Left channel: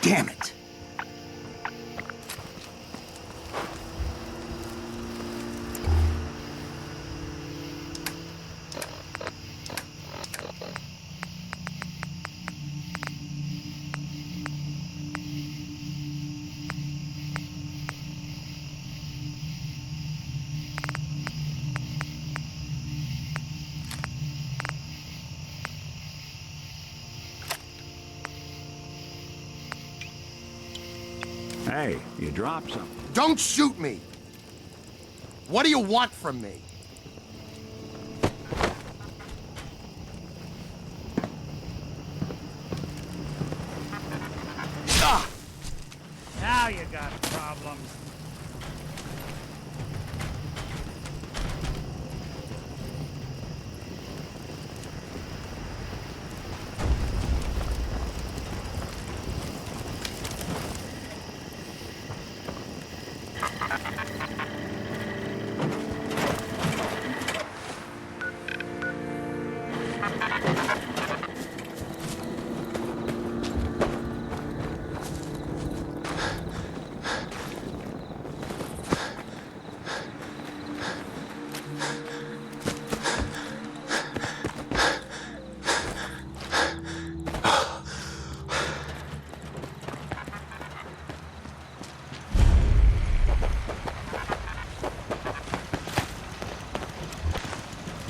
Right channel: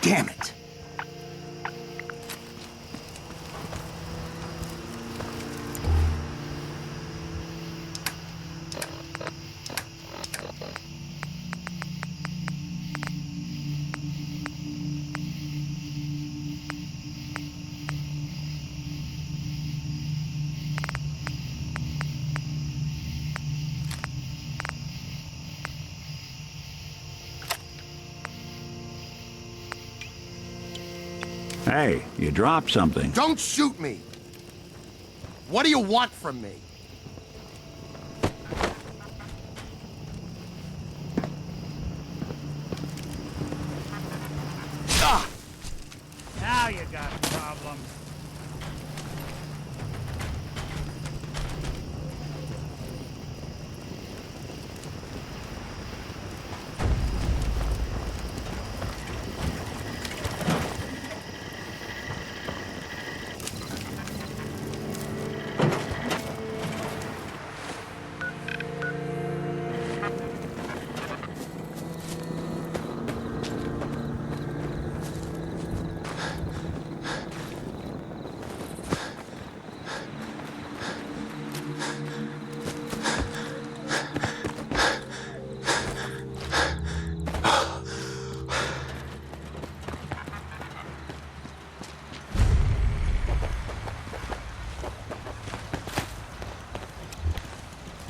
Damn it. Hey, you dropped something. Don't shoot me! What do you want from me? Ah! Now you got problems.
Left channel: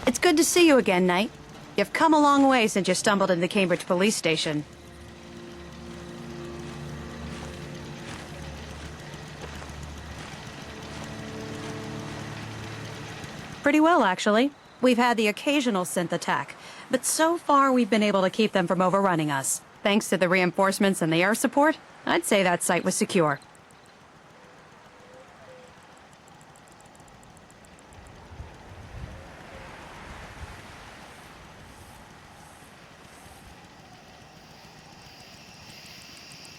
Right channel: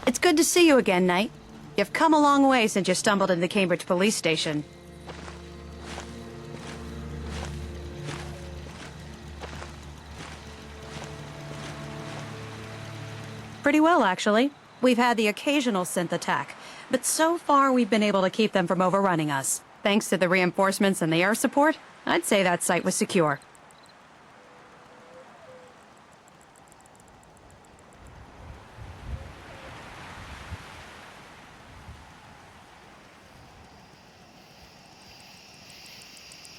It's good to see you again, Knight. You've come a long way since you stumbled into the Cambridge police station. Pretty well, actually. We've had the occasional synth attack, but so far we've been able to keep them from overrunning us. Thanks to the reinforcements and the air support, I'd say that site was secure.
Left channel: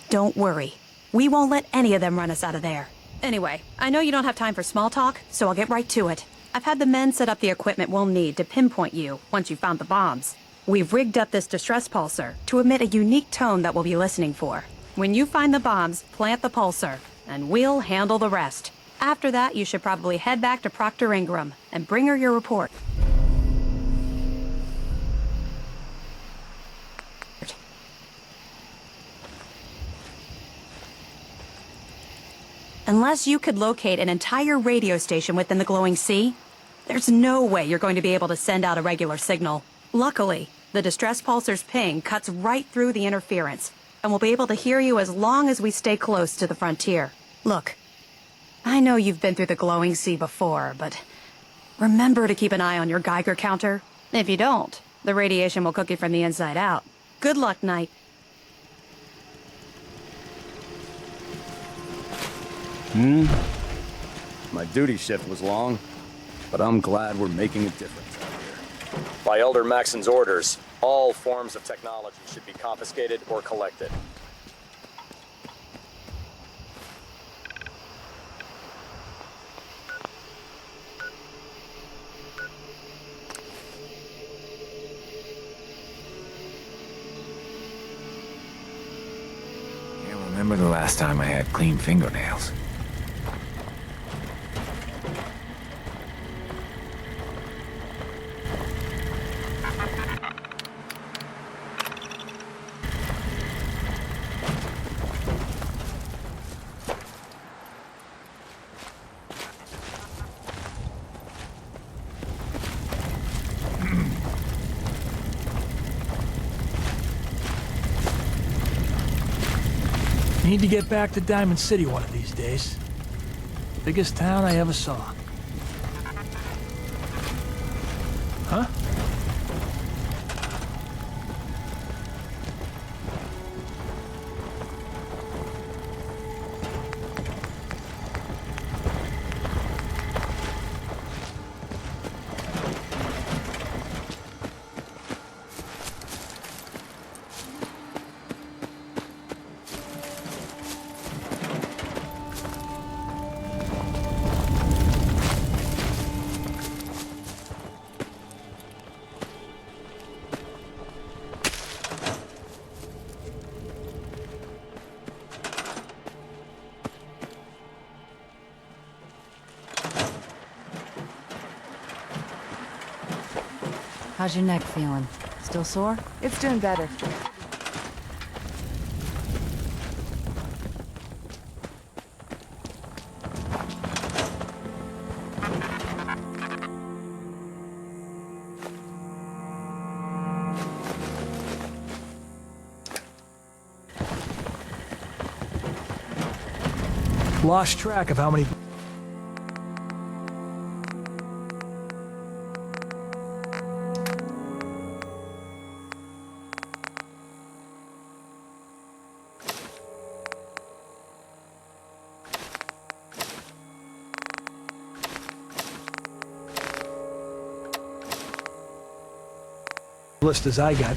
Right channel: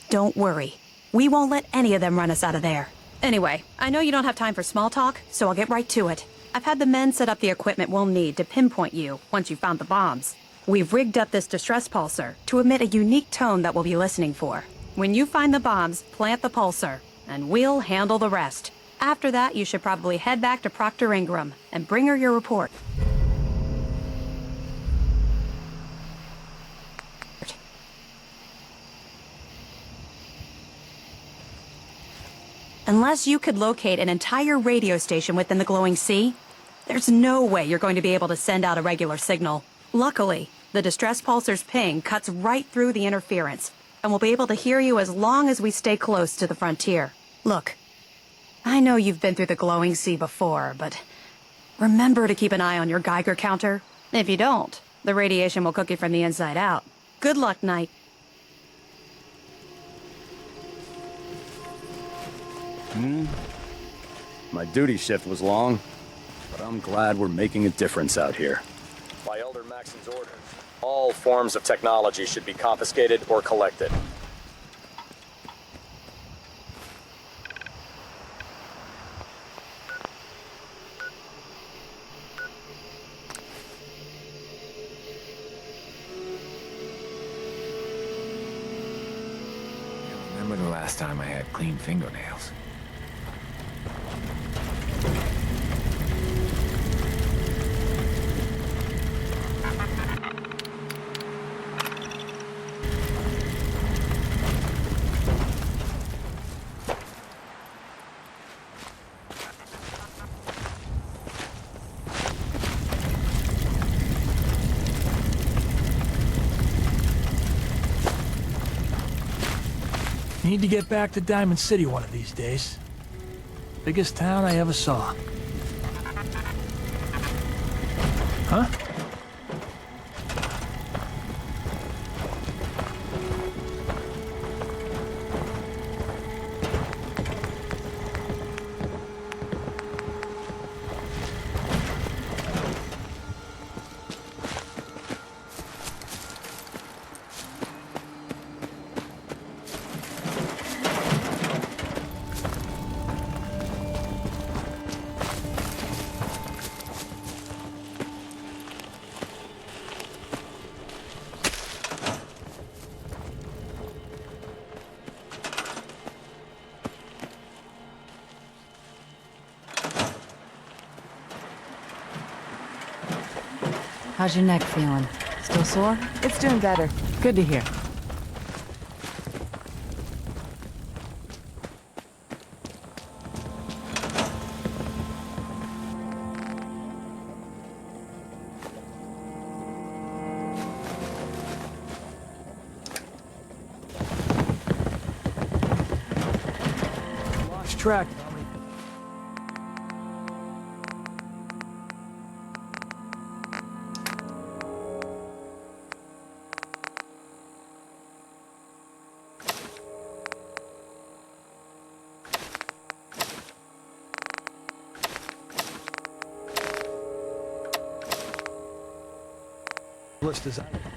Don't worry. We won't let any of them run us out of there. Anyway, I know you don't have time for small talk, so I'll get right to it. I've had the men set up the equipment we'll need to pinpoint you once you've found the bombs. We've rigged up this distress pulsar to emit a unique tone that we'll be listening for. When you find the bombs, plant the pulsar, and we'll handle the rest. After that, you should probably head back to Proctor Ingram and bring her your report. Unless you could locate an entire radio station within the glowing sea, there's no way you're going to be able to send out a regular signal. Luckily, the distress pulsar's ping cuts right through the interference, and we'll be able to hear you as long as we stay close to the frontier. Look, I know you've been through the glowing sea before, but remember to keep an eye on your Geiger counter. If you don't, the radiation will cook you from the inside out. Good luck, Knight. My duty shift was long, but I'm glad we're making a difference out here. By Elder Maxon's orders, all forms of technology should be confiscated or collected. Can't remember the last time I had clean fingernails. Need to get back to Diamond City one of these days. Biggest town I ever saw. Huh? How's your neck feeling? Still sore? It's doing better. Good to hear. Lost track of how many... list as I got.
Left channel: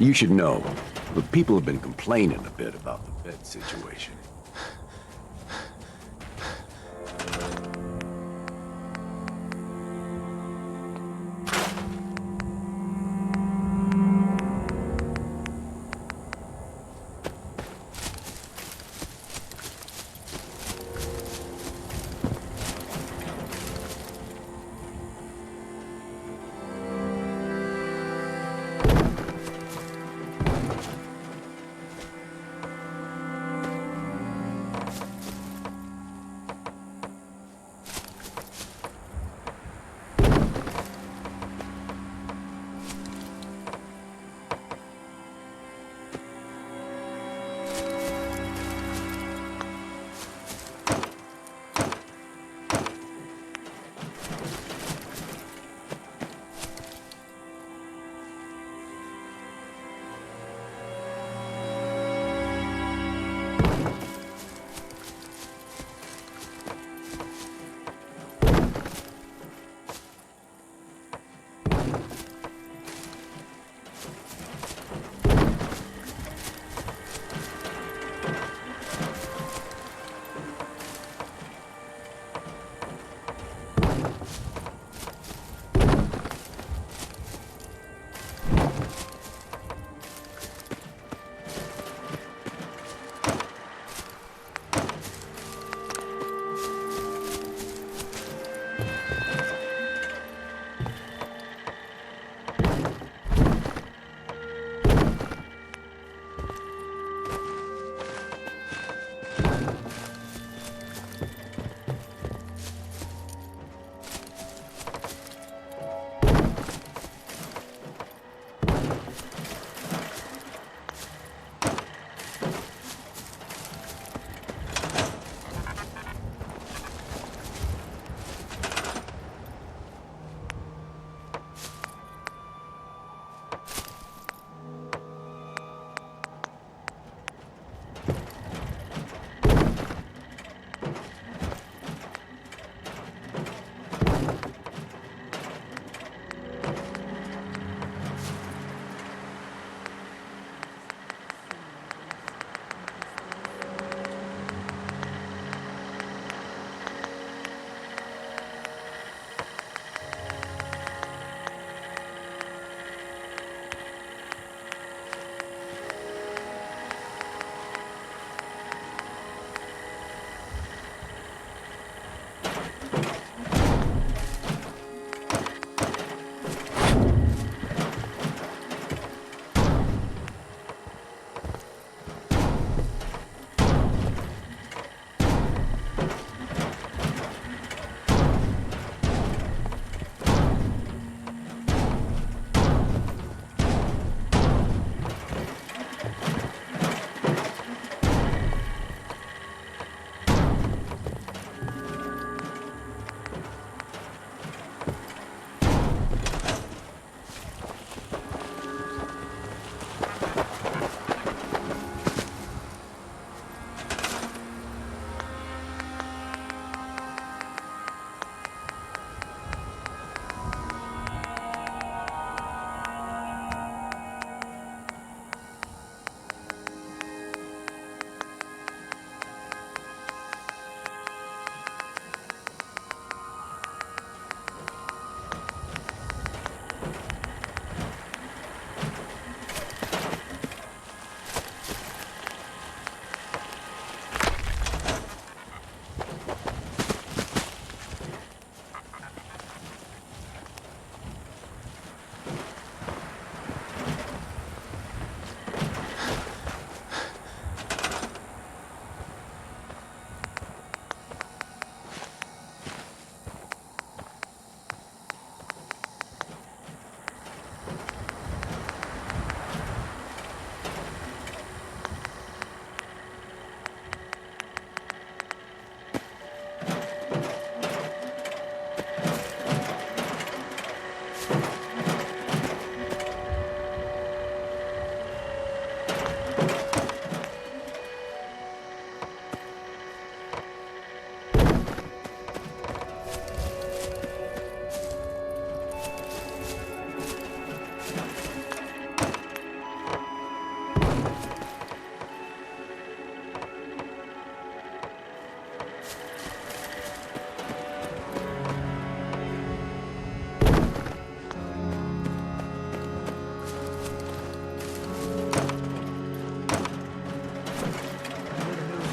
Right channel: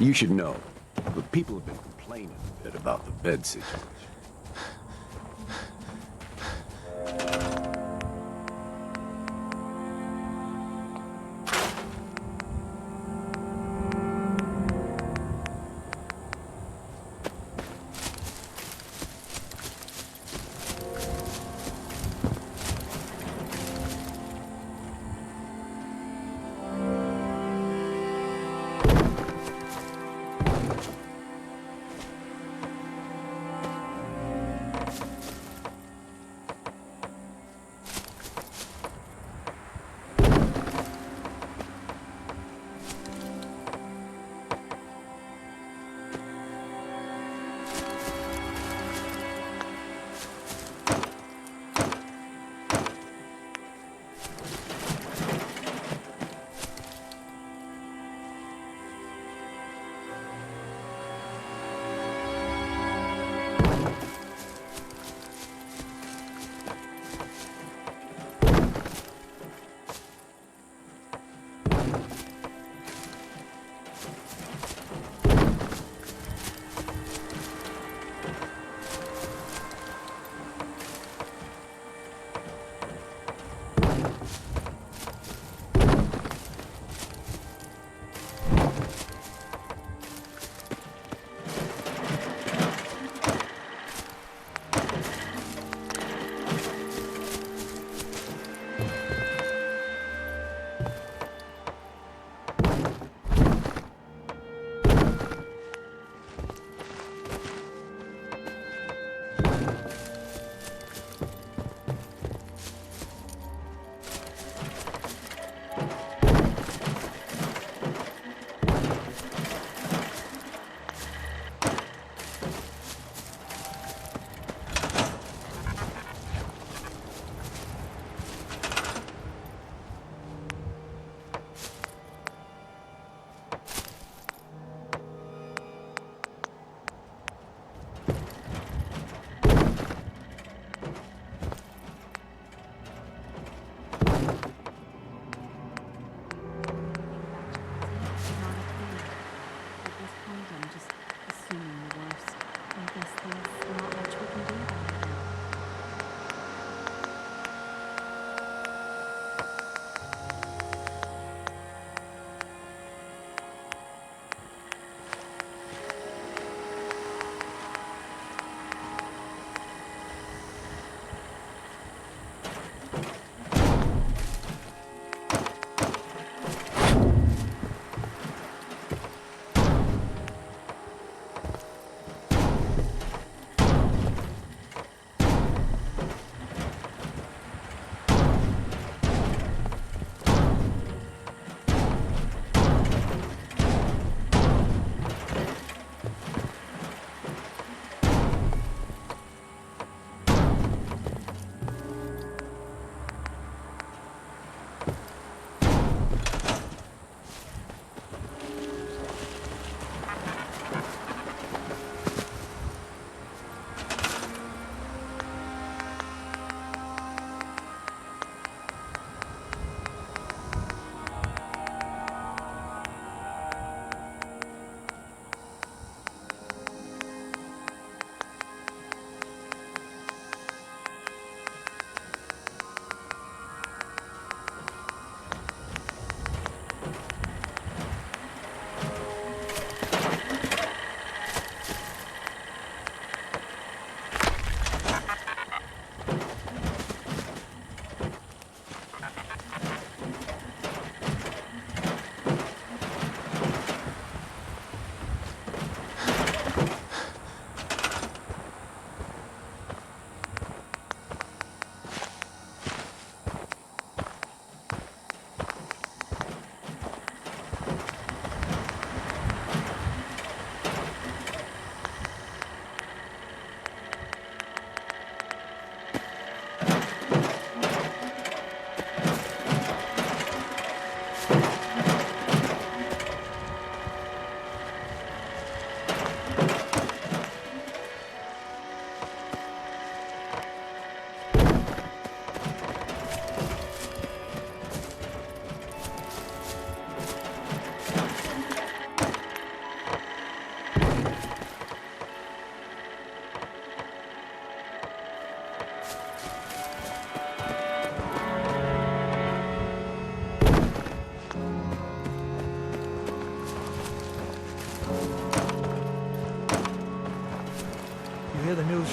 You should know, but people have been complaining a bit about the bed situation.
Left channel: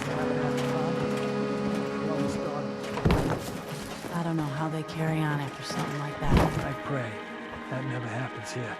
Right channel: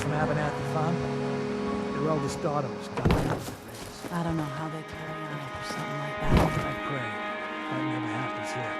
from Abernathy Farm? Your eldest daughter was. I don't know how they carry on after something like that. I pray that never happens here.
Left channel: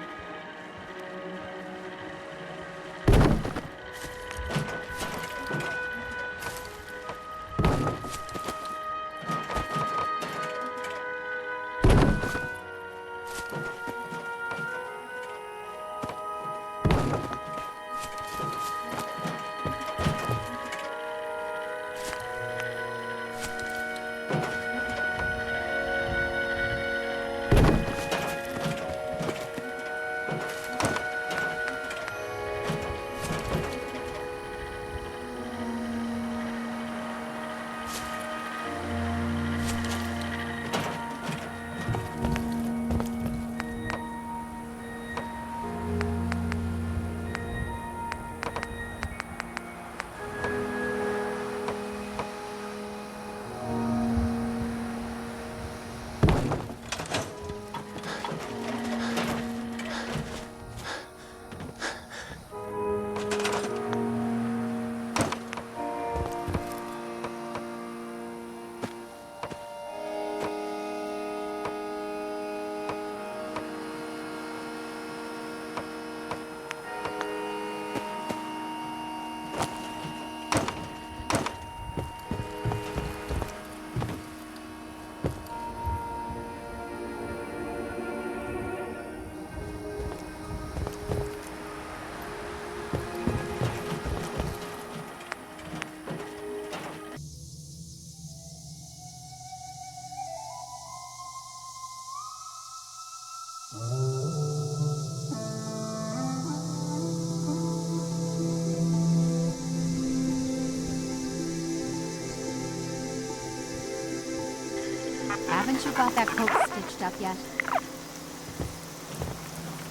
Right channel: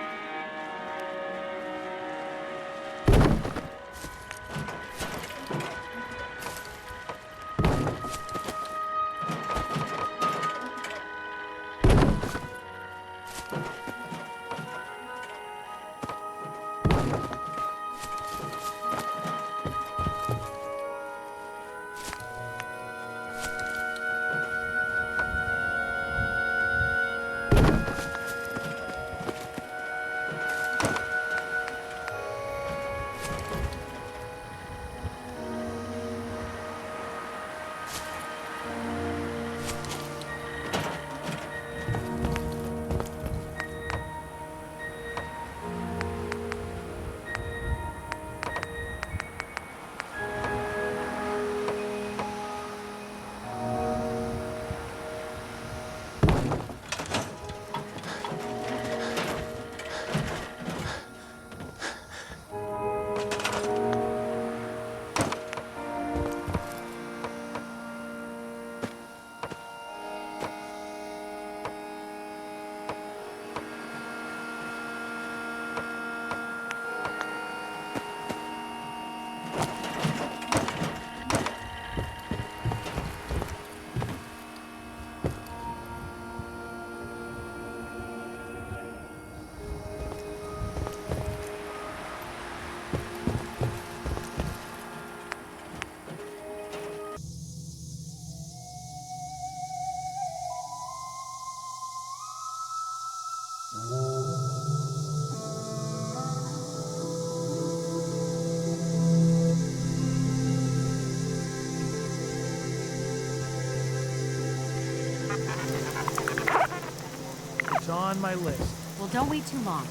Haven't you got that coat stitched up yet? It's on my list. Well, don't wait too long.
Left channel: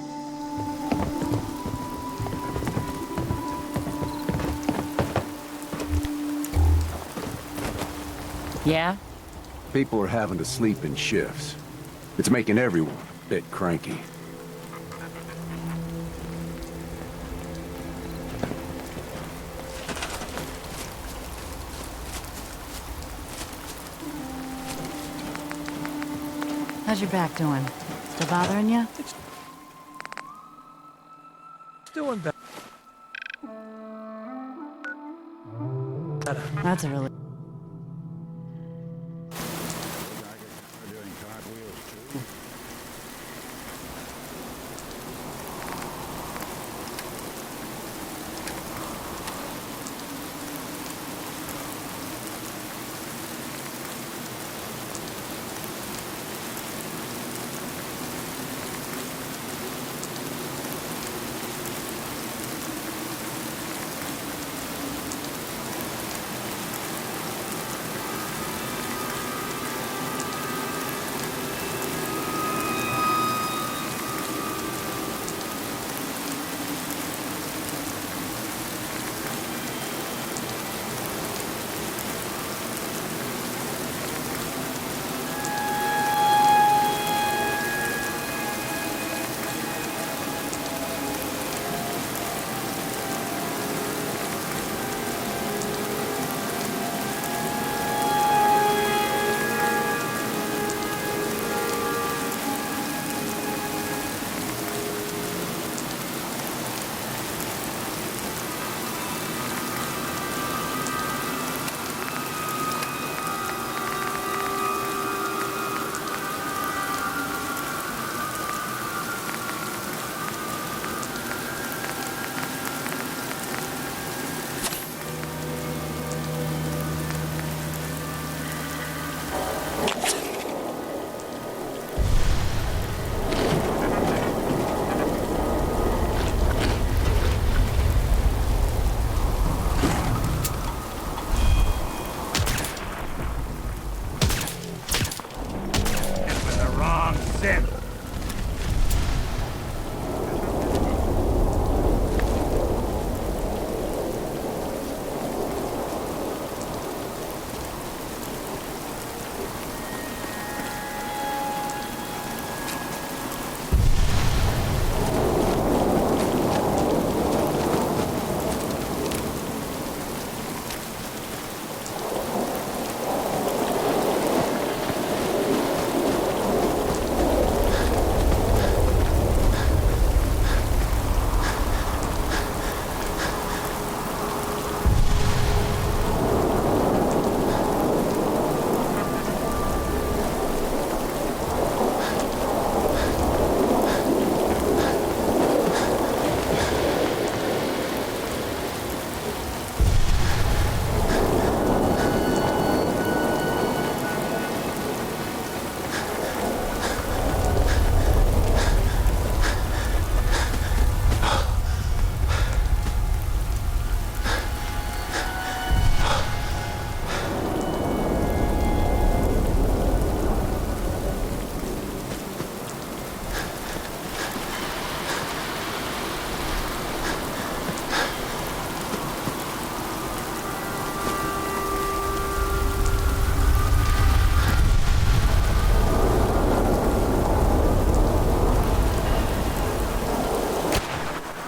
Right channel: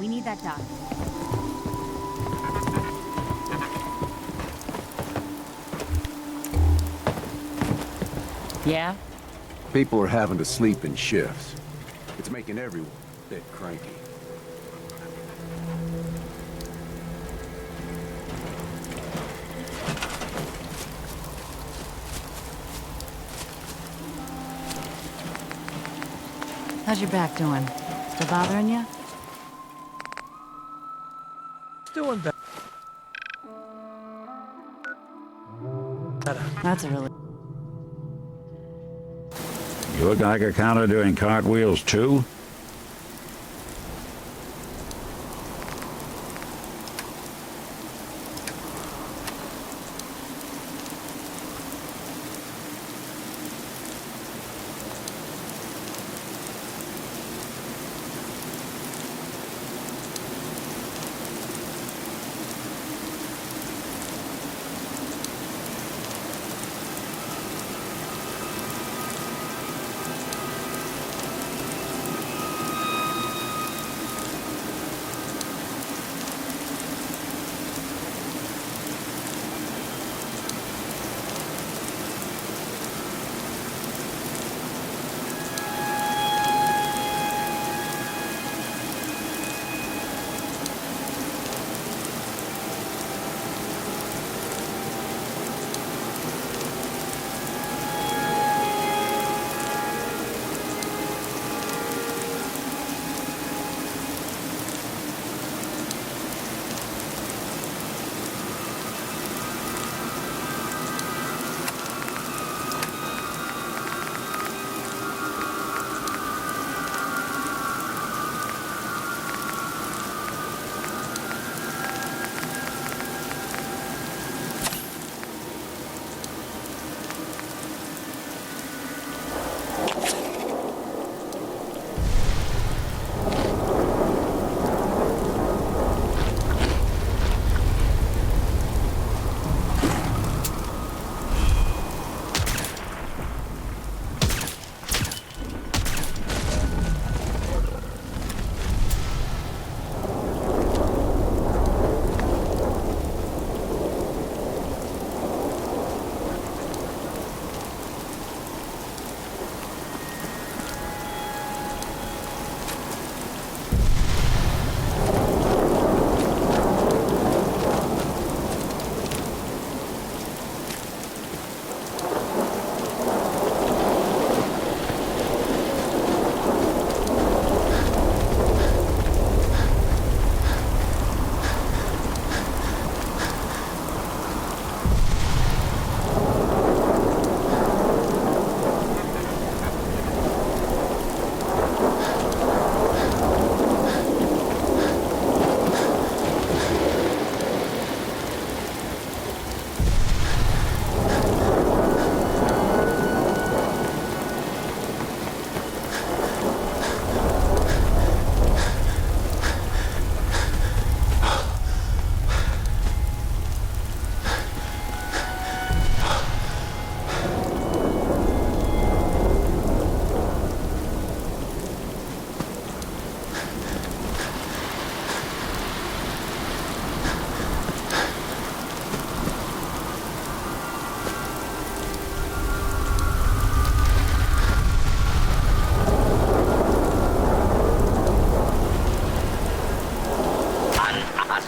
We need that done. Yeah? People are having to sleep in shifts. It's making everyone a bit cranky. How's your back doing? Still bothering you? Doing better. That's a really... You look like a counter doing cartwheels, too?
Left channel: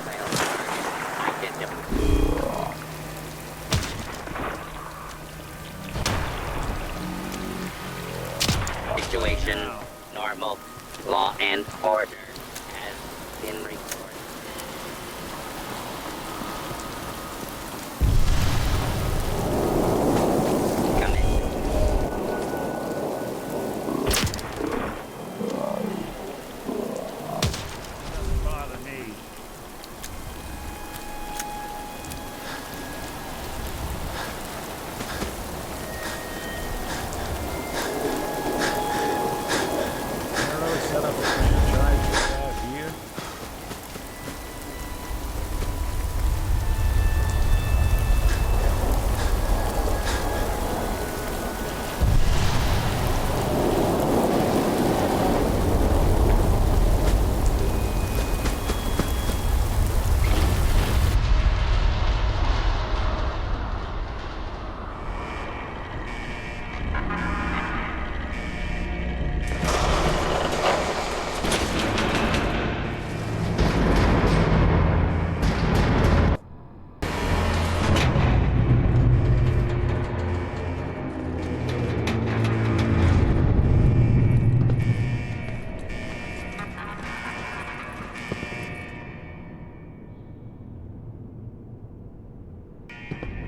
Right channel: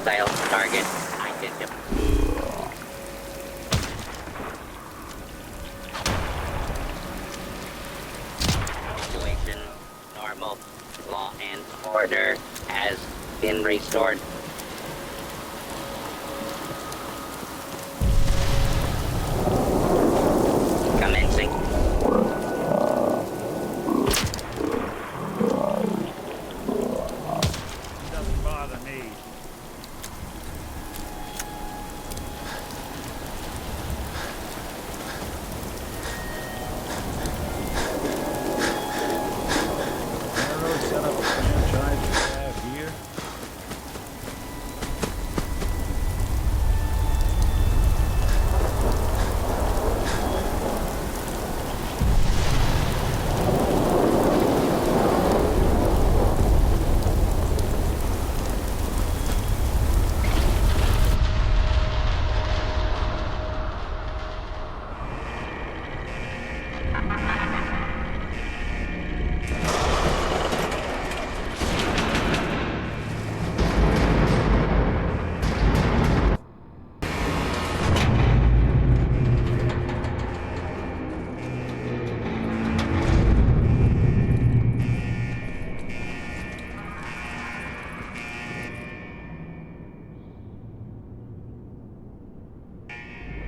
Hostile target identified. Situation normal. Law and order has been restored. Commencing. Doesn't bother me. Railroad set up a franchise just out here?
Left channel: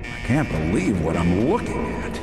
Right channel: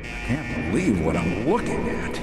I can't believe what I'm looking at.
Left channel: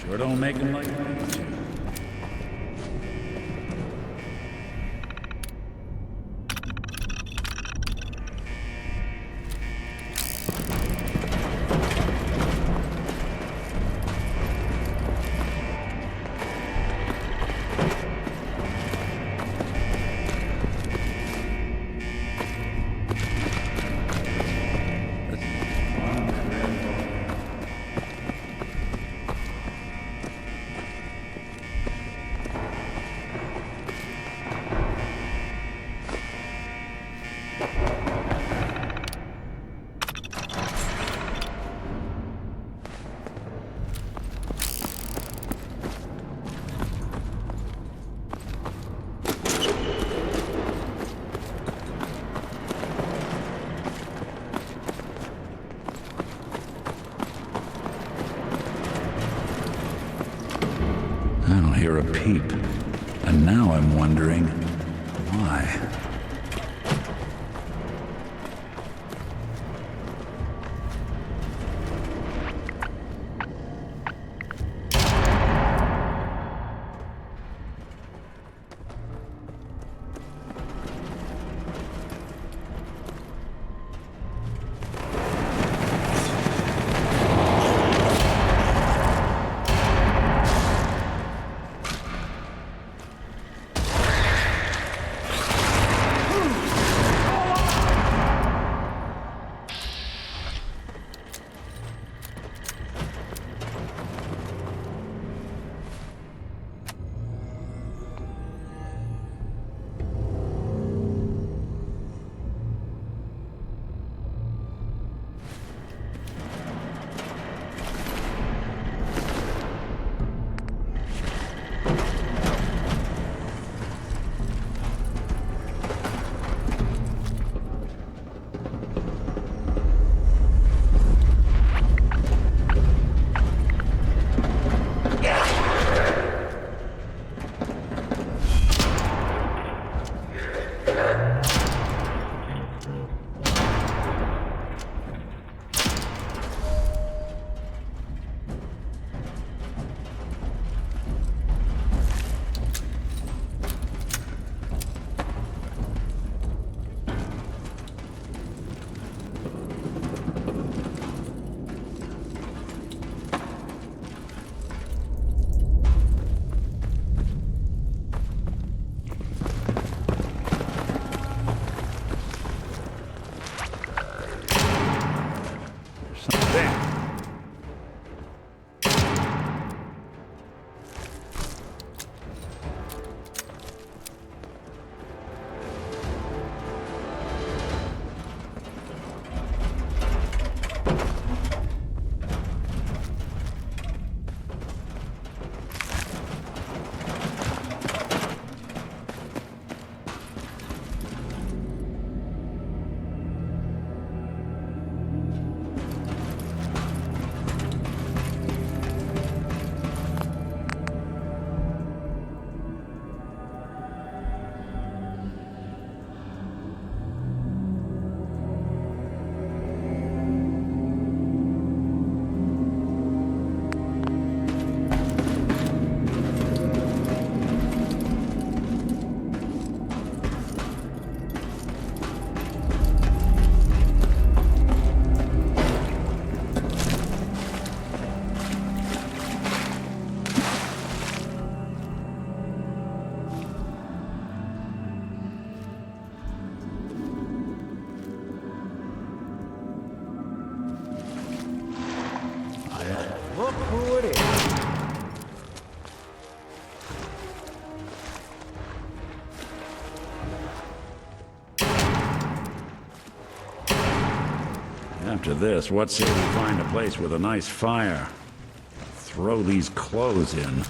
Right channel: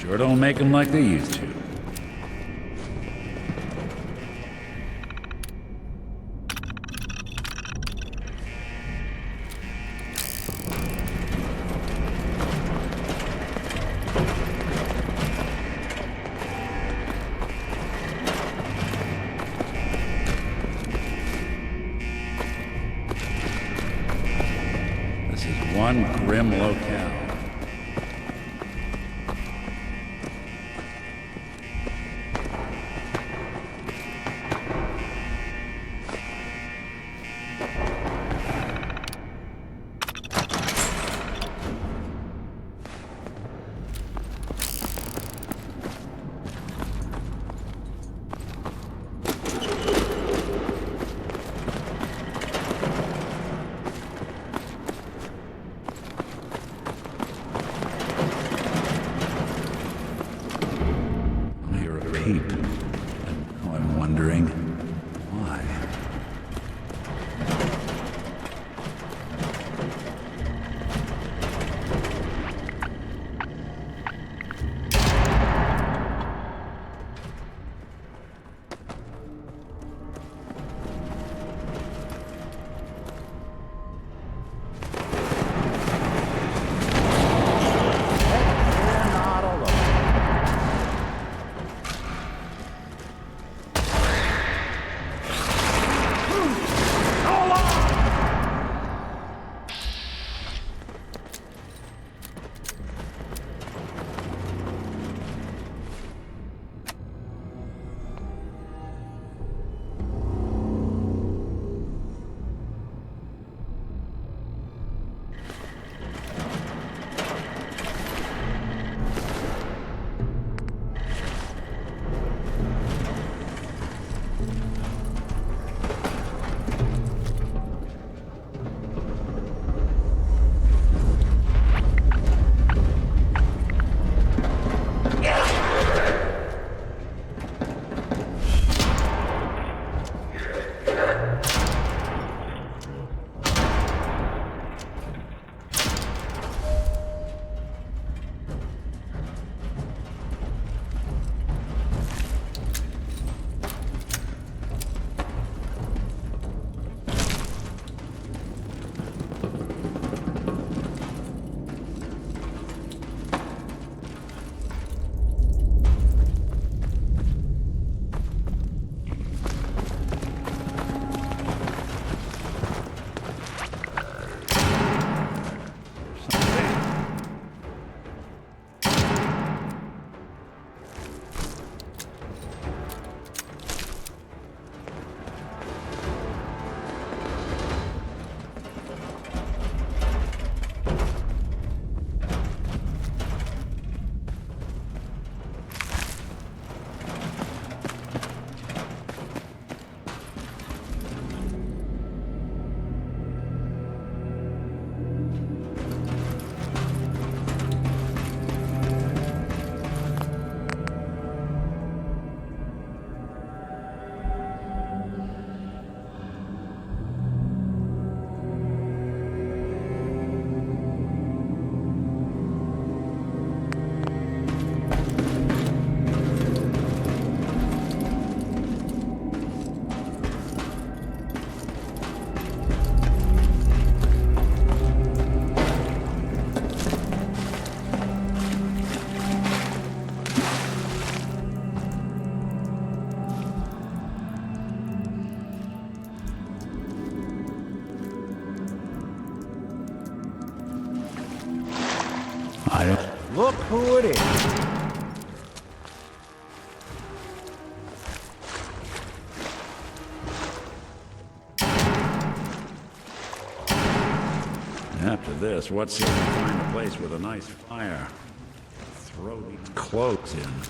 Sure don't make them like they used to. This is one grim locale. I don't hear a peep. And now I'm wondering why. Look who it is. After this, what say we find a place with a nice fire? Throw these clothes in.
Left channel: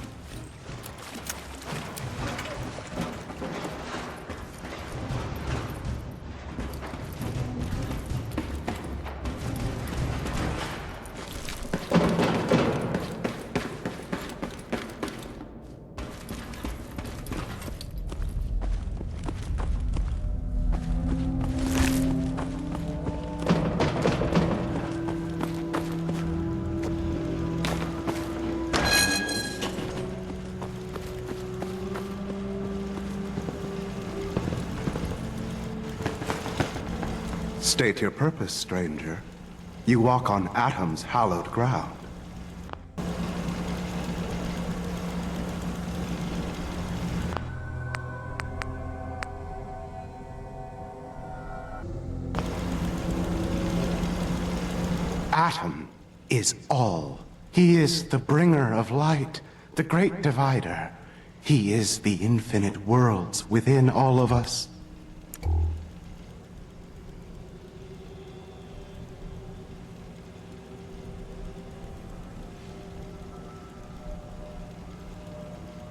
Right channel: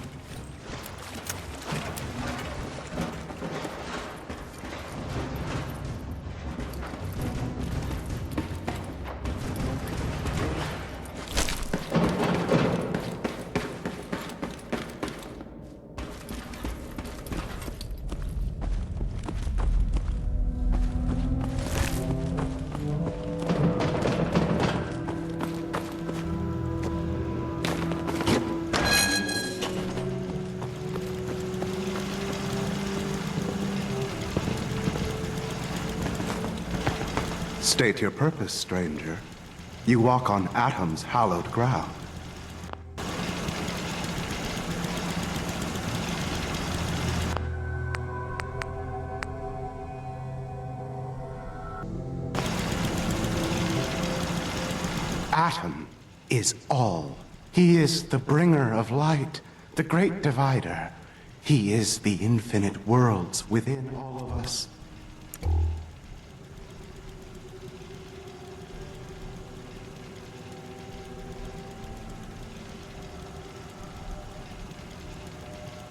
State your purpose, stranger. You walk on Atom's hallowed ground. Atom is all. He is the bringer of light, the great divider. He is the infinite worlds within all of us.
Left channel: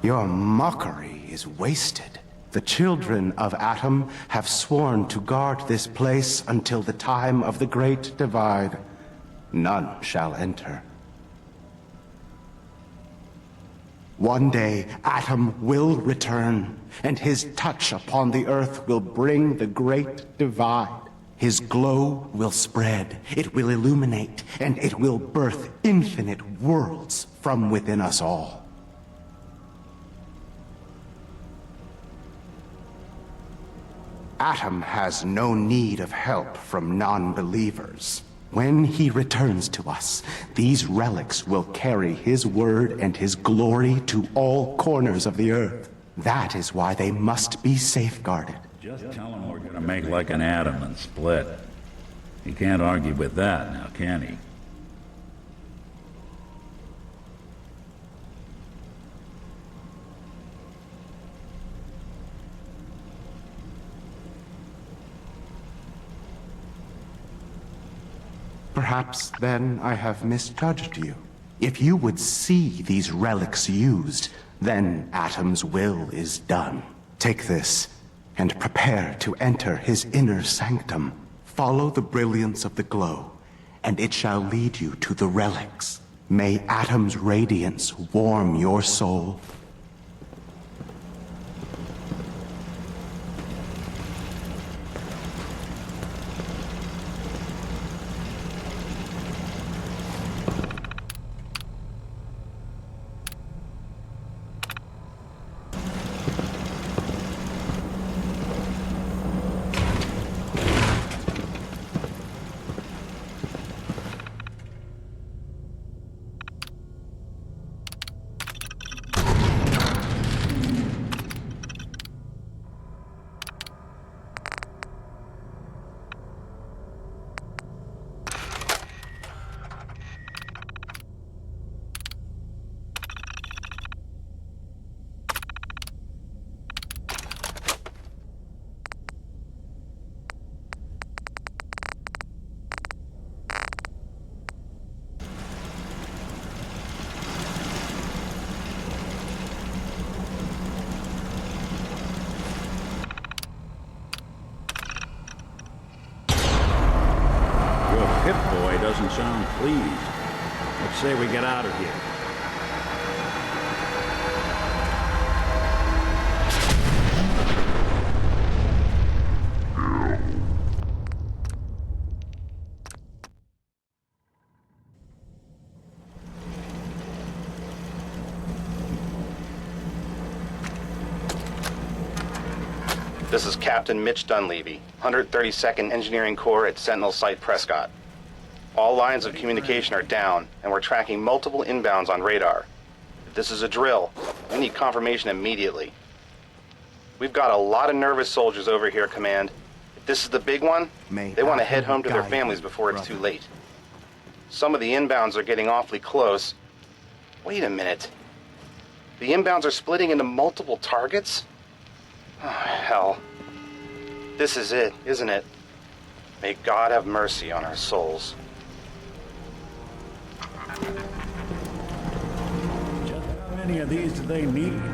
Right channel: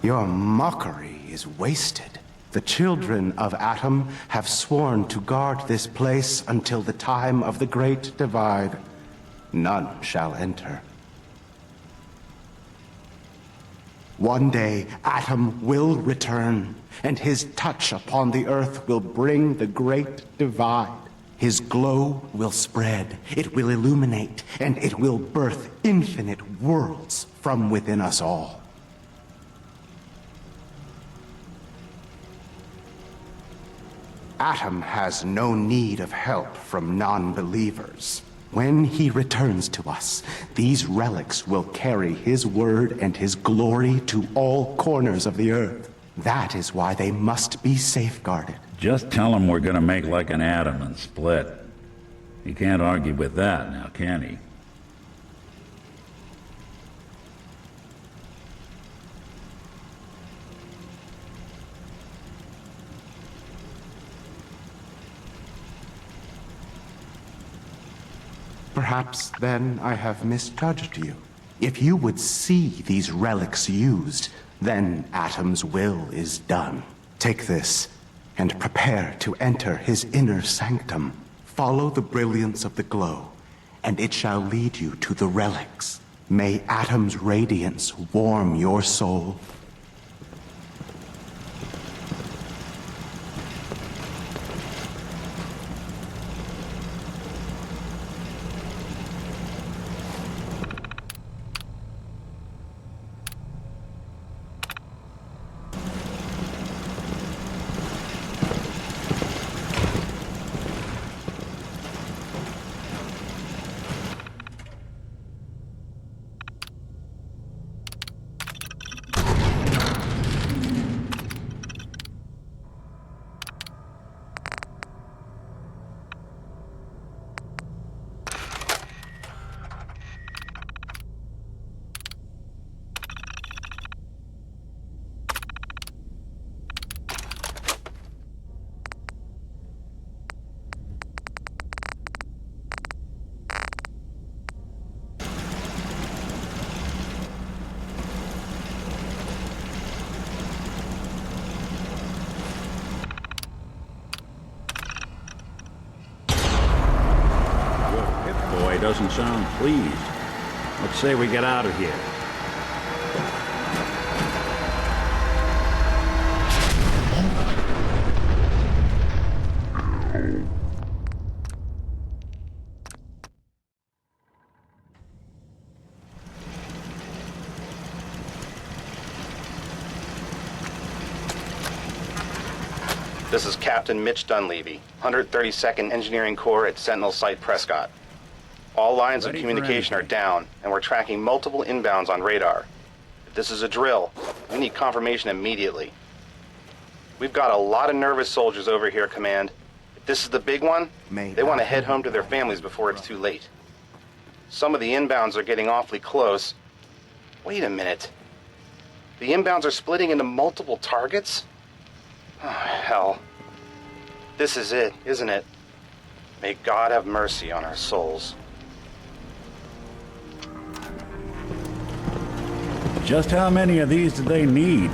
Your mockery is wasted. The children of Atom have sworn to guard this place until the time of the Great Divide. None shall enter. One day, Atom will return, and his touch upon the earth will bring the great divide. His glow will spread, it will illuminate, and it will birth infinite worlds from within us all. Atom has no need of help from non-believers. When he returns to us, these relics will carry his word and his glory to all corners of the earth. That is why they must be safeguarded. Just tell him we're gonna make like an atom and split. He can't argue with that now, can he? Perhaps then I have misjudged you. If you would see these relics used, then Atom's will is done. Take this, and prepare to enter his inner sanctum. Follow the brilliance of the glow, and it shall lead you to the relics. May Atom's radiance warm your soul. Pip-Boy doesn't sound pleased. Let's say we get out of here. This is Captain Mitch Dunleavy, 132nd Engineering Corps at Sentinel Site Prescott. All lines of communication are down, and we're tracking multiple inbounds on radar. If this is a drill, we need confirmation immediately. We've got a lot of nervous soldiers over here, Command. If this is the big one, they want to head home to their families before it's too late. Some of the inbounds are getting awfully close. Wait a minute. The inbounds are splitting into multiple targets? Oh, hell. This is it, isn't it? May God have mercy on our souls. Just how many of these do they need?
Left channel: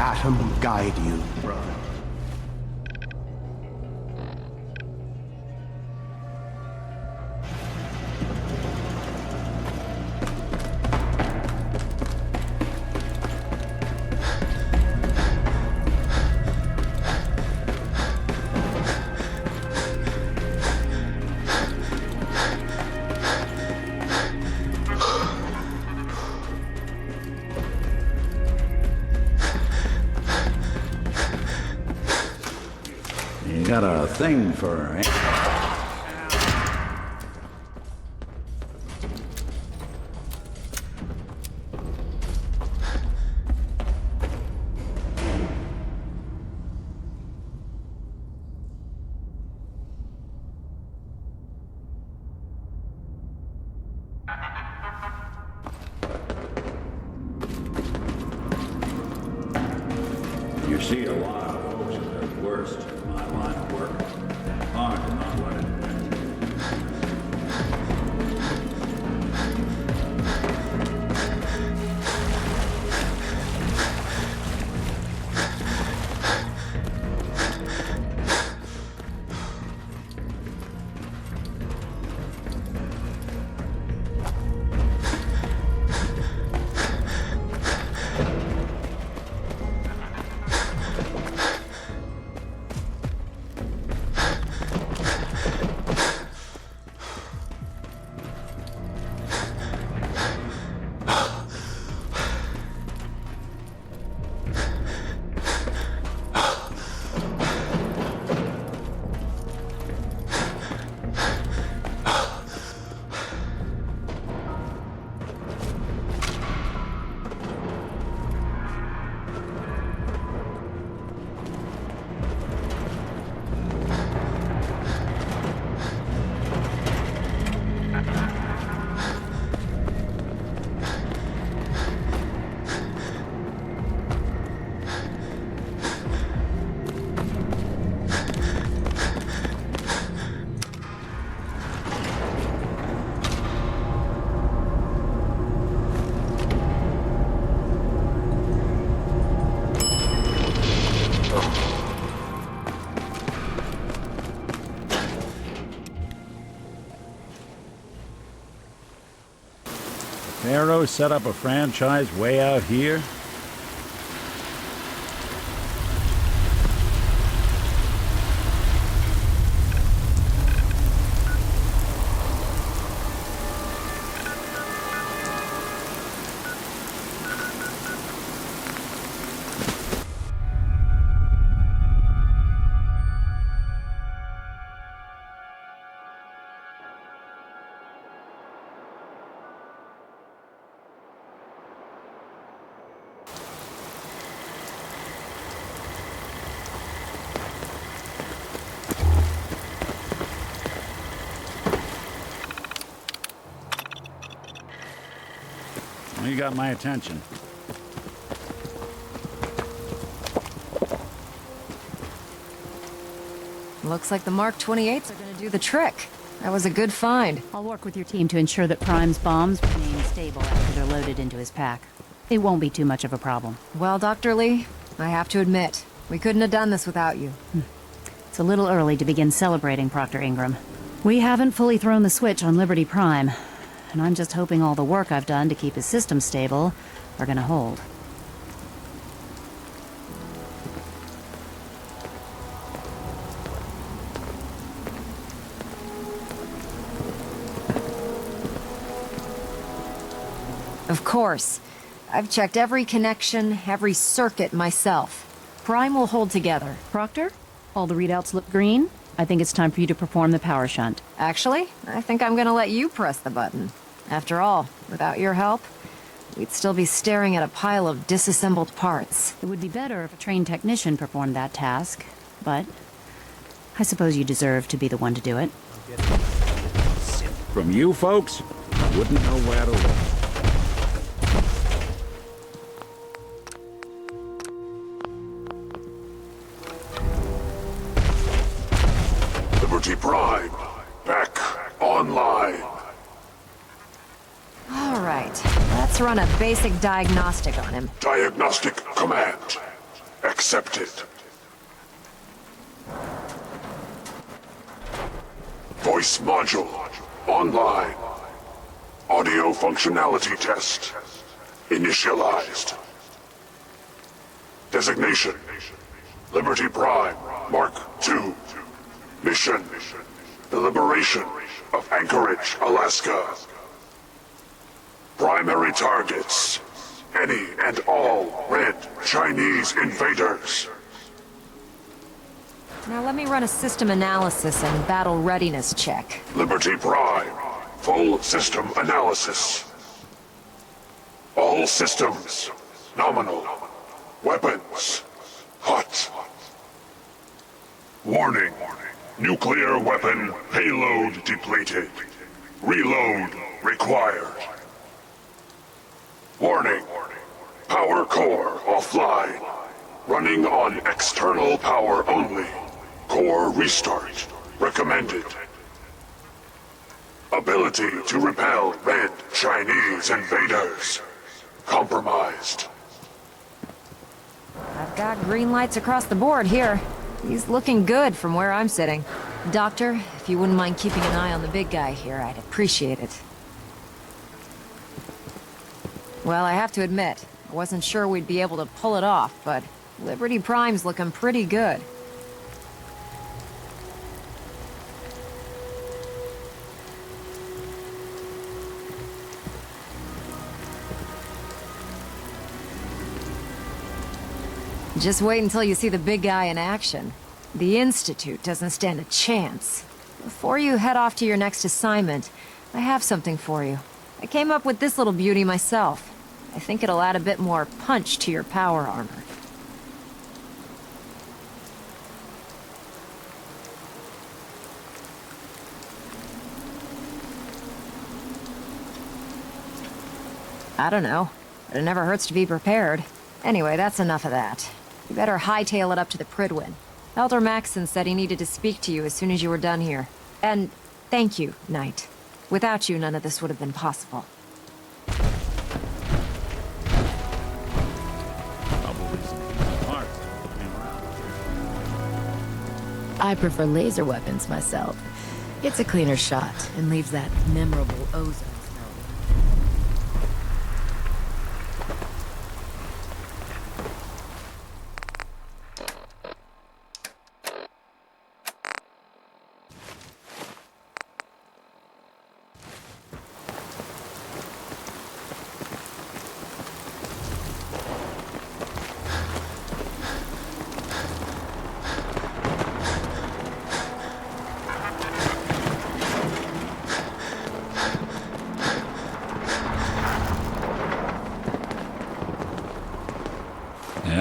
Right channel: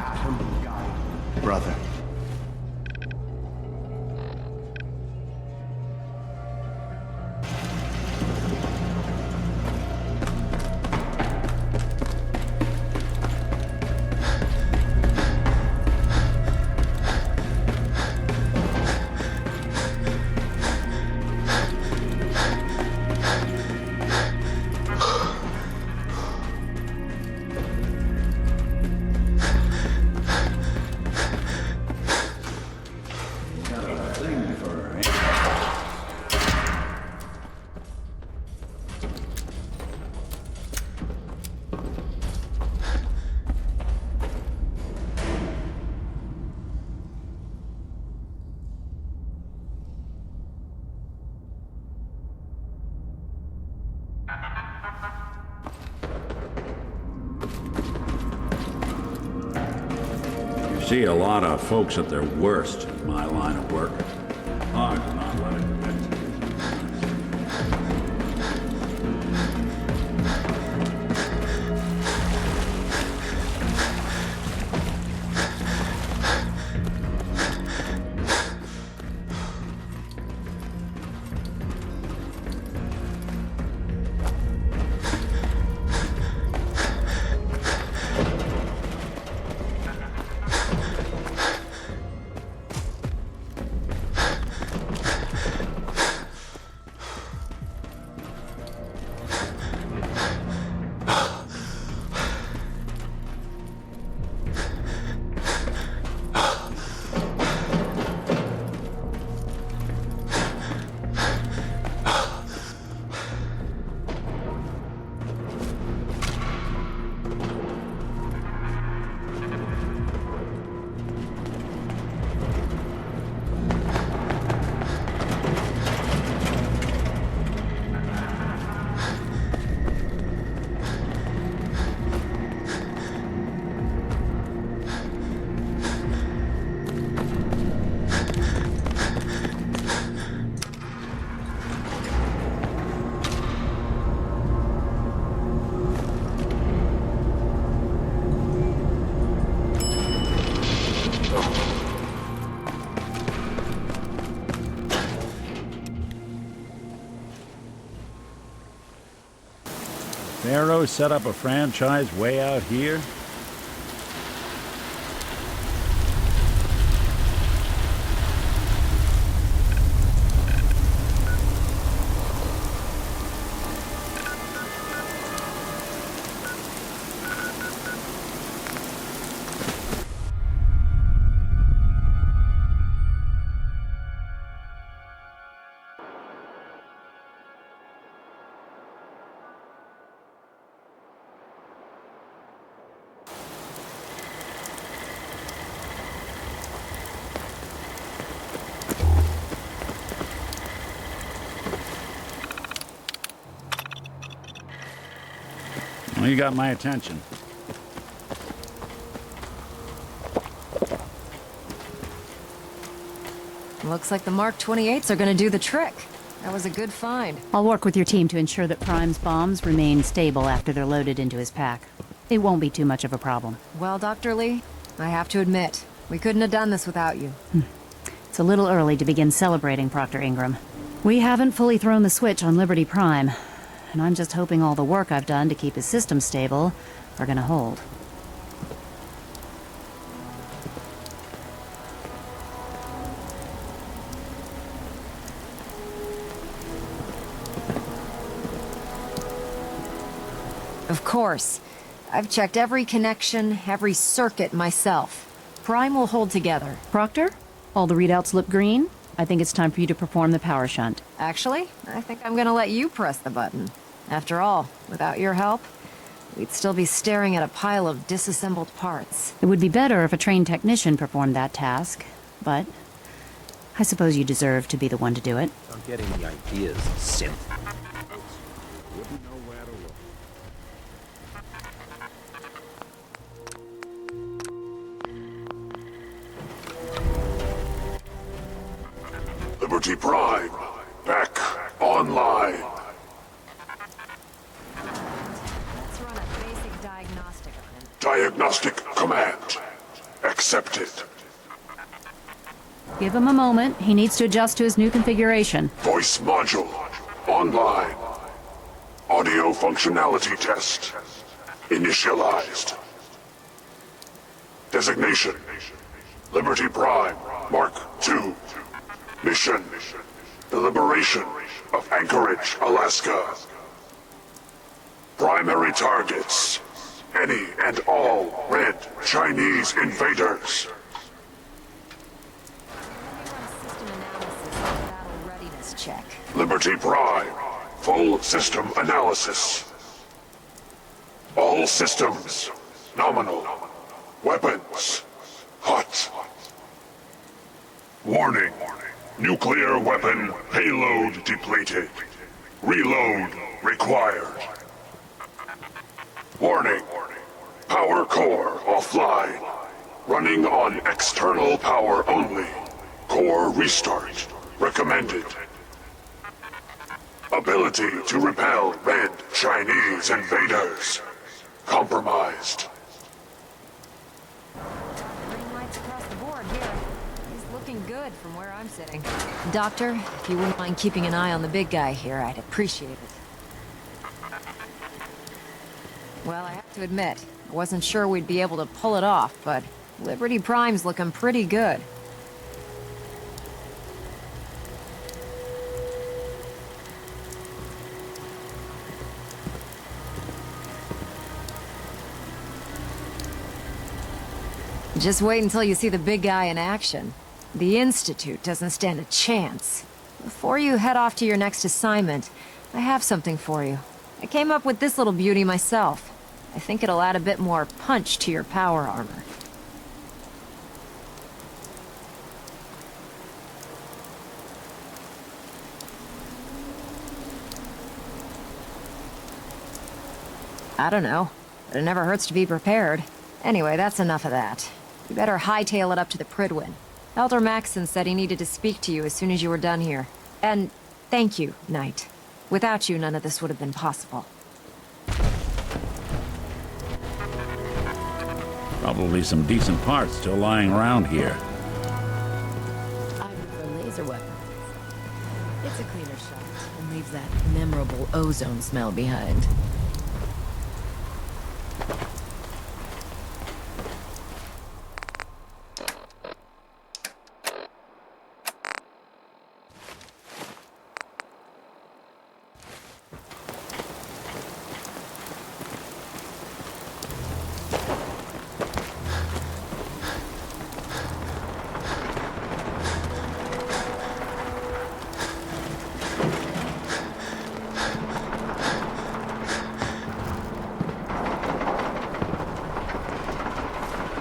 Atom guide you, brother. Got a thing for... You see a lot of folks at their worst in my line of work. Hard to not let it win. Pharaoh set up a franchise way out here? Well, you got my attention. Looks like the Mark 28s are gonna do the trick. That was a good find. I'll work with your team to ensure that Prime's bombs remain stable after they're loaded into his pack. It won't be too much of a problem. Well, Dr. Lee, I have to admit, we couldn't have done this without you. It's a little early to begin celebrating, Proctor Ingram. We haven't fully thrown the switch on Liberty Prime, and I'm just hoping all the work I've done to keep his system stable are gonna hold. Of course. I've checked every connection, every circuit myself. Prime will hold together. Proctor, all the readouts look green. I think it's time for you to perform the power shunt. Actually, I think I'm gonna let you press the button. After all, without your help, we'd still be staring at a pile of disassembled parts. It would be better if a trained technician performed that task, but I suppose you deserve to be the one to do it. Don't get any ideas, simp. From you folks, I wouldn't know where to look. Liberty Prime, back online. All right, let's run a basic diagnostic on him. Diagnostic command. Accepted. Give him a moment. He needs to adjust to his new configuration. Voice module. Online. Audio functionality test. Initialized. Designation. Liberty Prime. Mark II. Mission. The liberation of Anchorage, Alaska. Primary targets. Any and all red Chinese invaders. Now let me run a system analysis and battle readiness check. Liberty Prime. Full system analysis. All systems. Nominal. Weapons. Hot. Warning. Nuclear weapon payload depleted. Reload required. Warning. Power core offline. Running on external power only. Core restart recommended. Ability to repel red Chinese invaders compromised. I've got green lights across the board here. He's looking good from where I'm sitting. Doctor, if you wouldn't mind keeping an eye on the big guy here, I'd appreciate it. Well, I have to admit, I wasn't sure we'd be able to pull it off, but Liberty Prime's looking pretty good. Just wait until you see the big guy in action. The Institute doesn't stand a chance. Before you head off to your next assignment, I have something for you. I came up with this little beauty myself. I think it'll add a bit more punch to your power armor. I don't know, but it never hurts to be prepared. Anyway, that's enough of that. You better hightail it up to the Pridwin. Elder Maxson said he needed to speak to you as soon as you were done here. And thank you, Knight. Without you, none of this would have been possible. Probably some decent parts still lying around here. I prefer laser weapons myself. It's a cleaner shot and leaves that memorable ozone smell behind.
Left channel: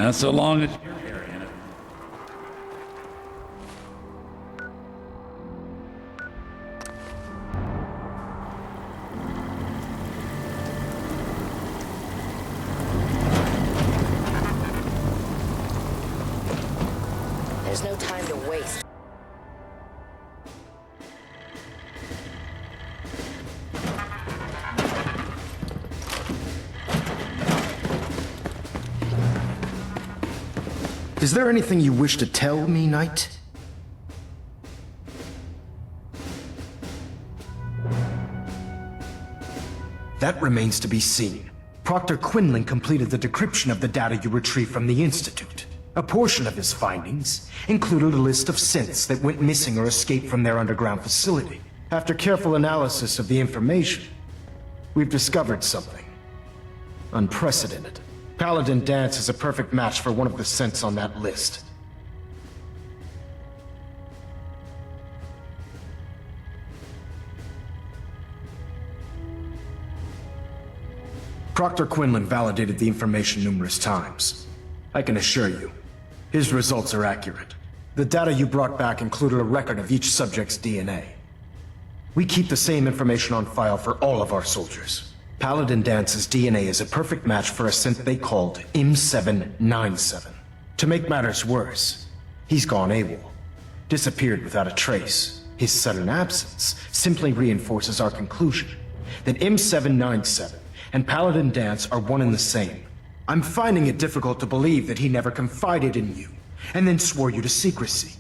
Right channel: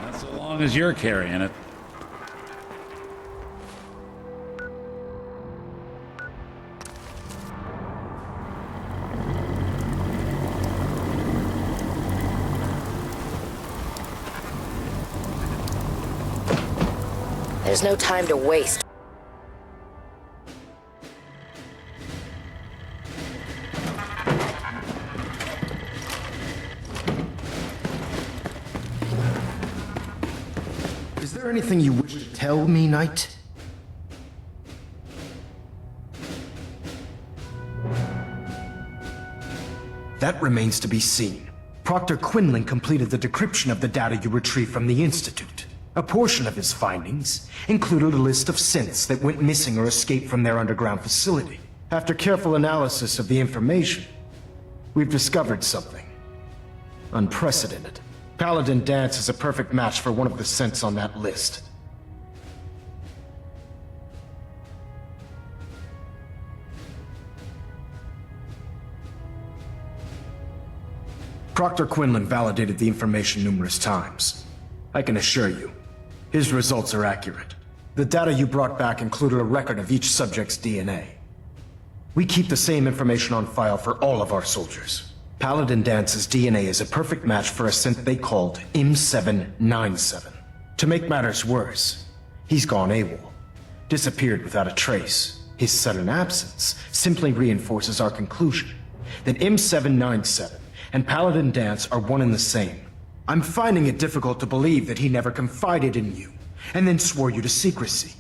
Yeah, so long as you're carrying it. There's no time to waste. Is there anything you wish to tell me, Knight? That remains to be seen. Proctor Quinlan completed the decryption of the data you retrieved from the Institute. A portion of his findings included a list of synths that went missing or escaped from their underground facility. After careful analysis of the information, we've discovered something unprecedented. Paladin Dance is a perfect match for one of the synths on that list. Proctor Quinlan validated the information numerous times. I can assure you, his results are accurate. The data you brought back included a record of each subject's DNA. We keep the same information on file for all of our soldiers. Paladin Dance's DNA is a perfect match for a synth they called M797. To make matters worse, he's gone AWOL. Disappeared without a trace. His sudden absence simply reinforces our conclusion that M797 and Paladin Dance are one and the same. I'm finding it difficult to believe that he never confided in you, and then swore you to secrecy.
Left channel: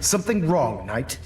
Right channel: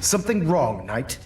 Something wrong, Knight?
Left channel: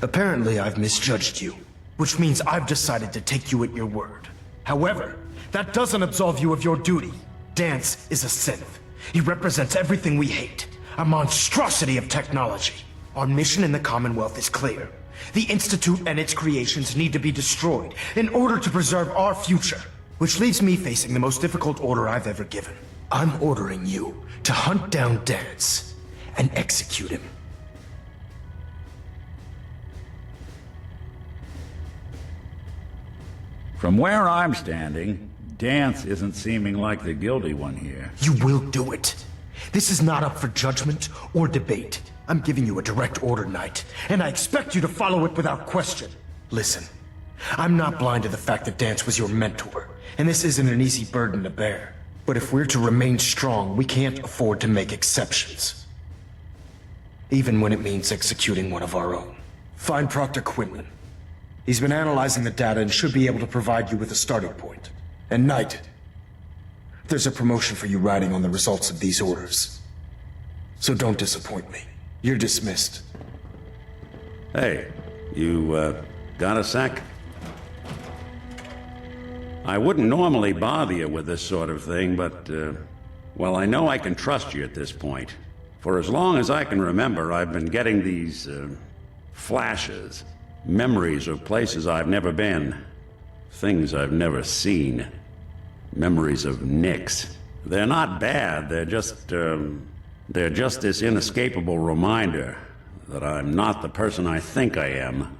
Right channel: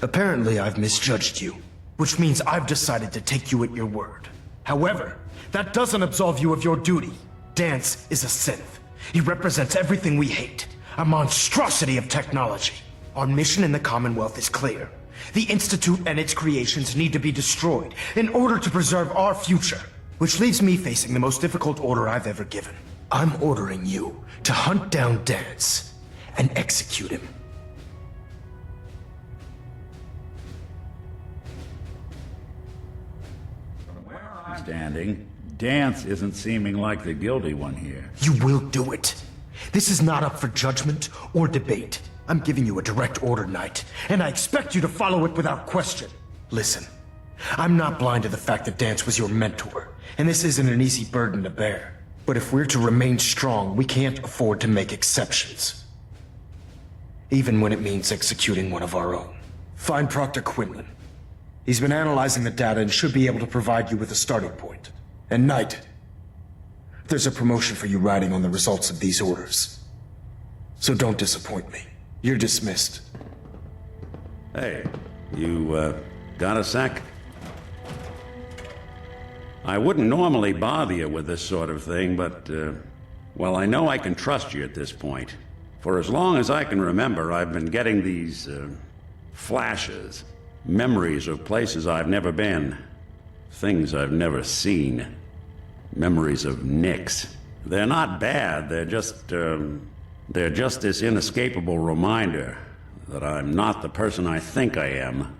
Apparently, I've misjudged you, which means I've decided to take you at your word. However, that doesn't absolve you of your duty. Dance is a synth. He represents everything we hate, a monstrosity of technology. Our mission in the Commonwealth is clear. The Institute and its creations need to be destroyed in order to preserve our future, which leaves me facing the most difficult order I've ever given. I'm ordering you to hunt down Dance and execute him. From where I'm standing, Dance isn't seeming like the guilty one here. You will do it. This is not up for judgment or debate. I'm giving you a direct order, Knight, and I expect you to follow it without question. Listen, I'm not blind to the fact that Dance was your mentor, and this isn't an easy burden to bear. But if we're to remain strong, we can't afford to make exceptions. Even when it means executing one of our own. Find Proctor Quinlan. He's been analyzing the data and should be able to provide you with a starting point. And Knight, there's a promotion for you riding on the results of these orders. So don't disappoint me. You're dismissed. Hey, you, got a sec? I wouldn't normally bother you with this sort of thing, but, well, I know I can trust you at this point. For as long as I can remember, I've been getting these, flashes. Memories of places I've never been. Things I've never seen. Memories of Nicks. They're not bad, they're just this inescapable reminder that I'm not the person I think I am.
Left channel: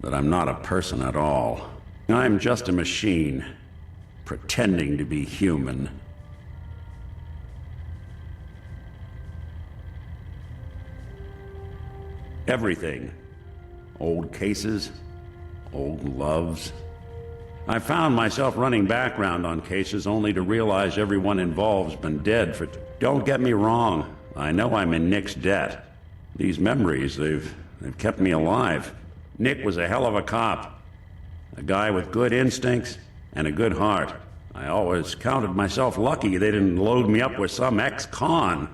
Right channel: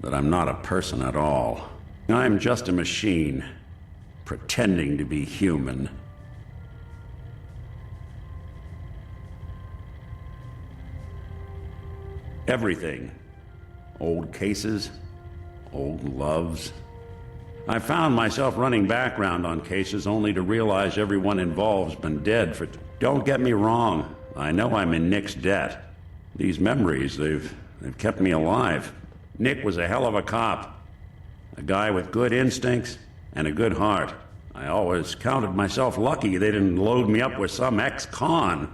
That I'm not a person at all. I'm just a machine, pretending to be human. Everything. Old cases, old loves. I found myself running background on cases only to realize everyone involved's been dead for... Don't get me wrong, I know I'm in Nick's debt. These memories, they've kept me alive. Nick was a hell of a cop. A guy with good instincts and a good heart. I always counted myself lucky they didn't load me up with some ex-con,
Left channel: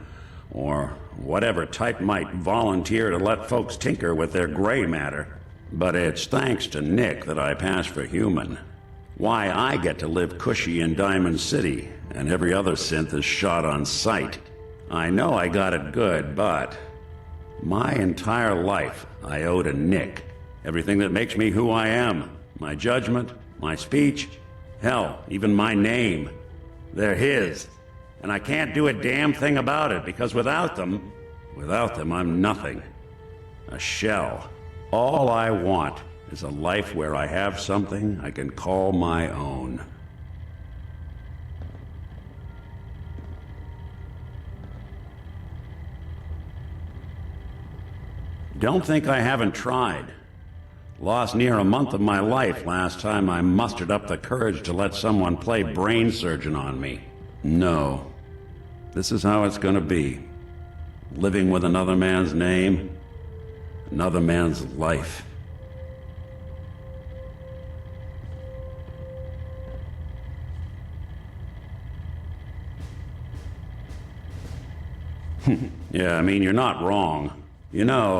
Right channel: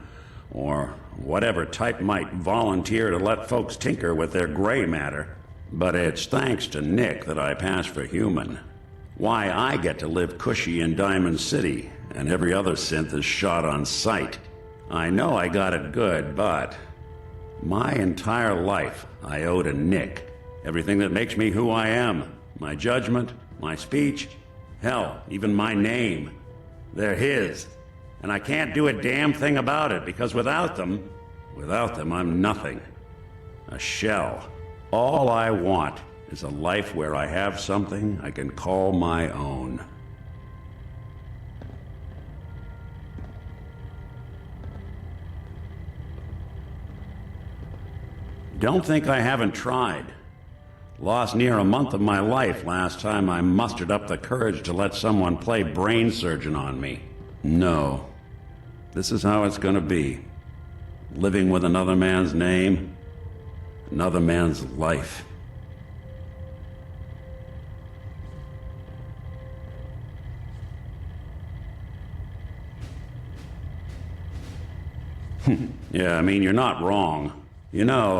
or whatever type might volunteer to let folks tinker with their gray matter. But it's thanks to Nick that I pass for human. Why I get to live cushy in Diamond City, and every other synth is shot on sight. I know I got it good, but my entire life I owe to Nick. Everything that makes me who I am. My judgment, my speech, hell, even my name. They're his. And I can't do a damn thing about it, because without them, I'm nothing. A shell. All I want is a life where I have something I can call my own. Don't think I haven't tried. Lost near a month of my life last time I mustered up the courage to let someone play brain surgeon on me. No. This is how it's gonna be. Living with another man's name, another man's life. Yeah, I mean, you're not wrong. You know,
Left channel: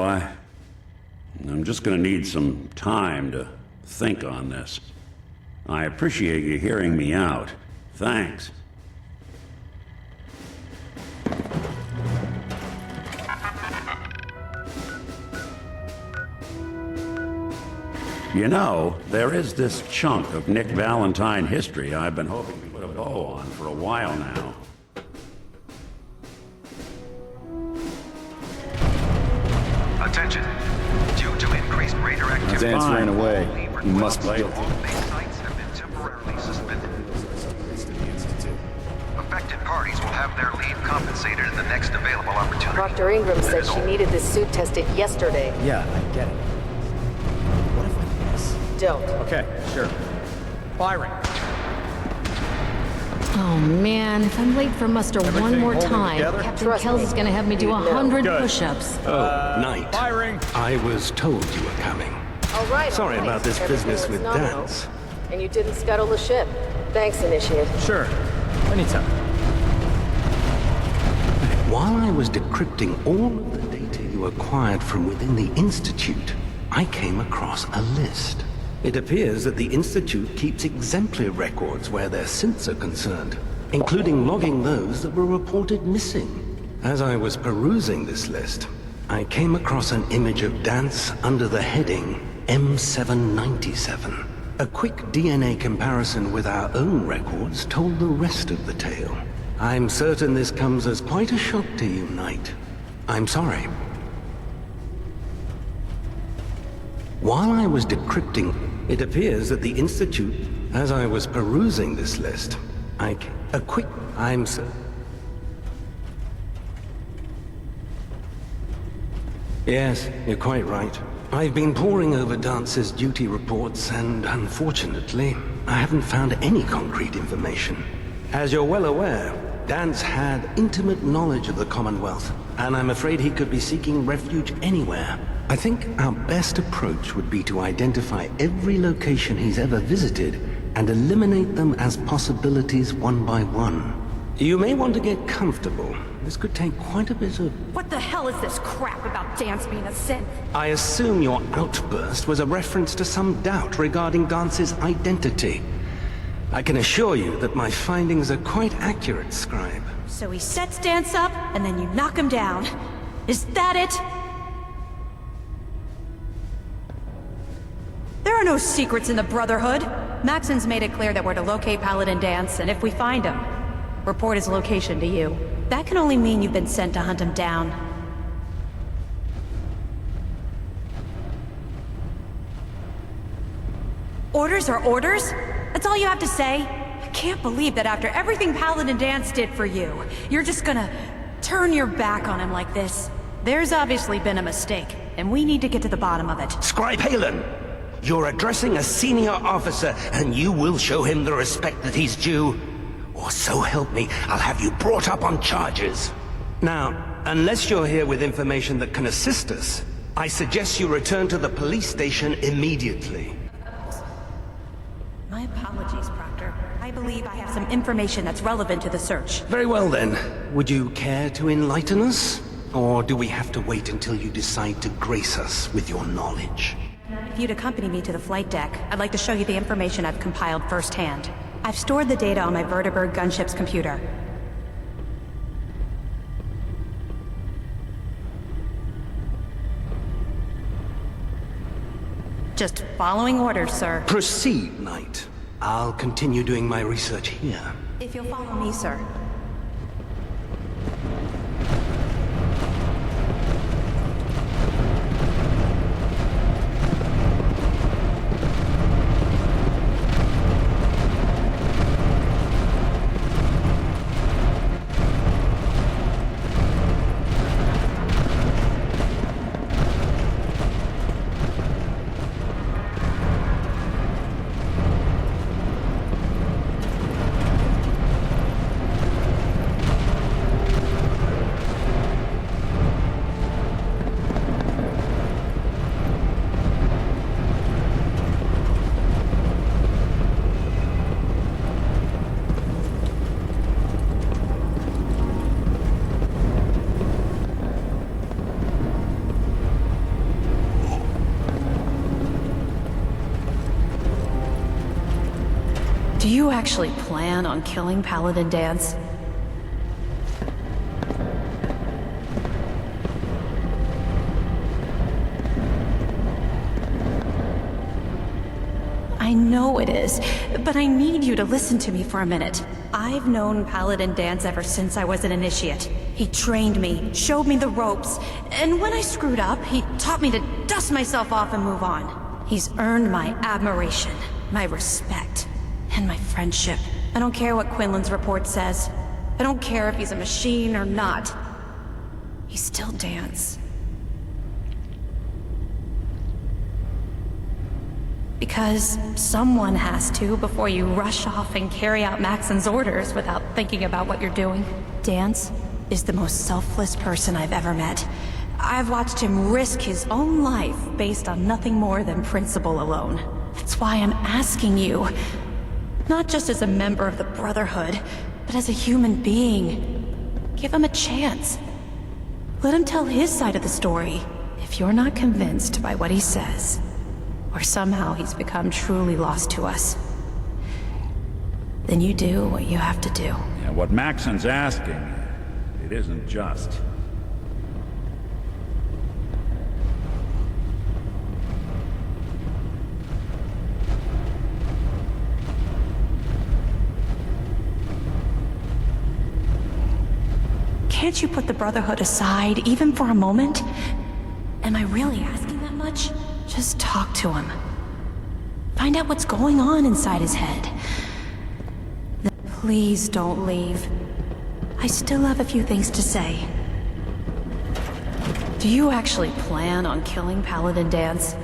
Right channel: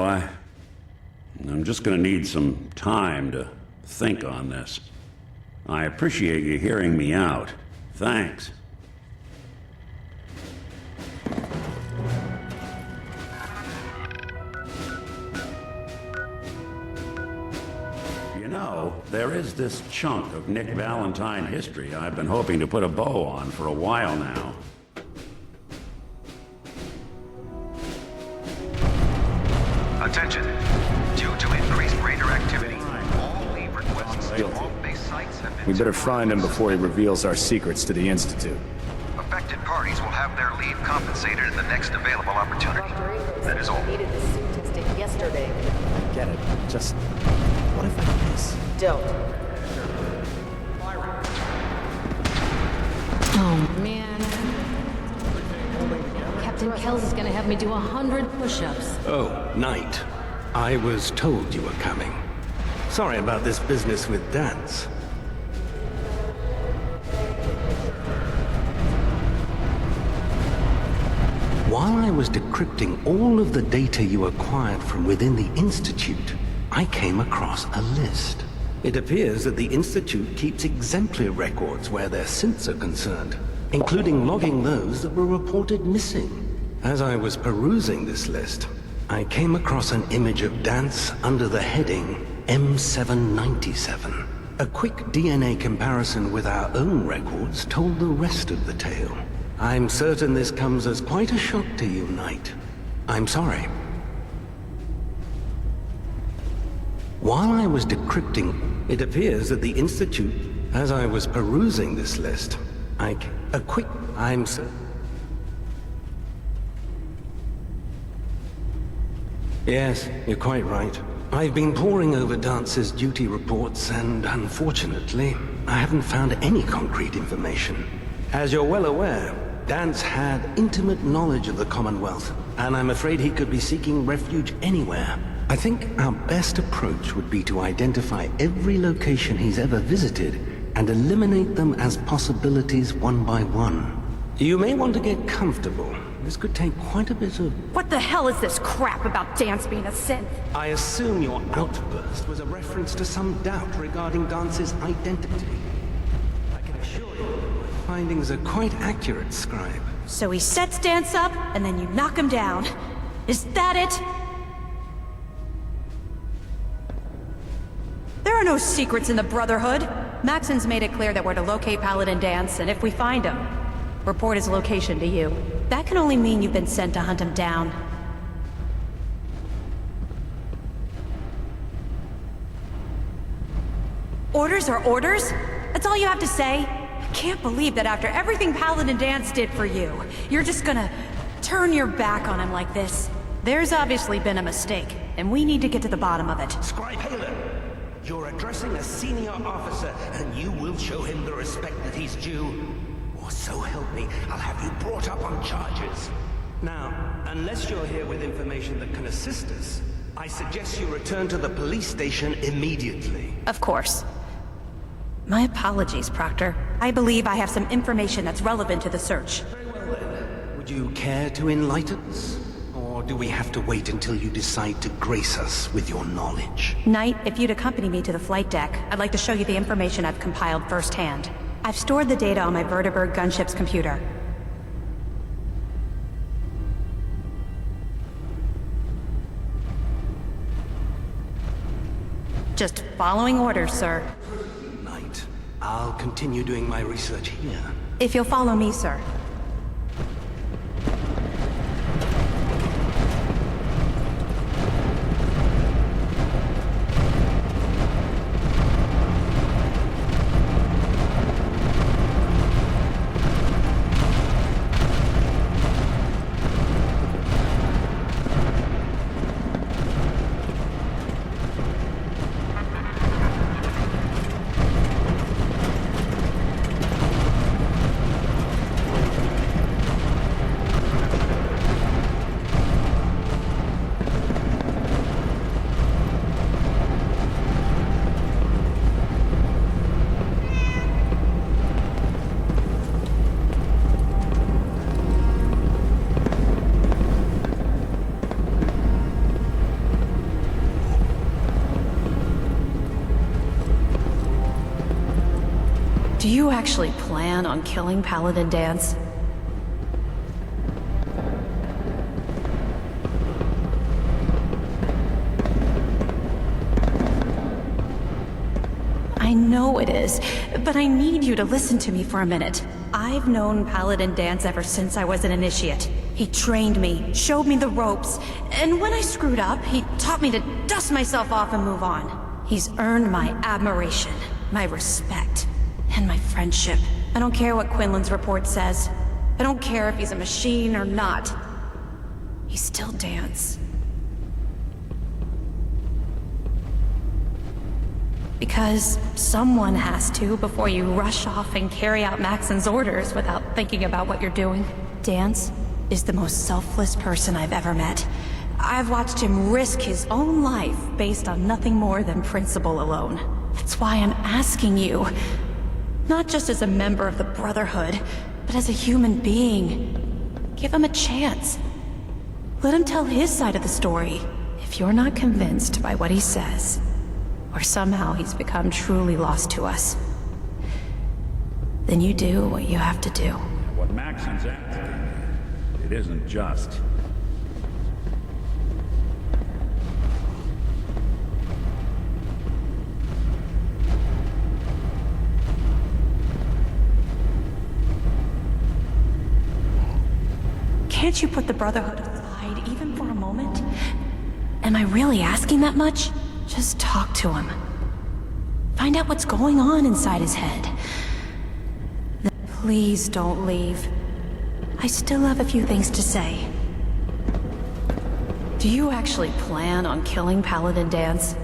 I'm just gonna need some time to think on this. I appreciate you hearing me out. Thanks. You know, there is this chunk of Nick Valentine history I've been hoping to put a bow on for a while now. Attention. Due due to increased raider activity. Dance ran away. He must be guilty. We better find him before he reveals our secrets to the Institute. Affected parties will have their leave compensated at the next available opportunity. Dr. Ingram said she needed this suit tested yesterday. Yeah, I get it. Just... what if I miss? Don't. Okay, sure. Firing. Oh man, if I'm late for muster one more time, Captain Kells is gonna have me do 100 push-ups. Oh, Knight. I was told you were coming. All right, Sorry about this business with Dance. And you didn't scuttle the ship. Thanks, Initiate. Sure. Anytime. While I was decrypting all of the data you acquired from within the Institute, I came across a list. It appears that the Institute keeps exemplary records where their synths are concerned, including logging those that were reported missing. As I was perusing this list, I came across an image of Dance under the heading M797. A quick DNA comparison with our own records told the rest of the tale. I'm certain this comes as quite a shock to you, Knight. I'm sorry. While I was decrypting, it appears that the Institute, as I was perusing this list, Yes, you're quite right. I've been poring over Dance's duty reports, and unfortunately, I haven't found any concrete information. As you're well aware, Dance had intimate knowledge of the Commonwealth, and I'm afraid he could be seeking refuge anywhere. I think our best approach would be to identify every location he's ever visited and eliminate them as possibilities one by one. You may want to get comfortable. This could take quite a bit of... What the hell is this crap about Dance being a synth? I assume your outburst was a reference to some doubt regarding Dance's identity. I can assure you that my findings are quite accurate, Scribe. So he sets Dance up, and then you knock him down. Is that it? There are no secrets in the Brotherhood. Maxon's made it clear that we're to locate Paladin Dance, and if we find him, report his location to you. That can only mean you've been sent to hunt him down. Orders are orders? That's all you have to say? I can't believe that after everything Paladin Dance did for you, you're just gonna turn your back on him like this. There's obviously been a mistake, and we need to get to the bottom of it. Scribe Halen! You're addressing a senior officer, and you will show him the respect that he's due. Or so help me, I'll have you brought up on charges. Now, unless you're here with information that can assist us, I suggest you return to the police station immediately. Of course. My apologies, Proctor. I believe I have some information that's relevant to the search. Very well then. Would you care to enlighten us? Or do we have to wait until you decide to grace us with your knowledge? Knight, if you'd accompany me to the flight deck, I'd like to show you the information I've compiled firsthand. I've stored the data on my Vertibird gunship's computer. Just following orders, sir. Proceed, Knight. I'll continue doing my research here. If you'll follow me, sir. Do you actually plan on killing Paladin Dance? I know it is, but I need you to listen to me for a minute. I've known Paladin Dance ever since I was an initiate. He trained me, showed me the ropes, and when I screwed up, he taught me to dust myself off and move on. He's earned my admiration, my respect, and my friendship. I don't care what Quinlan's report says. I don't care if he's a machine or not. He's still Dance. Because someone has to before you rush off and carry out Maxon's orders without thinking about what you're doing. Dance is the most selfless person I've ever met. I've watched him risk his own life based on nothing more than principle alone. That's why I'm asking you, not just as a member of the Brotherhood, but as a human being. Give him a chance. Let him tell his side of the story. If you're not convinced by what he says, or somehow he's become truly lost to us, then you do what you have to do. Yeah, what Maxon's asking, it isn't just. Can't you put the Brotherhood aside, even for a moment? Am I really asking that much? Just talk to him. Find out what's going on inside his head. Please don't leave. I still have a few things to say. Do you actually plan on killing Paladin Dance?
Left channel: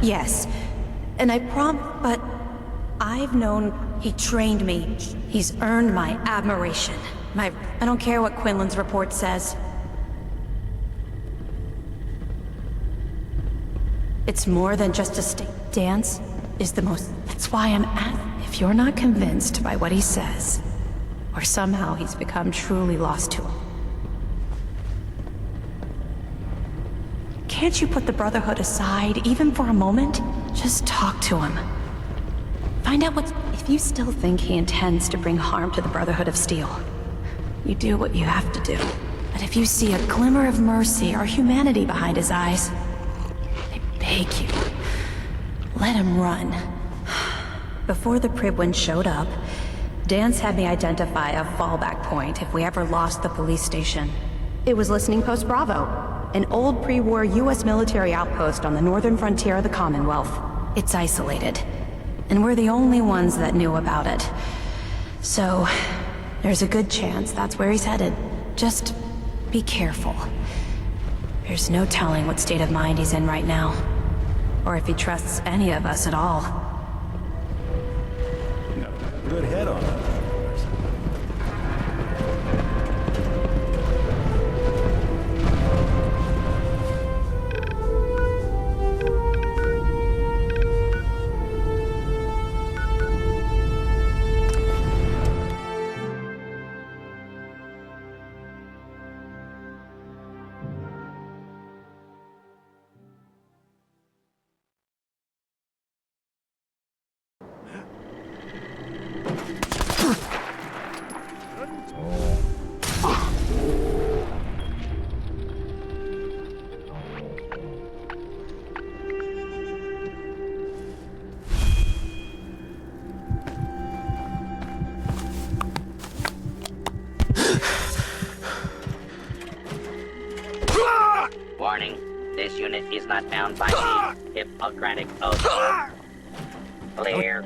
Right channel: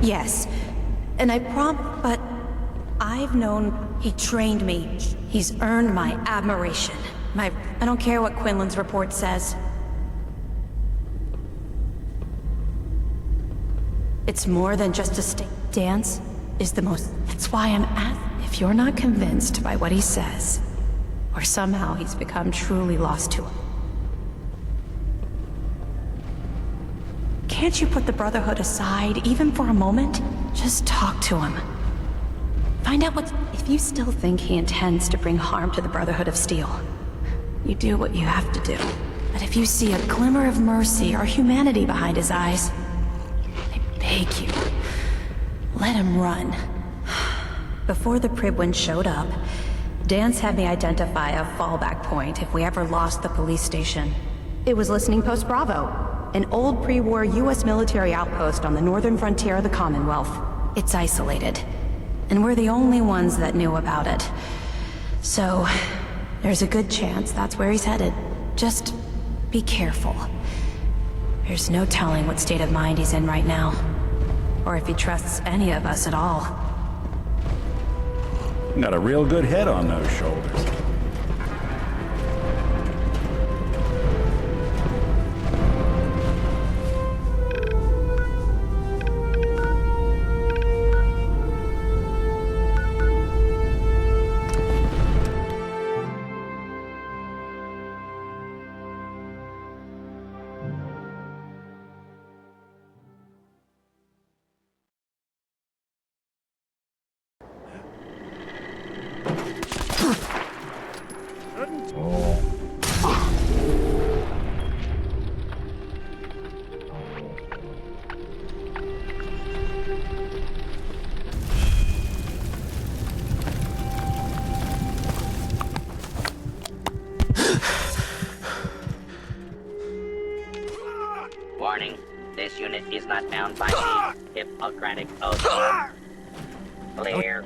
Yes. And I but I've known he trained me. He's earned my admiration. I don't care what Quinlan's report says. It's more than just a state. Dance is the most... That's why I'm if you're not convinced by what he says, or somehow he's become truly lost to him. Can't you put the Brotherhood aside, even for a moment? Just talk to him. Find out what's... If you still think he intends to bring harm to the Brotherhood of Steel, you do what you have to do. But if you see a glimmer of mercy or humanity behind his eyes, beg you, let him run. Before the Pribwin showed up, Dance had me identify a fallback point if we ever lost the police station. It was Listening Post Bravo, an old pre-war US military outpost on the northern frontier of the Commonwealth. It's isolated, and we're the only ones that knew about it. So, there's a good chance that's where he's headed. Just be careful. There's no telling what state of mind he's in right now, or if he trusts any of us at all. Got a real good head on those shoulders. Warning, this unit is not bound by the Hippocratic Oath. Clear.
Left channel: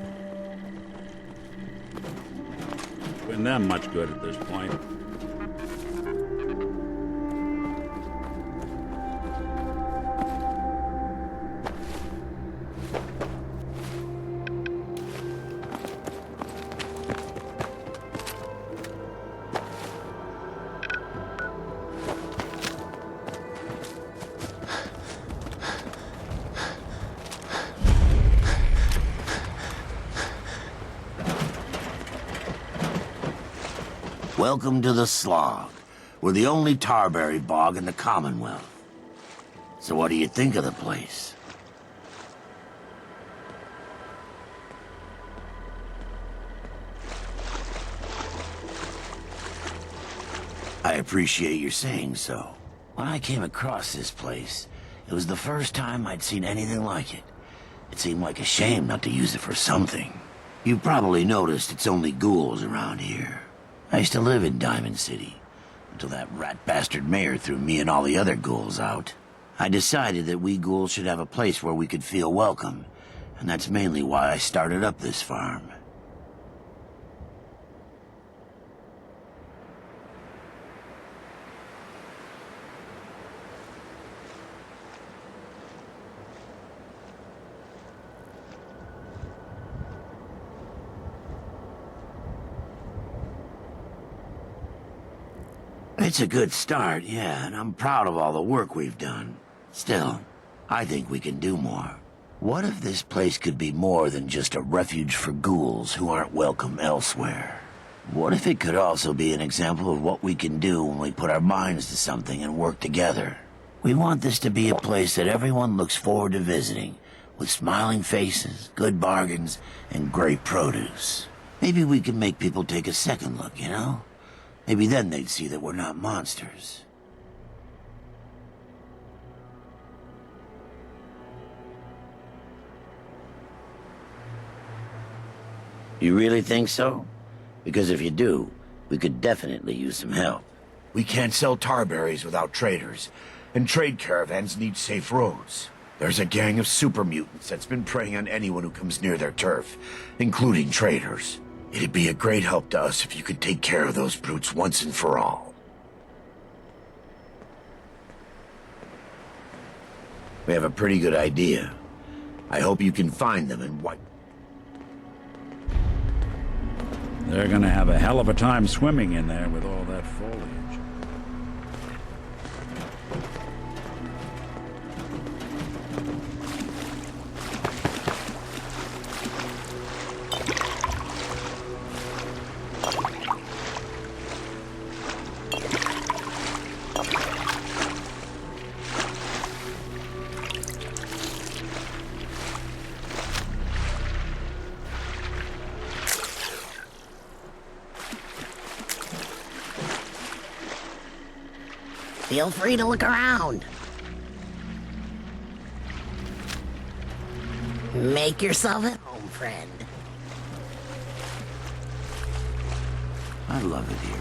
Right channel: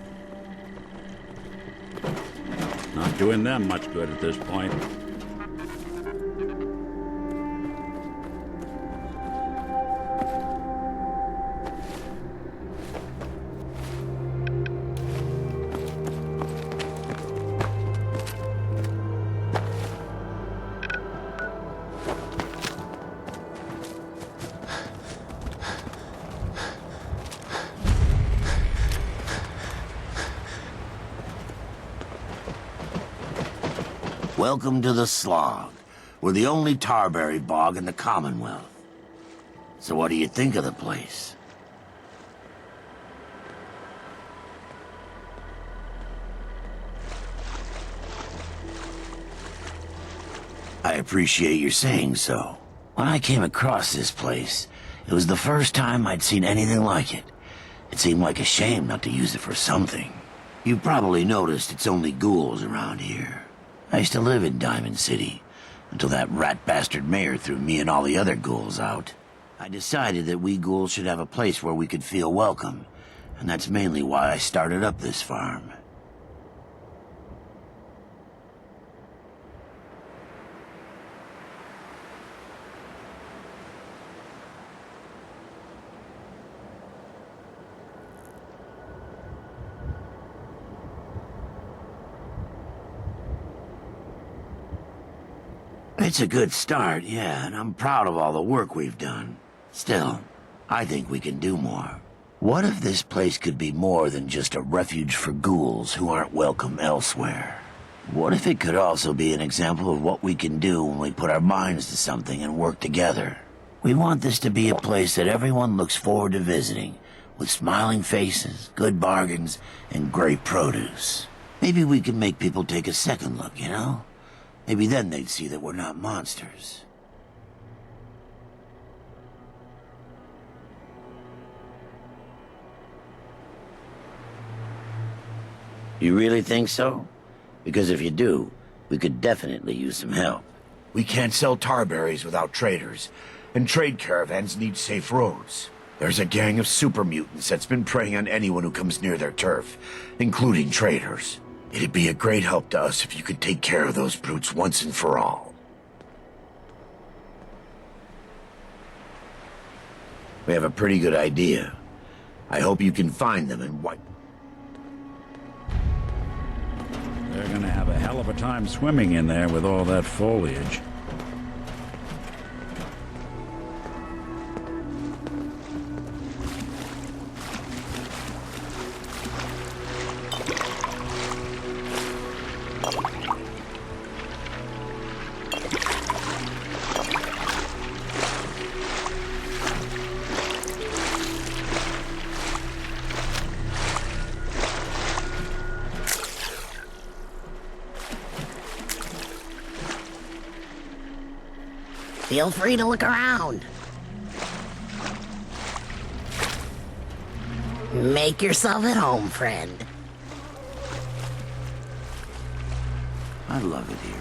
Not doing them much good at this point. Welcome to the Slog. We're the only tarberry bog in the Commonwealth. So what do you think of the place? I appreciate your saying so. When I came across this place, it was the first time I'd seen anything like it. It seemed like a shame not to use it for something. You've probably noticed it's only ghouls around here. I used to live in Diamond City, until that rat bastard mayor threw me and all the other ghouls out. I decided that we ghouls should have a place where we could feel welcome, and that's mainly why I started up this farm. It's a good start, yeah, and I'm proud of all the work we've done. Still, I think we can do more. What if this place could be more than just a refuge for ghouls who aren't welcome elsewhere? What if it could also be an example of what we can do when we put our minds to something and work together? We want this to be a place that everyone looks forward to visiting, with smiling faces, good bargains, and great produce. Maybe we can make people take a second look, you know? Maybe then they'd see that we're not monsters. You really think so? Because if you do, we could definitely use some help. We can't sell tarberries without traders, and trade caravans need safe roads. There's a gang of super mutants that's been preying on anyone who comes near their turf, including traders. It'd be a great help to us if you could take care of those brutes once and for all. We have a pretty good idea. I hope you can find them and wipe. They're gonna have a hell of a time swimming in there with all that foliage. Feel free to look around. Make yourself at home, friend. I love it here.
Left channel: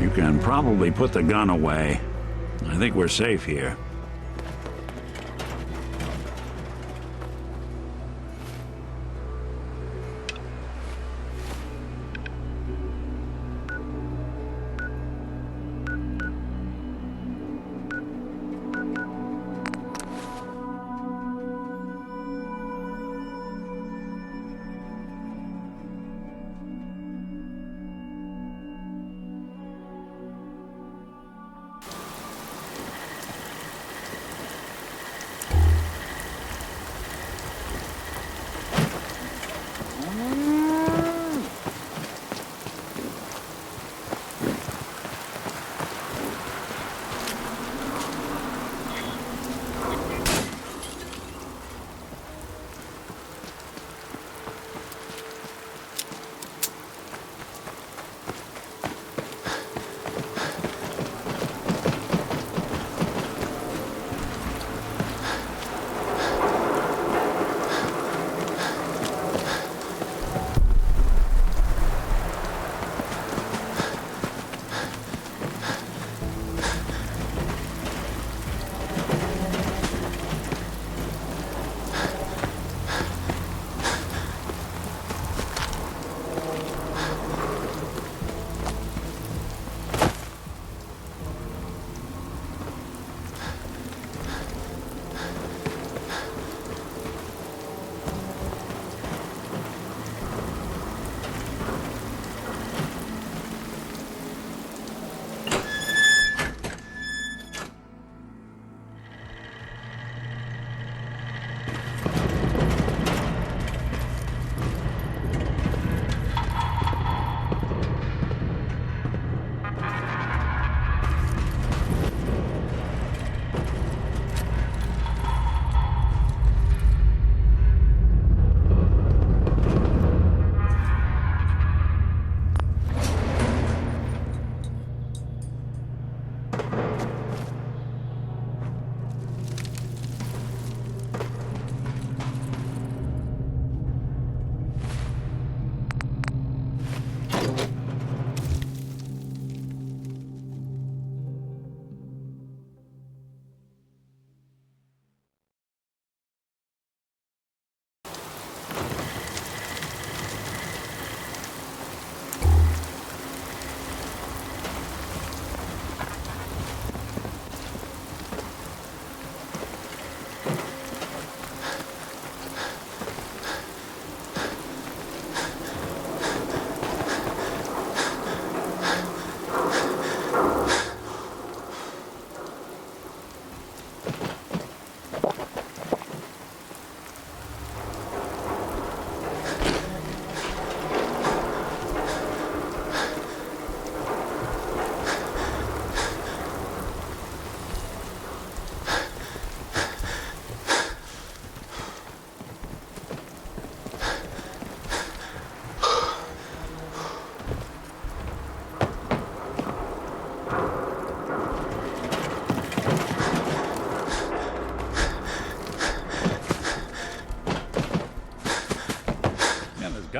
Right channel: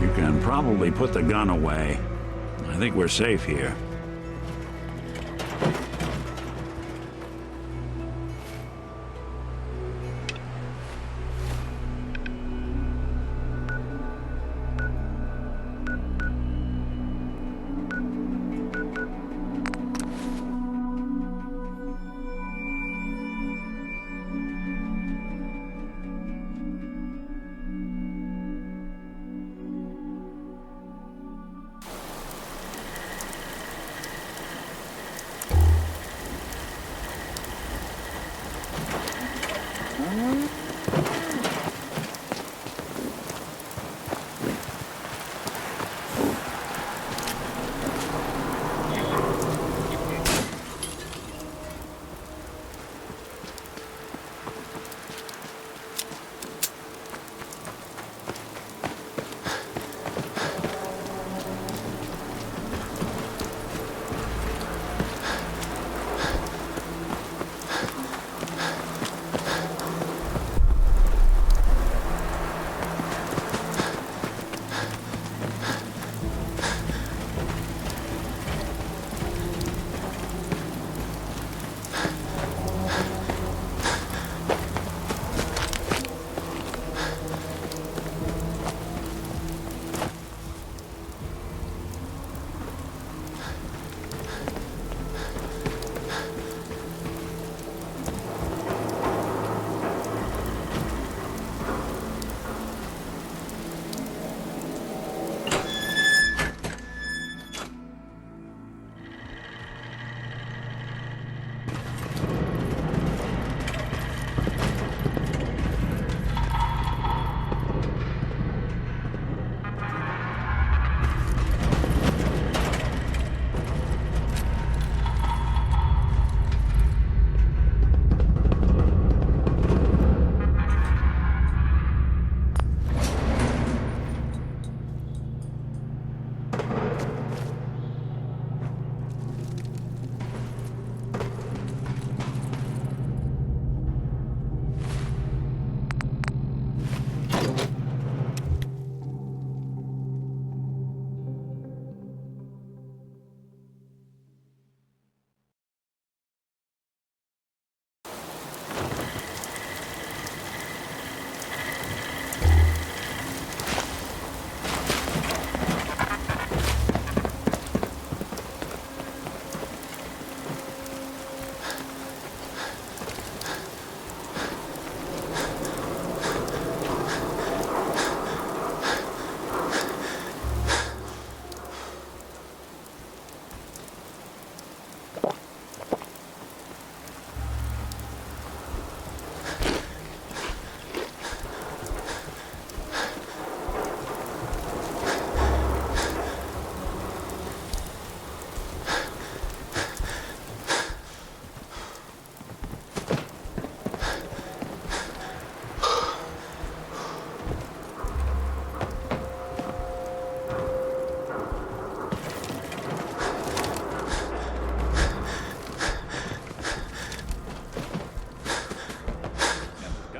You can probably put the gun away. I think we're safe here.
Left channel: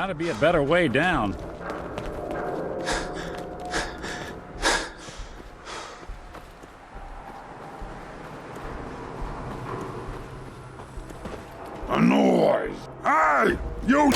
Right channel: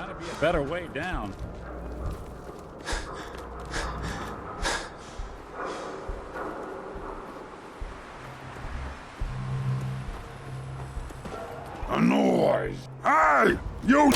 Gotta be a better way down. A noise! Hey! You!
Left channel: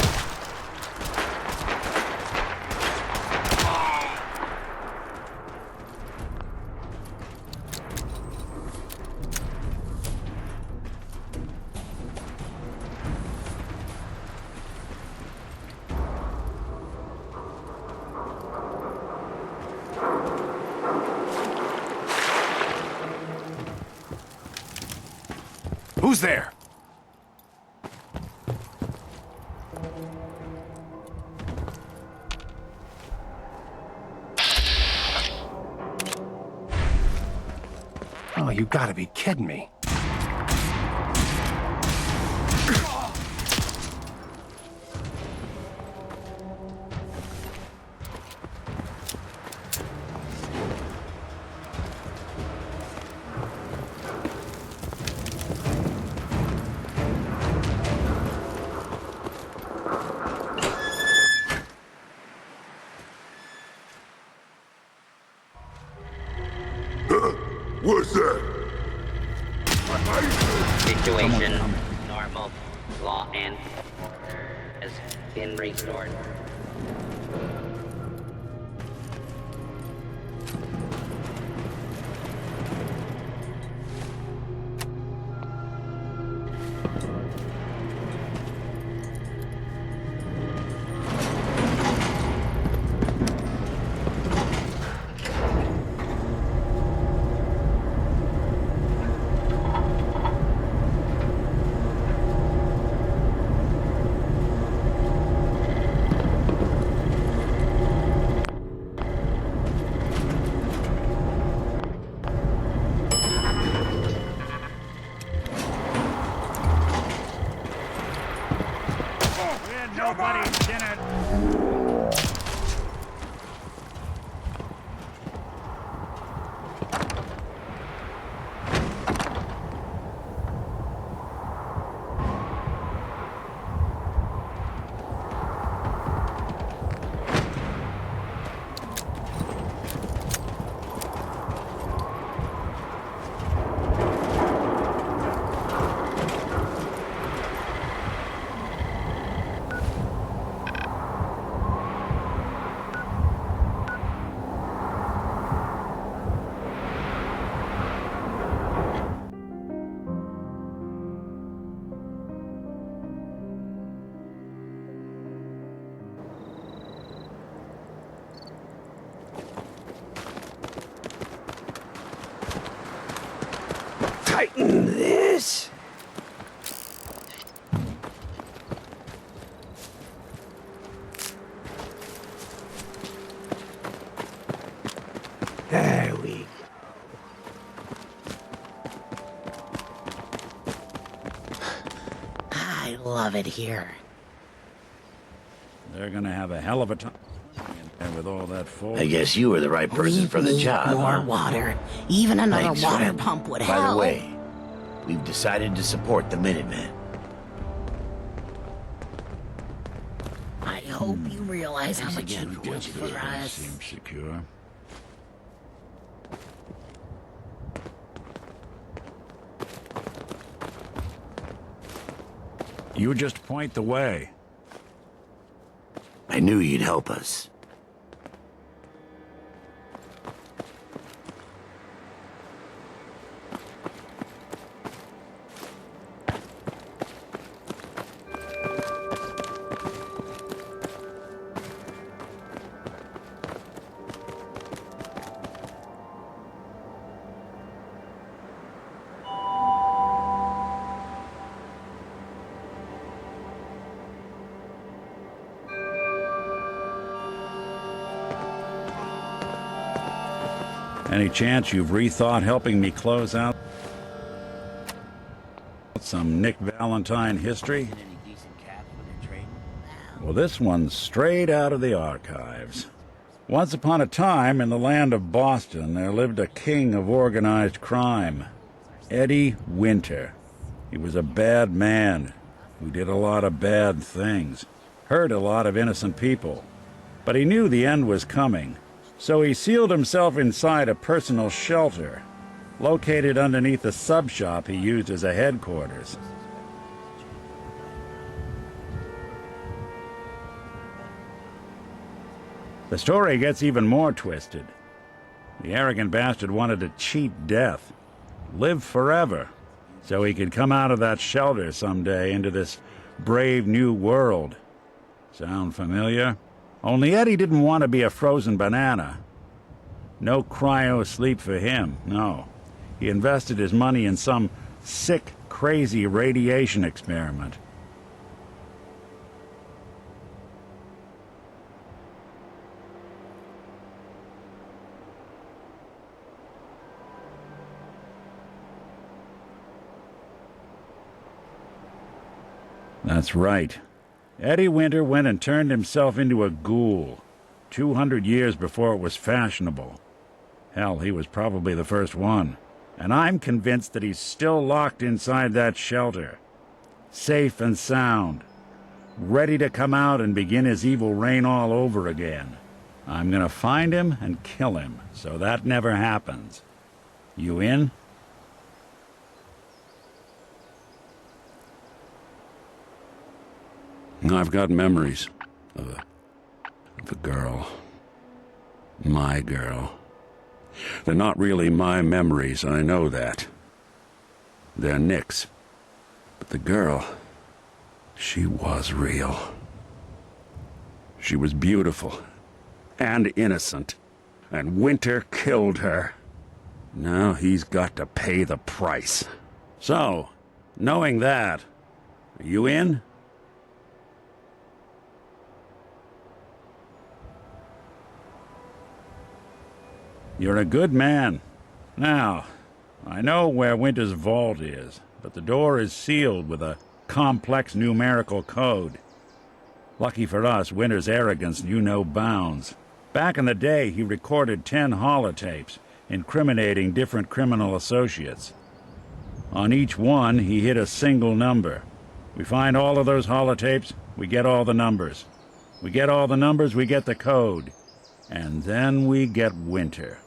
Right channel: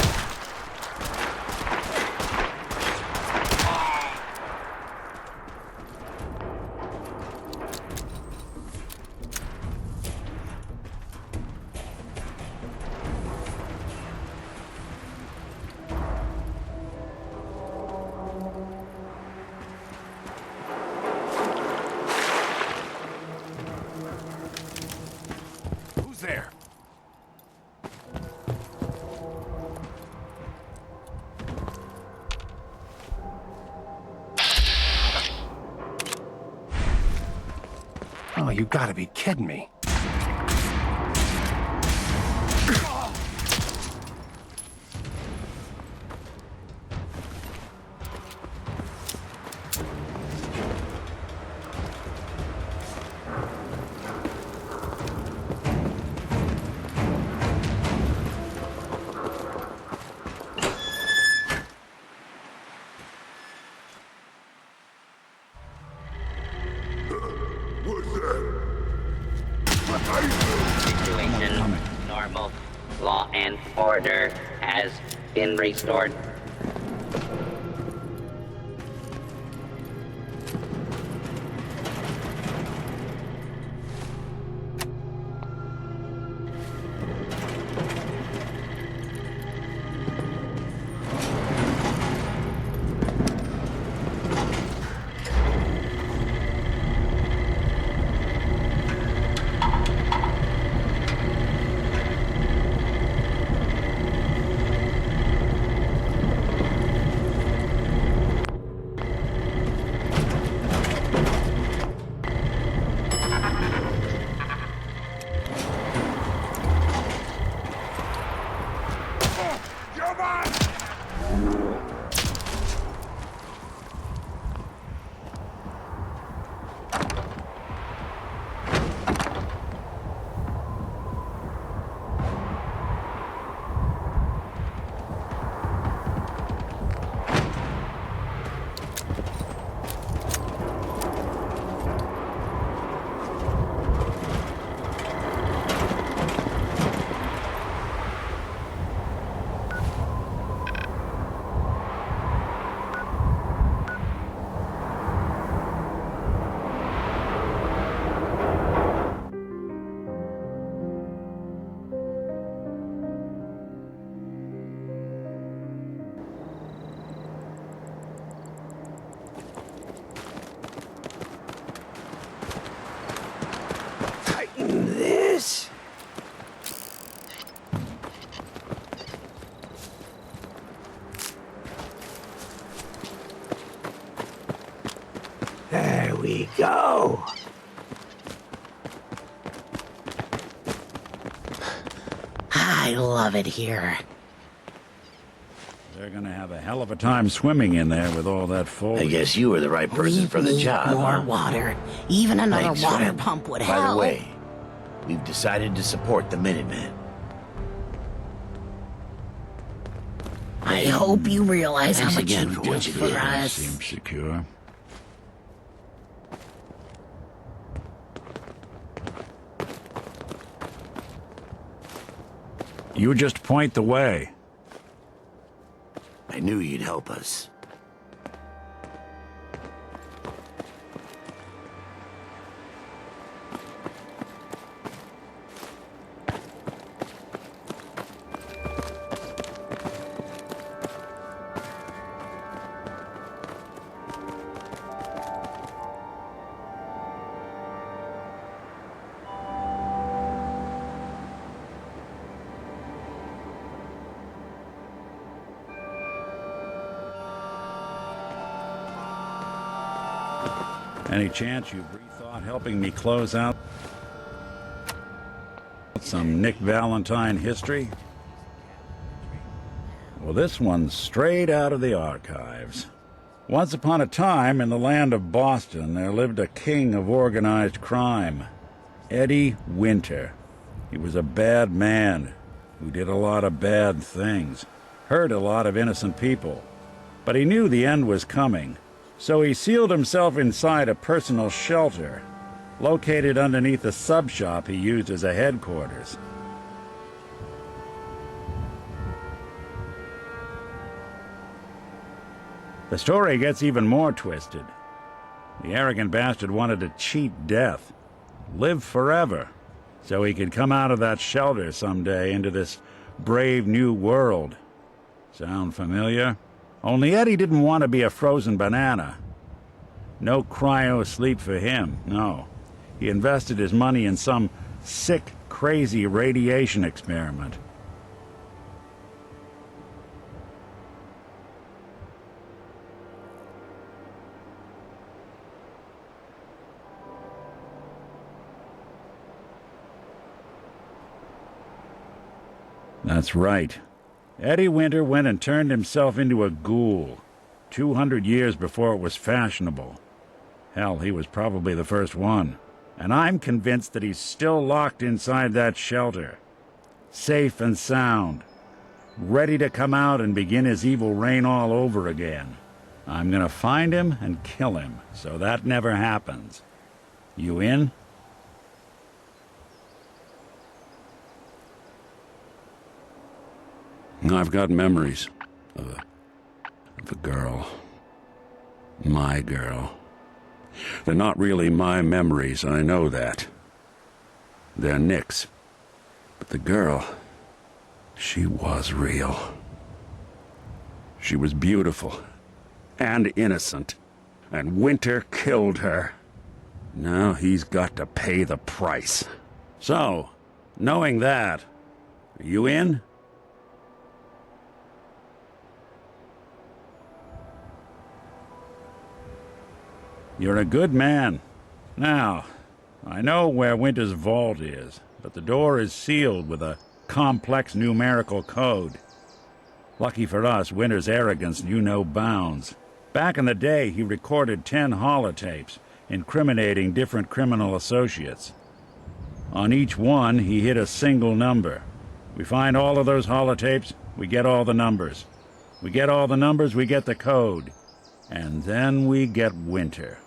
Who's there? Oh, you gotta be kidding me. What's that? Situation normal. Law and order has been restored. Tighten this. There we go. I love it here. They're gonna have a hell of a time swimming in there with all that foliage. I guess you were the right person for the need job. more huh? water. Even another Thanks, water friend. pump would By help. the way, we've decided to support the Minutemen. I hope you realize how Thanks much again you for do what you for did. us. Seems secure. You just point the way. I knew you'd help us. Any chance you've rethought helping me close out some Nick Valentine history? Well, this one's straight out of the archives. Once upon a time, in the land of Boston, there lived a king of organized crime, Eddie Winter. He was a bad man who did a lot of bad things. hurt a lot of innocent people. But he knew the end was coming, so he sealed himself inside a personal shelter, located underneath a sub-shop he used as a headquarters. The story gets even more twisted. The arrogant bastard wanted to cheat death, live forever, so he could come out of that shelter someday into this brave new world. Sound familiar? Only Eddie didn't want to be a frozen banana. No cryo sleep for him, no. He invested his money in some sick, crazy radiation experiment. That's right. Eddie Winter went and turned himself into a ghoul, 200 years before it was fashionable. Hell, he was probably the first one. And I'm convinced that he's still locked inside that shelter. Safe and sound. Ready to come out and begin his evil reign all over again. I'm gonna find him and kill him, so that never happens. You in? I've got memories of a girl. My girl. They're not really my memories, I know that. They're Nick's. But the girl, she was real. She was beautiful and innocent, and Winter killed her. Now he's got to pay the price. So, knowing that, are you in? You're a good man. Now, I know where Winter's vault is, but the door is sealed with a complex numerical code. Lucky for us, Winter's arrogance knew no bounds. Back in the day, he recorded 10 holotapes, incriminating different criminal associates. On each one, he hit a single number. We find all of those holotapes, we get all the numbers. We get all the numbers, we get the code. And then we get Winter.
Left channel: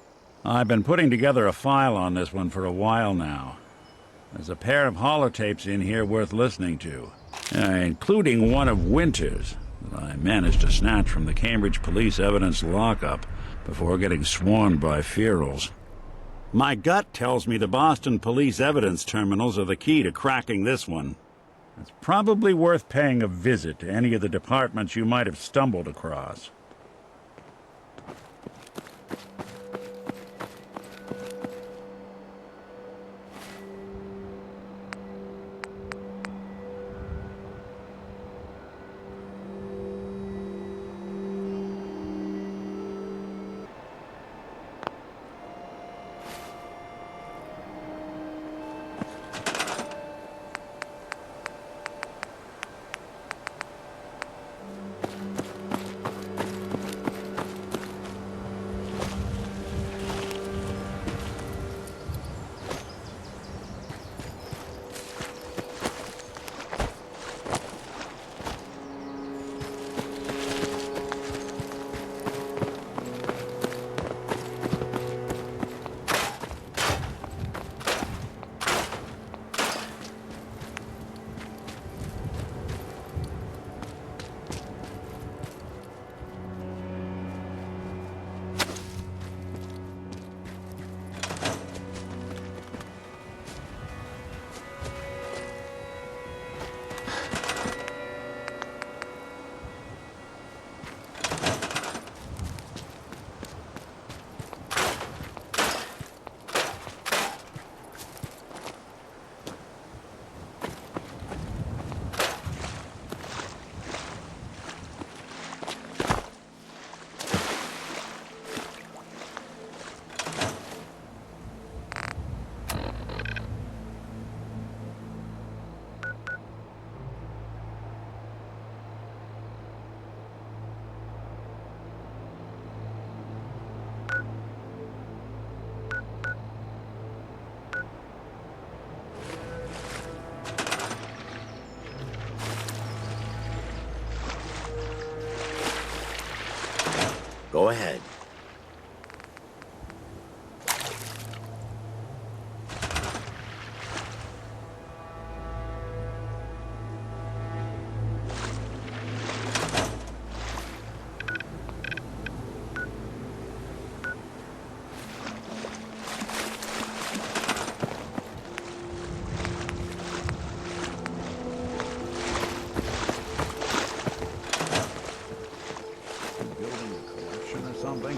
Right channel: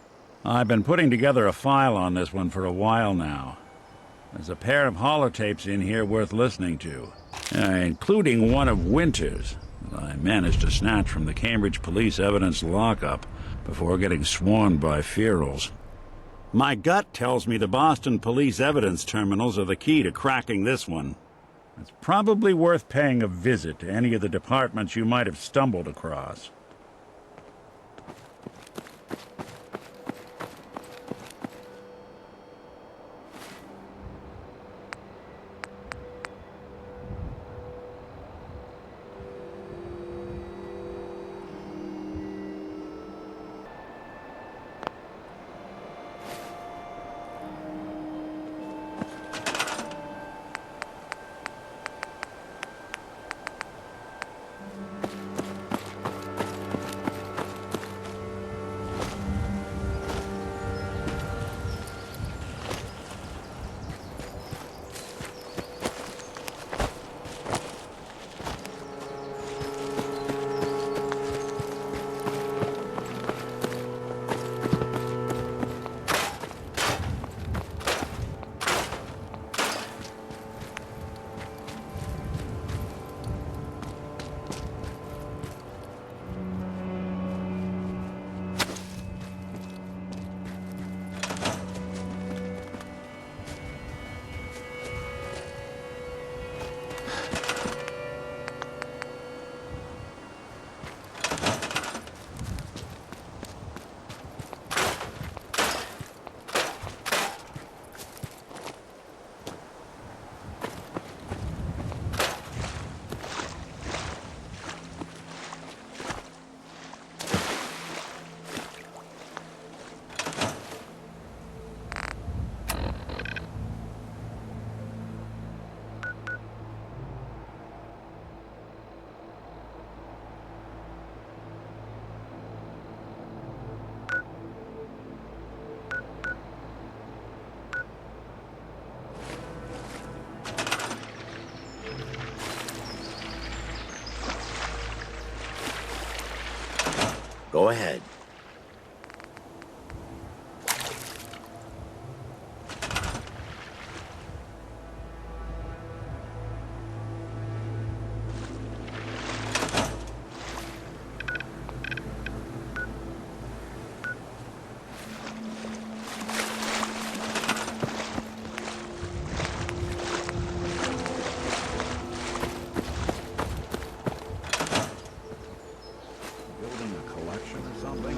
I've been putting together a file on this one for a while now. There's a pair of holotapes in here worth listening to, including one of Winter's that I managed to snatch from the Cambridge police evidence lockup before getting swarmed by ferals. My gut tells me the Boston police evidence terminals are the key to cracking this one. It's probably worth paying a visit to any of the departments you might have stumbled across. Go ahead. Building a collection or something?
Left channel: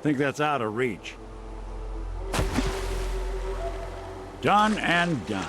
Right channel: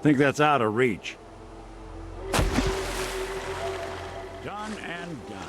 Think that's out of reach. Done and done.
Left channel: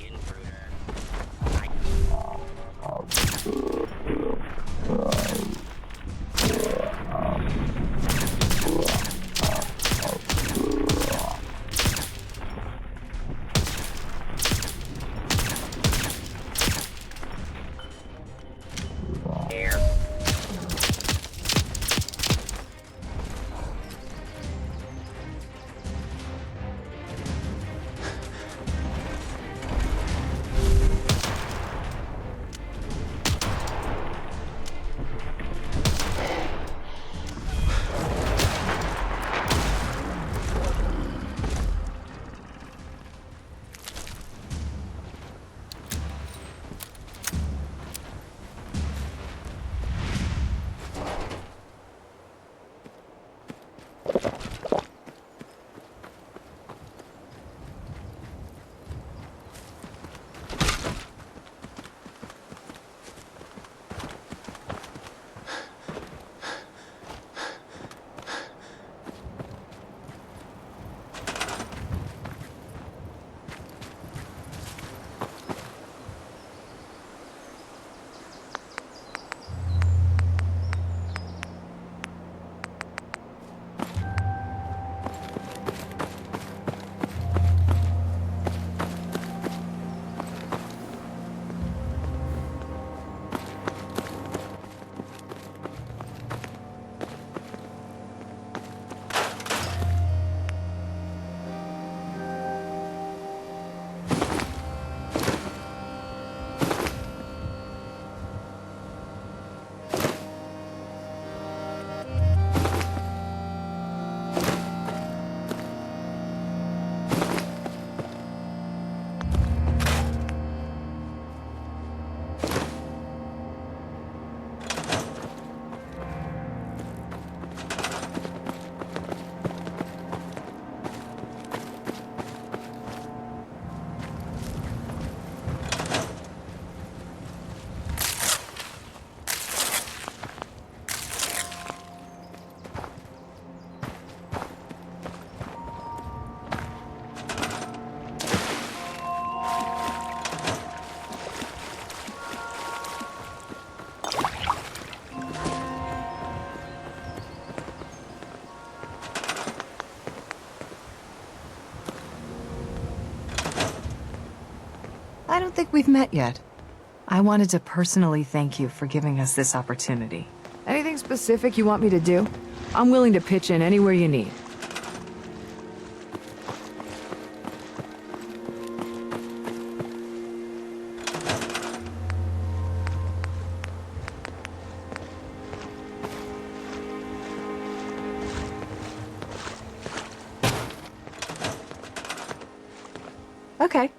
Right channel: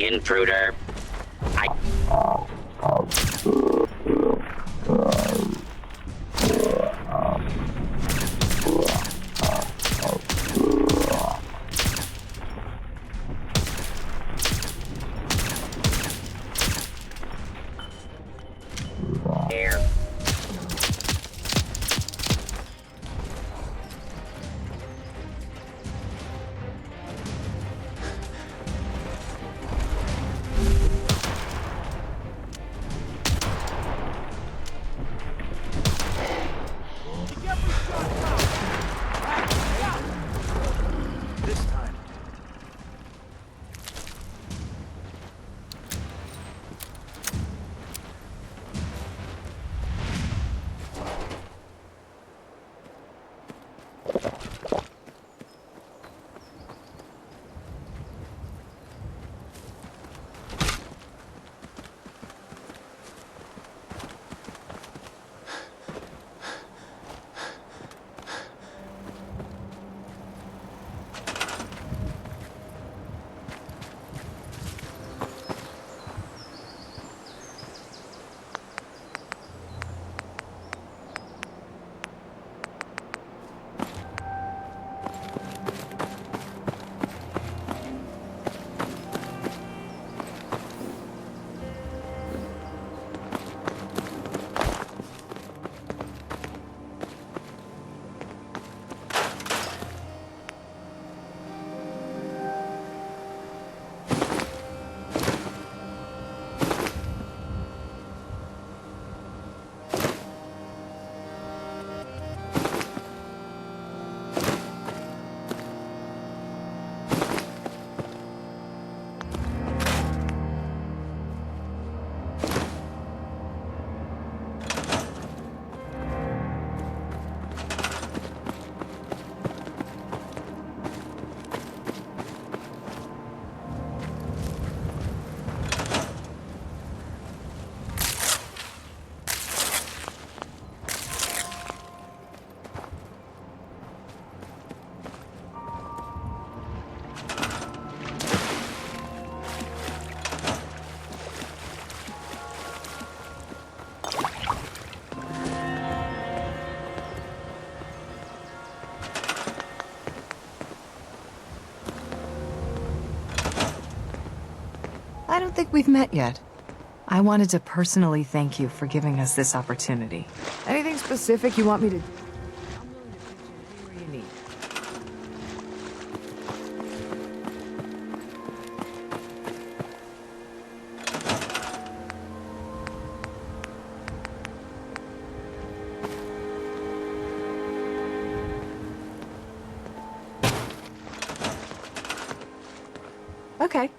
Intruder. Here. I don't think we've met yet. I wanted to personally thank you for giving us this opportunity. Anything specific you want me to do? I'm willing to pitch in anywhere you need. Okay.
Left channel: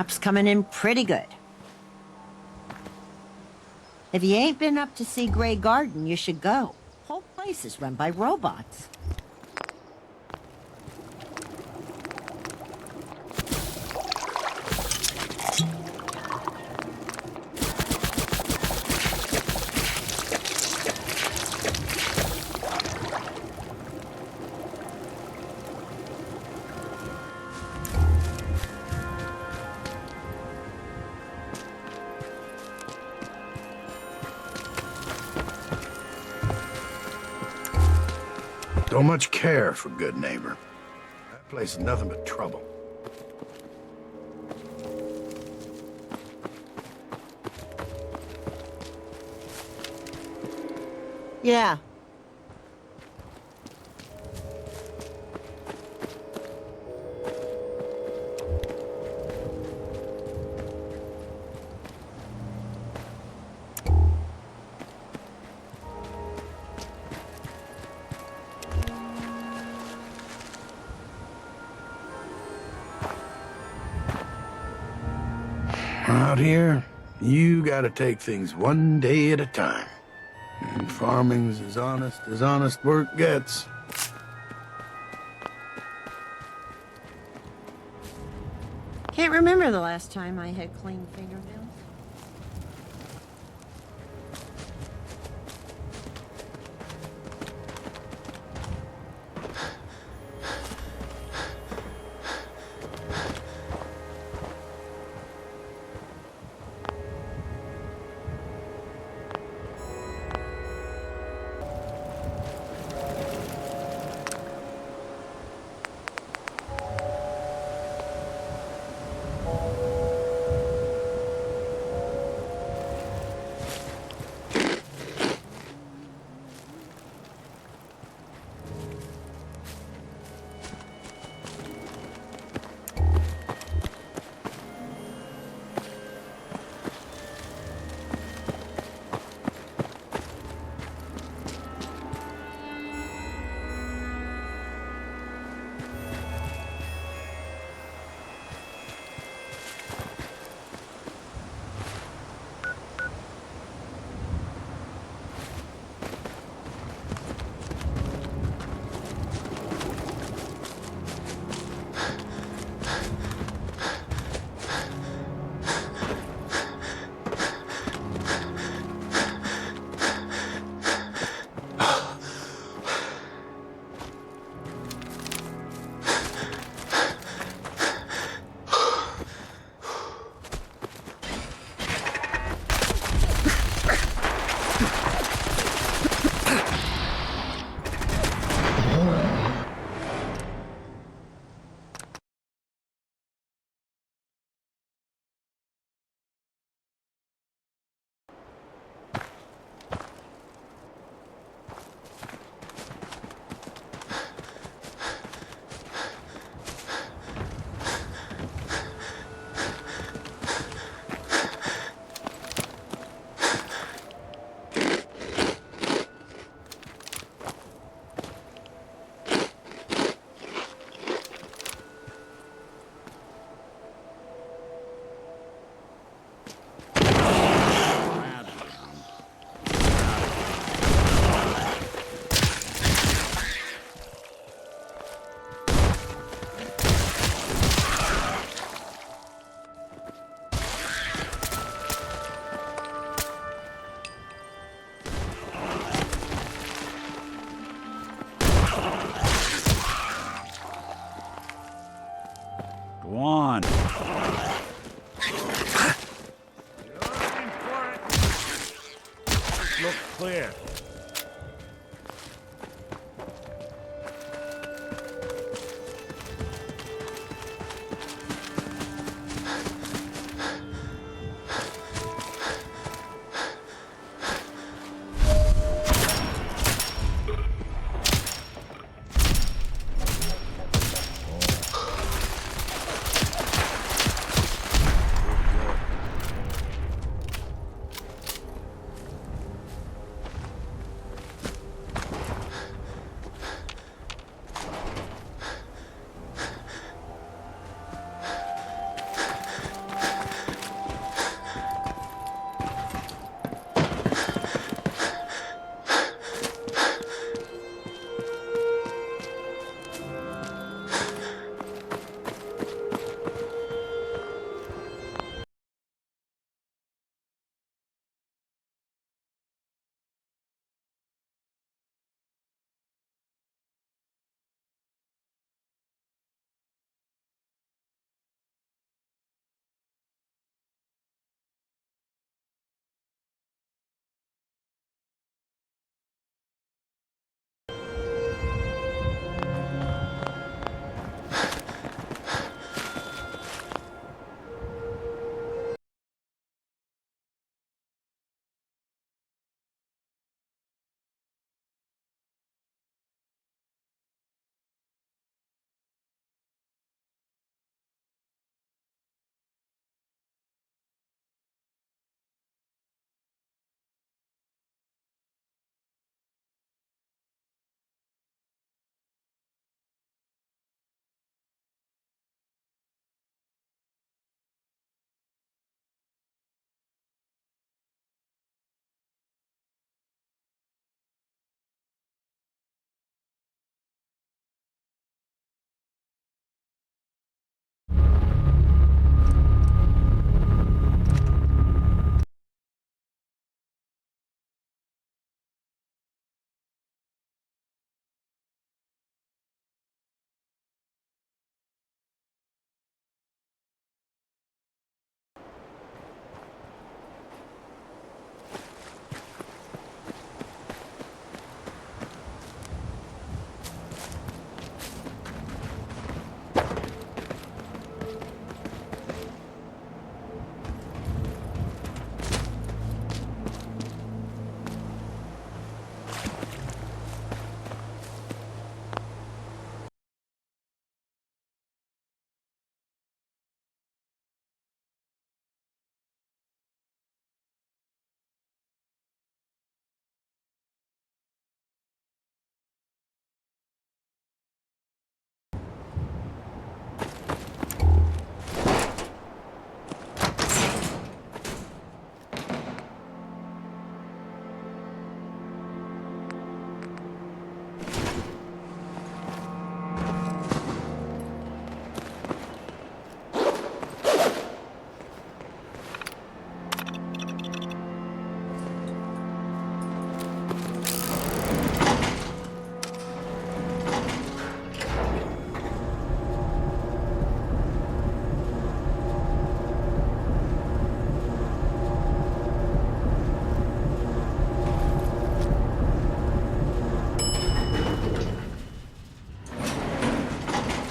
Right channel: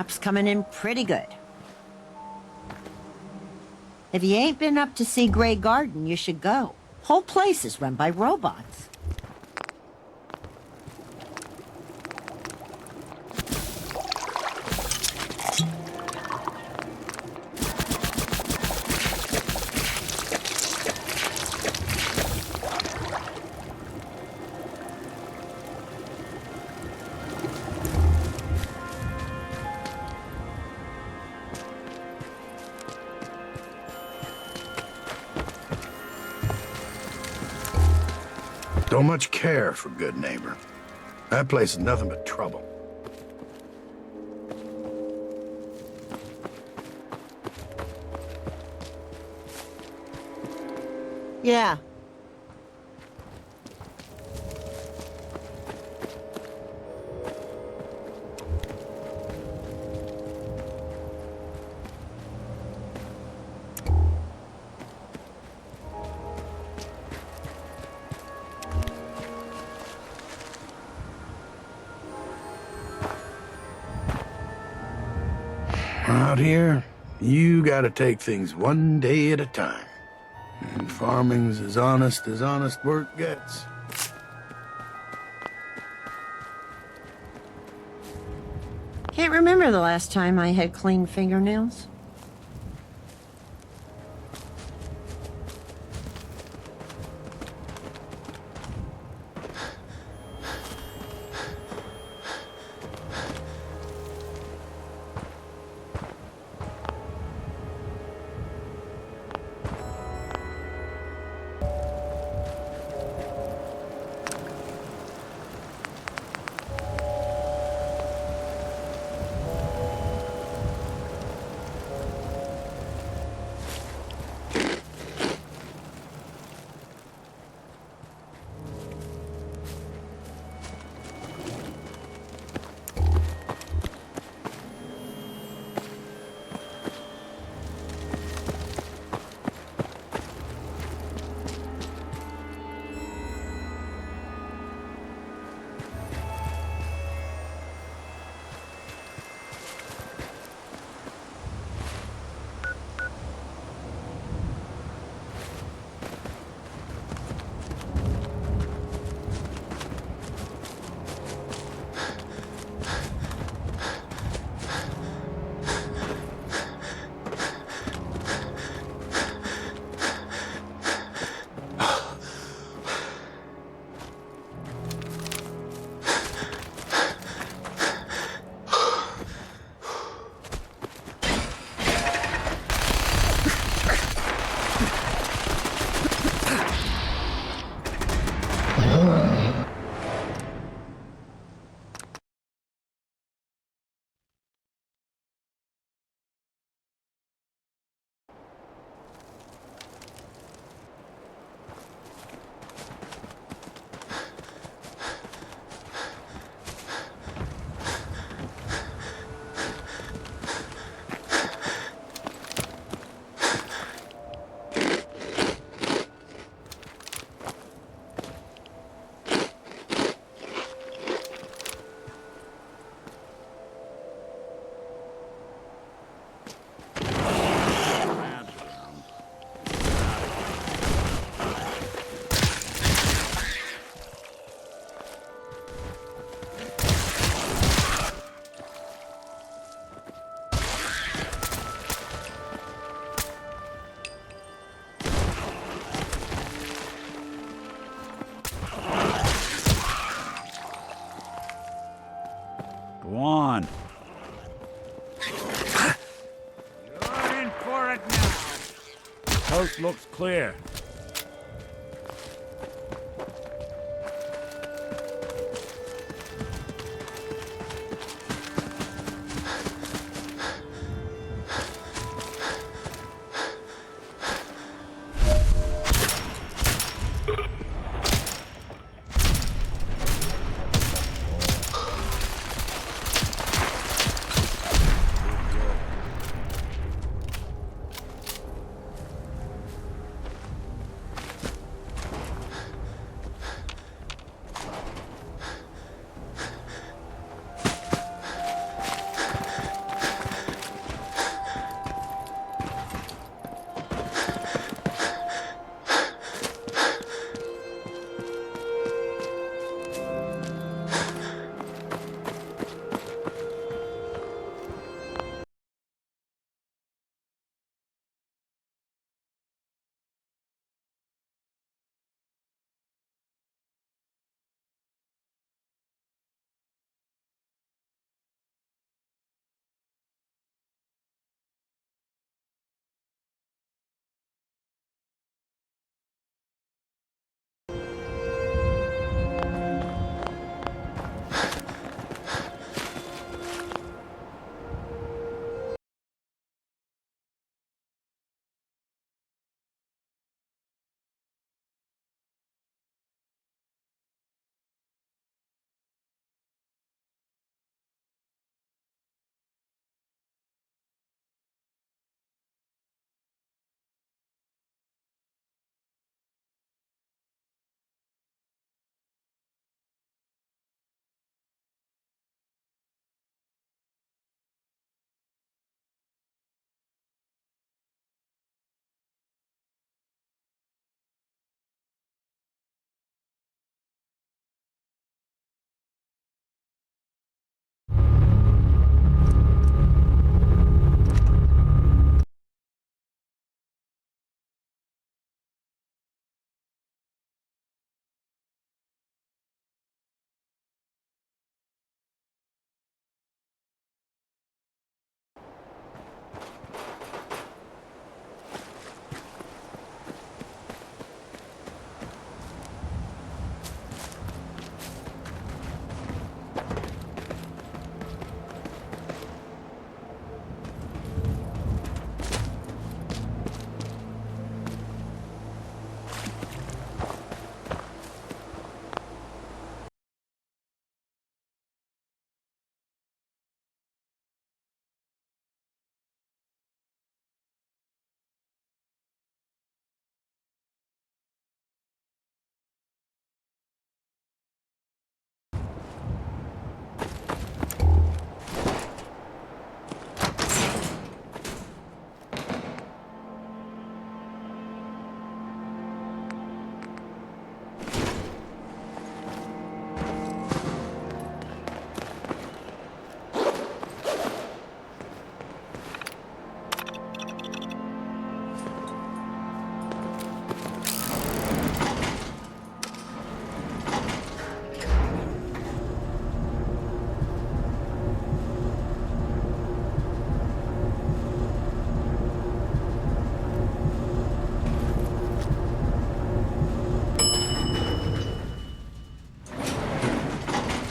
warm-up's coming in pretty good. If you ain't been up to see Grey Garden, you should go. Whole place is run by robots. Don't much care for good neighbor. That place is nothing but trouble. Yeah. Out here, you gotta take things one day at a time. And farming's as honest work gets. Can't remember the last time I had clean fingernails. Go on. You're in for it now. Coast looks clear.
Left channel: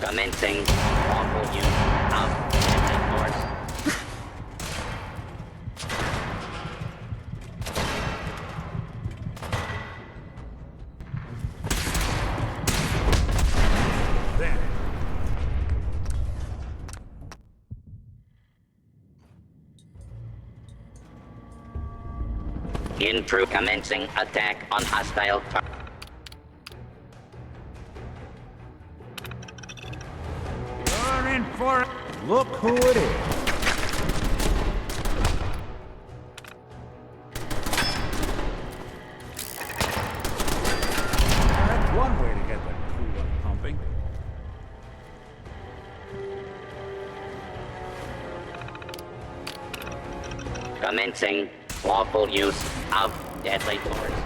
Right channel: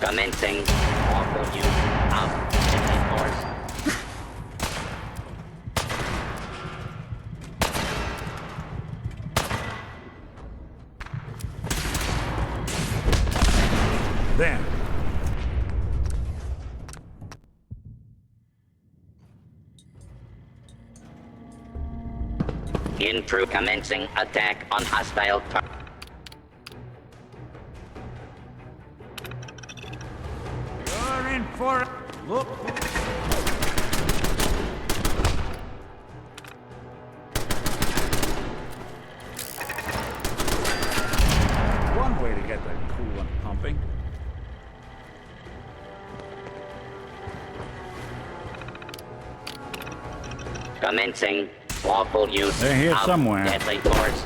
Commencing lawful use of deadly force. Then. Intrude commencing attack on hostile target. You're in for it. Look who it is. That's one way to get the coolant pumping. Commencing lawful use They're here of somewhere. deadly force.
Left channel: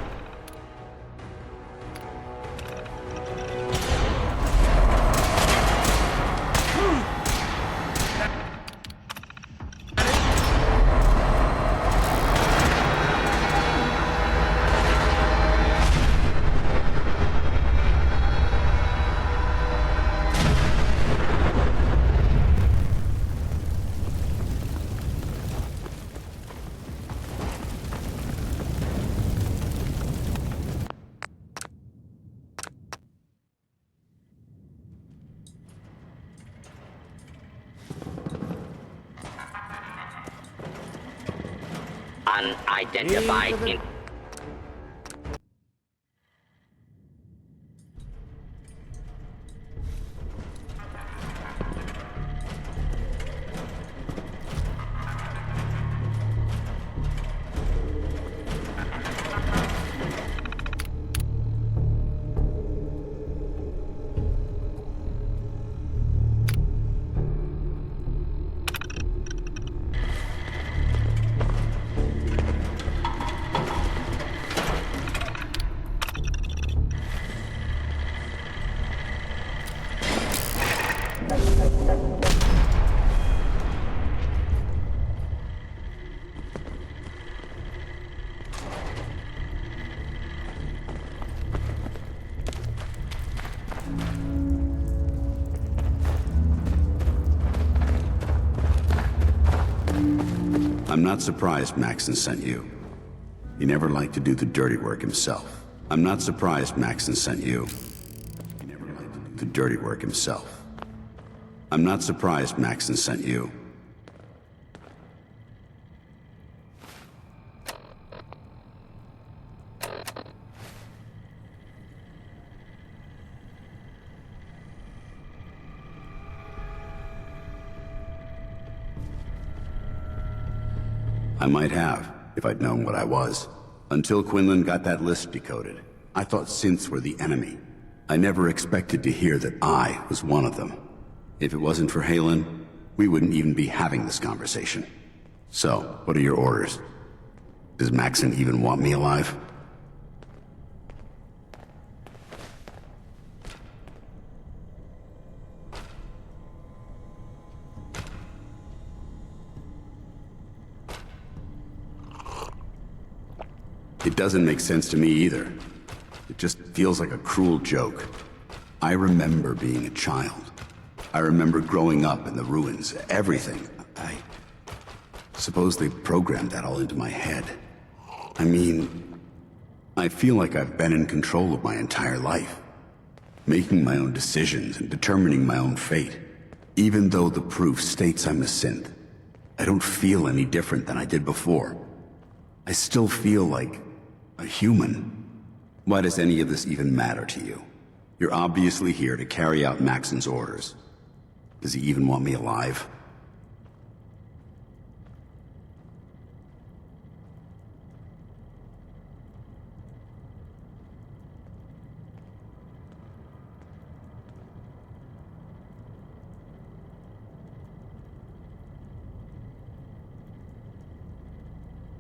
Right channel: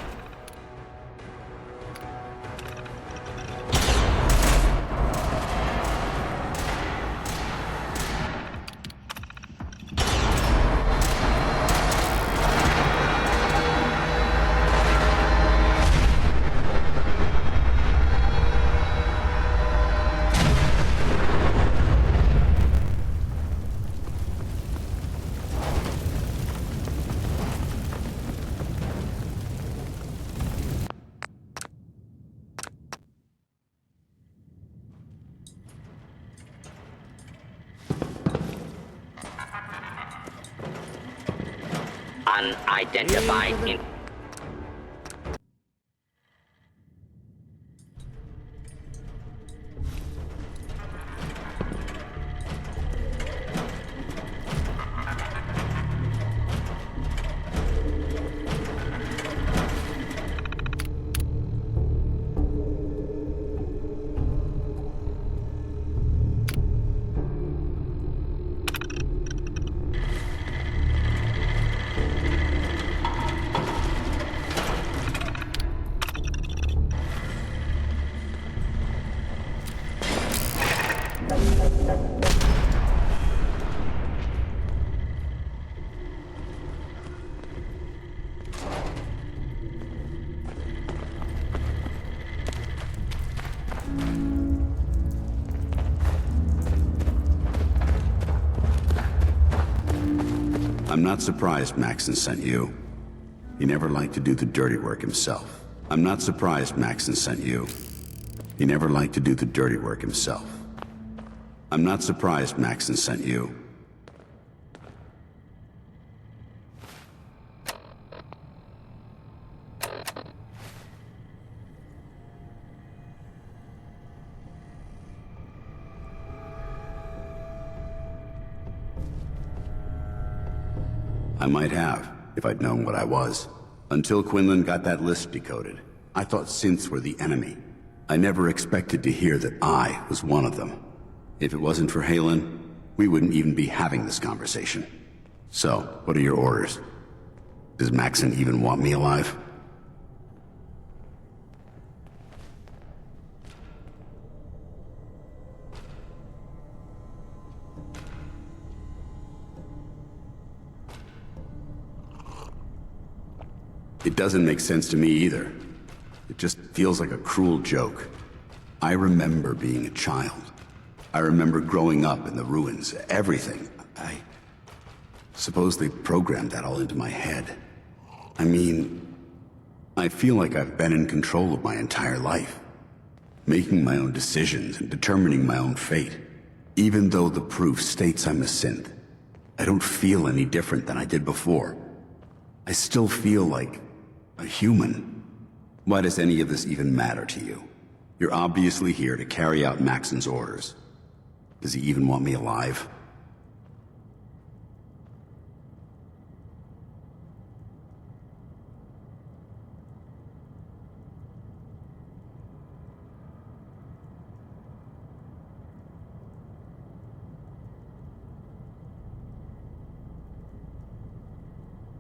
Unidentified in I'm not surprised Maxon sent you. He never liked to do the dirty work himself. I'm not surprised Maxon sent you. He never liked to do the dirty work himself. I'm not surprised Maxon sent you. I might have, if I'd known what I was. Until Quinlan got that list decoded, I thought synths were the enemy. I never expected to hear that I was one of them. If it wasn't for Halen, we wouldn't even be having this conversation. So, what are your orders? Does Maxon even want me alive? It doesn't make sense to me either. It just feels like a cruel joke. I remember being a child. I remember growing up in the ruins, everything. I suppose they programmed that all into my head. I mean, I feel like I've been in control of my entire life, making my own decisions and determining my own fate. Even though the proof states I'm a synth, I don't feel any different than I did before. I still feel like a human. Why does any of this even matter to you? You're obviously here to carry out Maxon's orders. Does he even want me alive?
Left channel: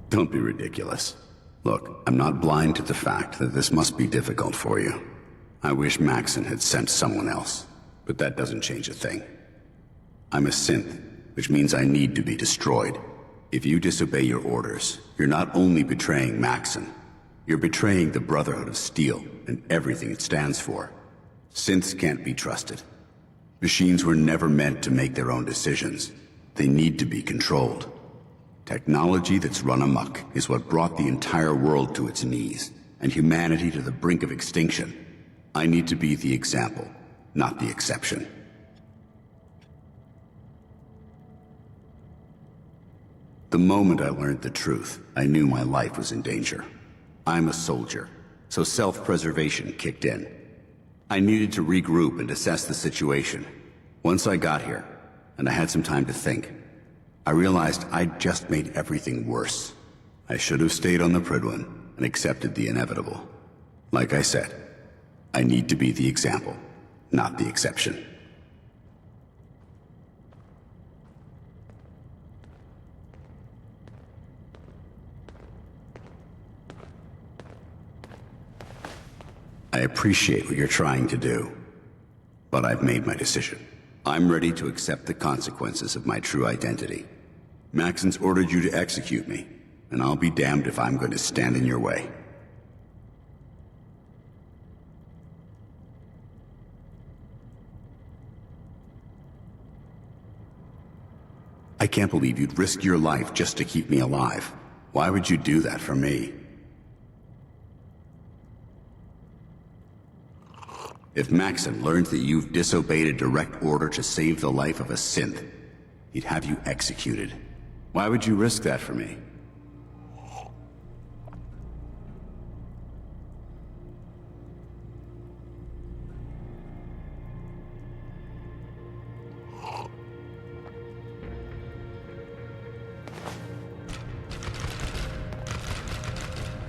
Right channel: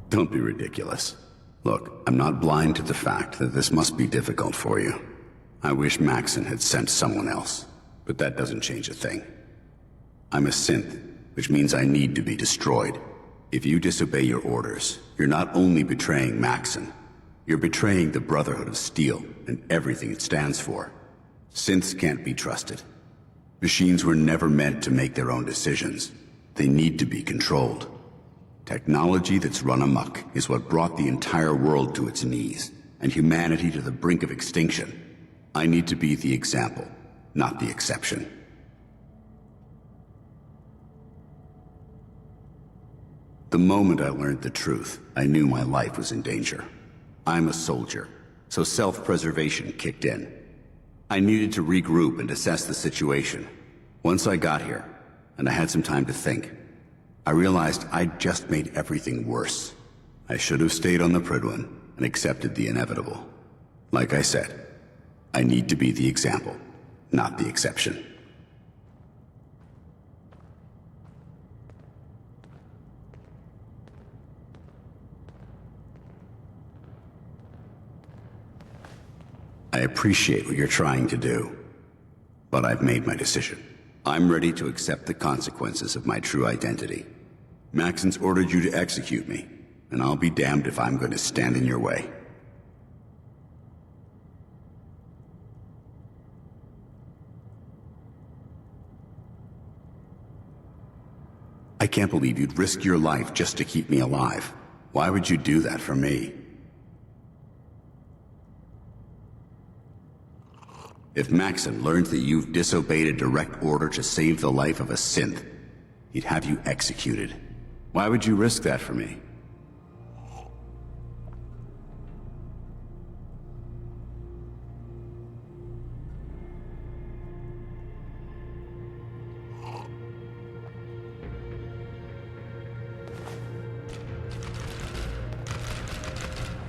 Don't be ridiculous. Look, I'm not blind to the fact that this must be difficult for you. I wish Maxon had sent someone else, but that doesn't change a thing. I'm a synth, which means I need to be destroyed. If you disobey your orders, you're not only betraying Maxon, you're betraying the Brotherhood of Steel and everything it stands for. Synths can't be trusted. Machines were never meant to make their own decisions. They need to be controlled. Technology that's run amok is what brought the entire world to its knees, and humanity to the brink of extinction. I need to be the example, not the exception. The moment I learned the truth, I knew my life was in danger. I'm a soldier, so self-preservation kicked in. I needed to regroup and assess the situation. Once I got here, and I had some time to think, I realized I'd just made everything worse. I should have stayed on the Prydwen and accepted the inevitable. Like I said, I need to be the example, not the exception. I appreciate what you're trying to do, but I've made my decision. I'm ready to accept the consequences of my true identity. Maxon's ordered you to execute me, and I'll be damned if I'm going to stand in your way. I can't believe you'd risk your life just to keep me alive. Why would you do that for me? If Maxon learns that you've disobeyed a direct order to save the life of a synth, he'd have you executed. Why would you risk that for me?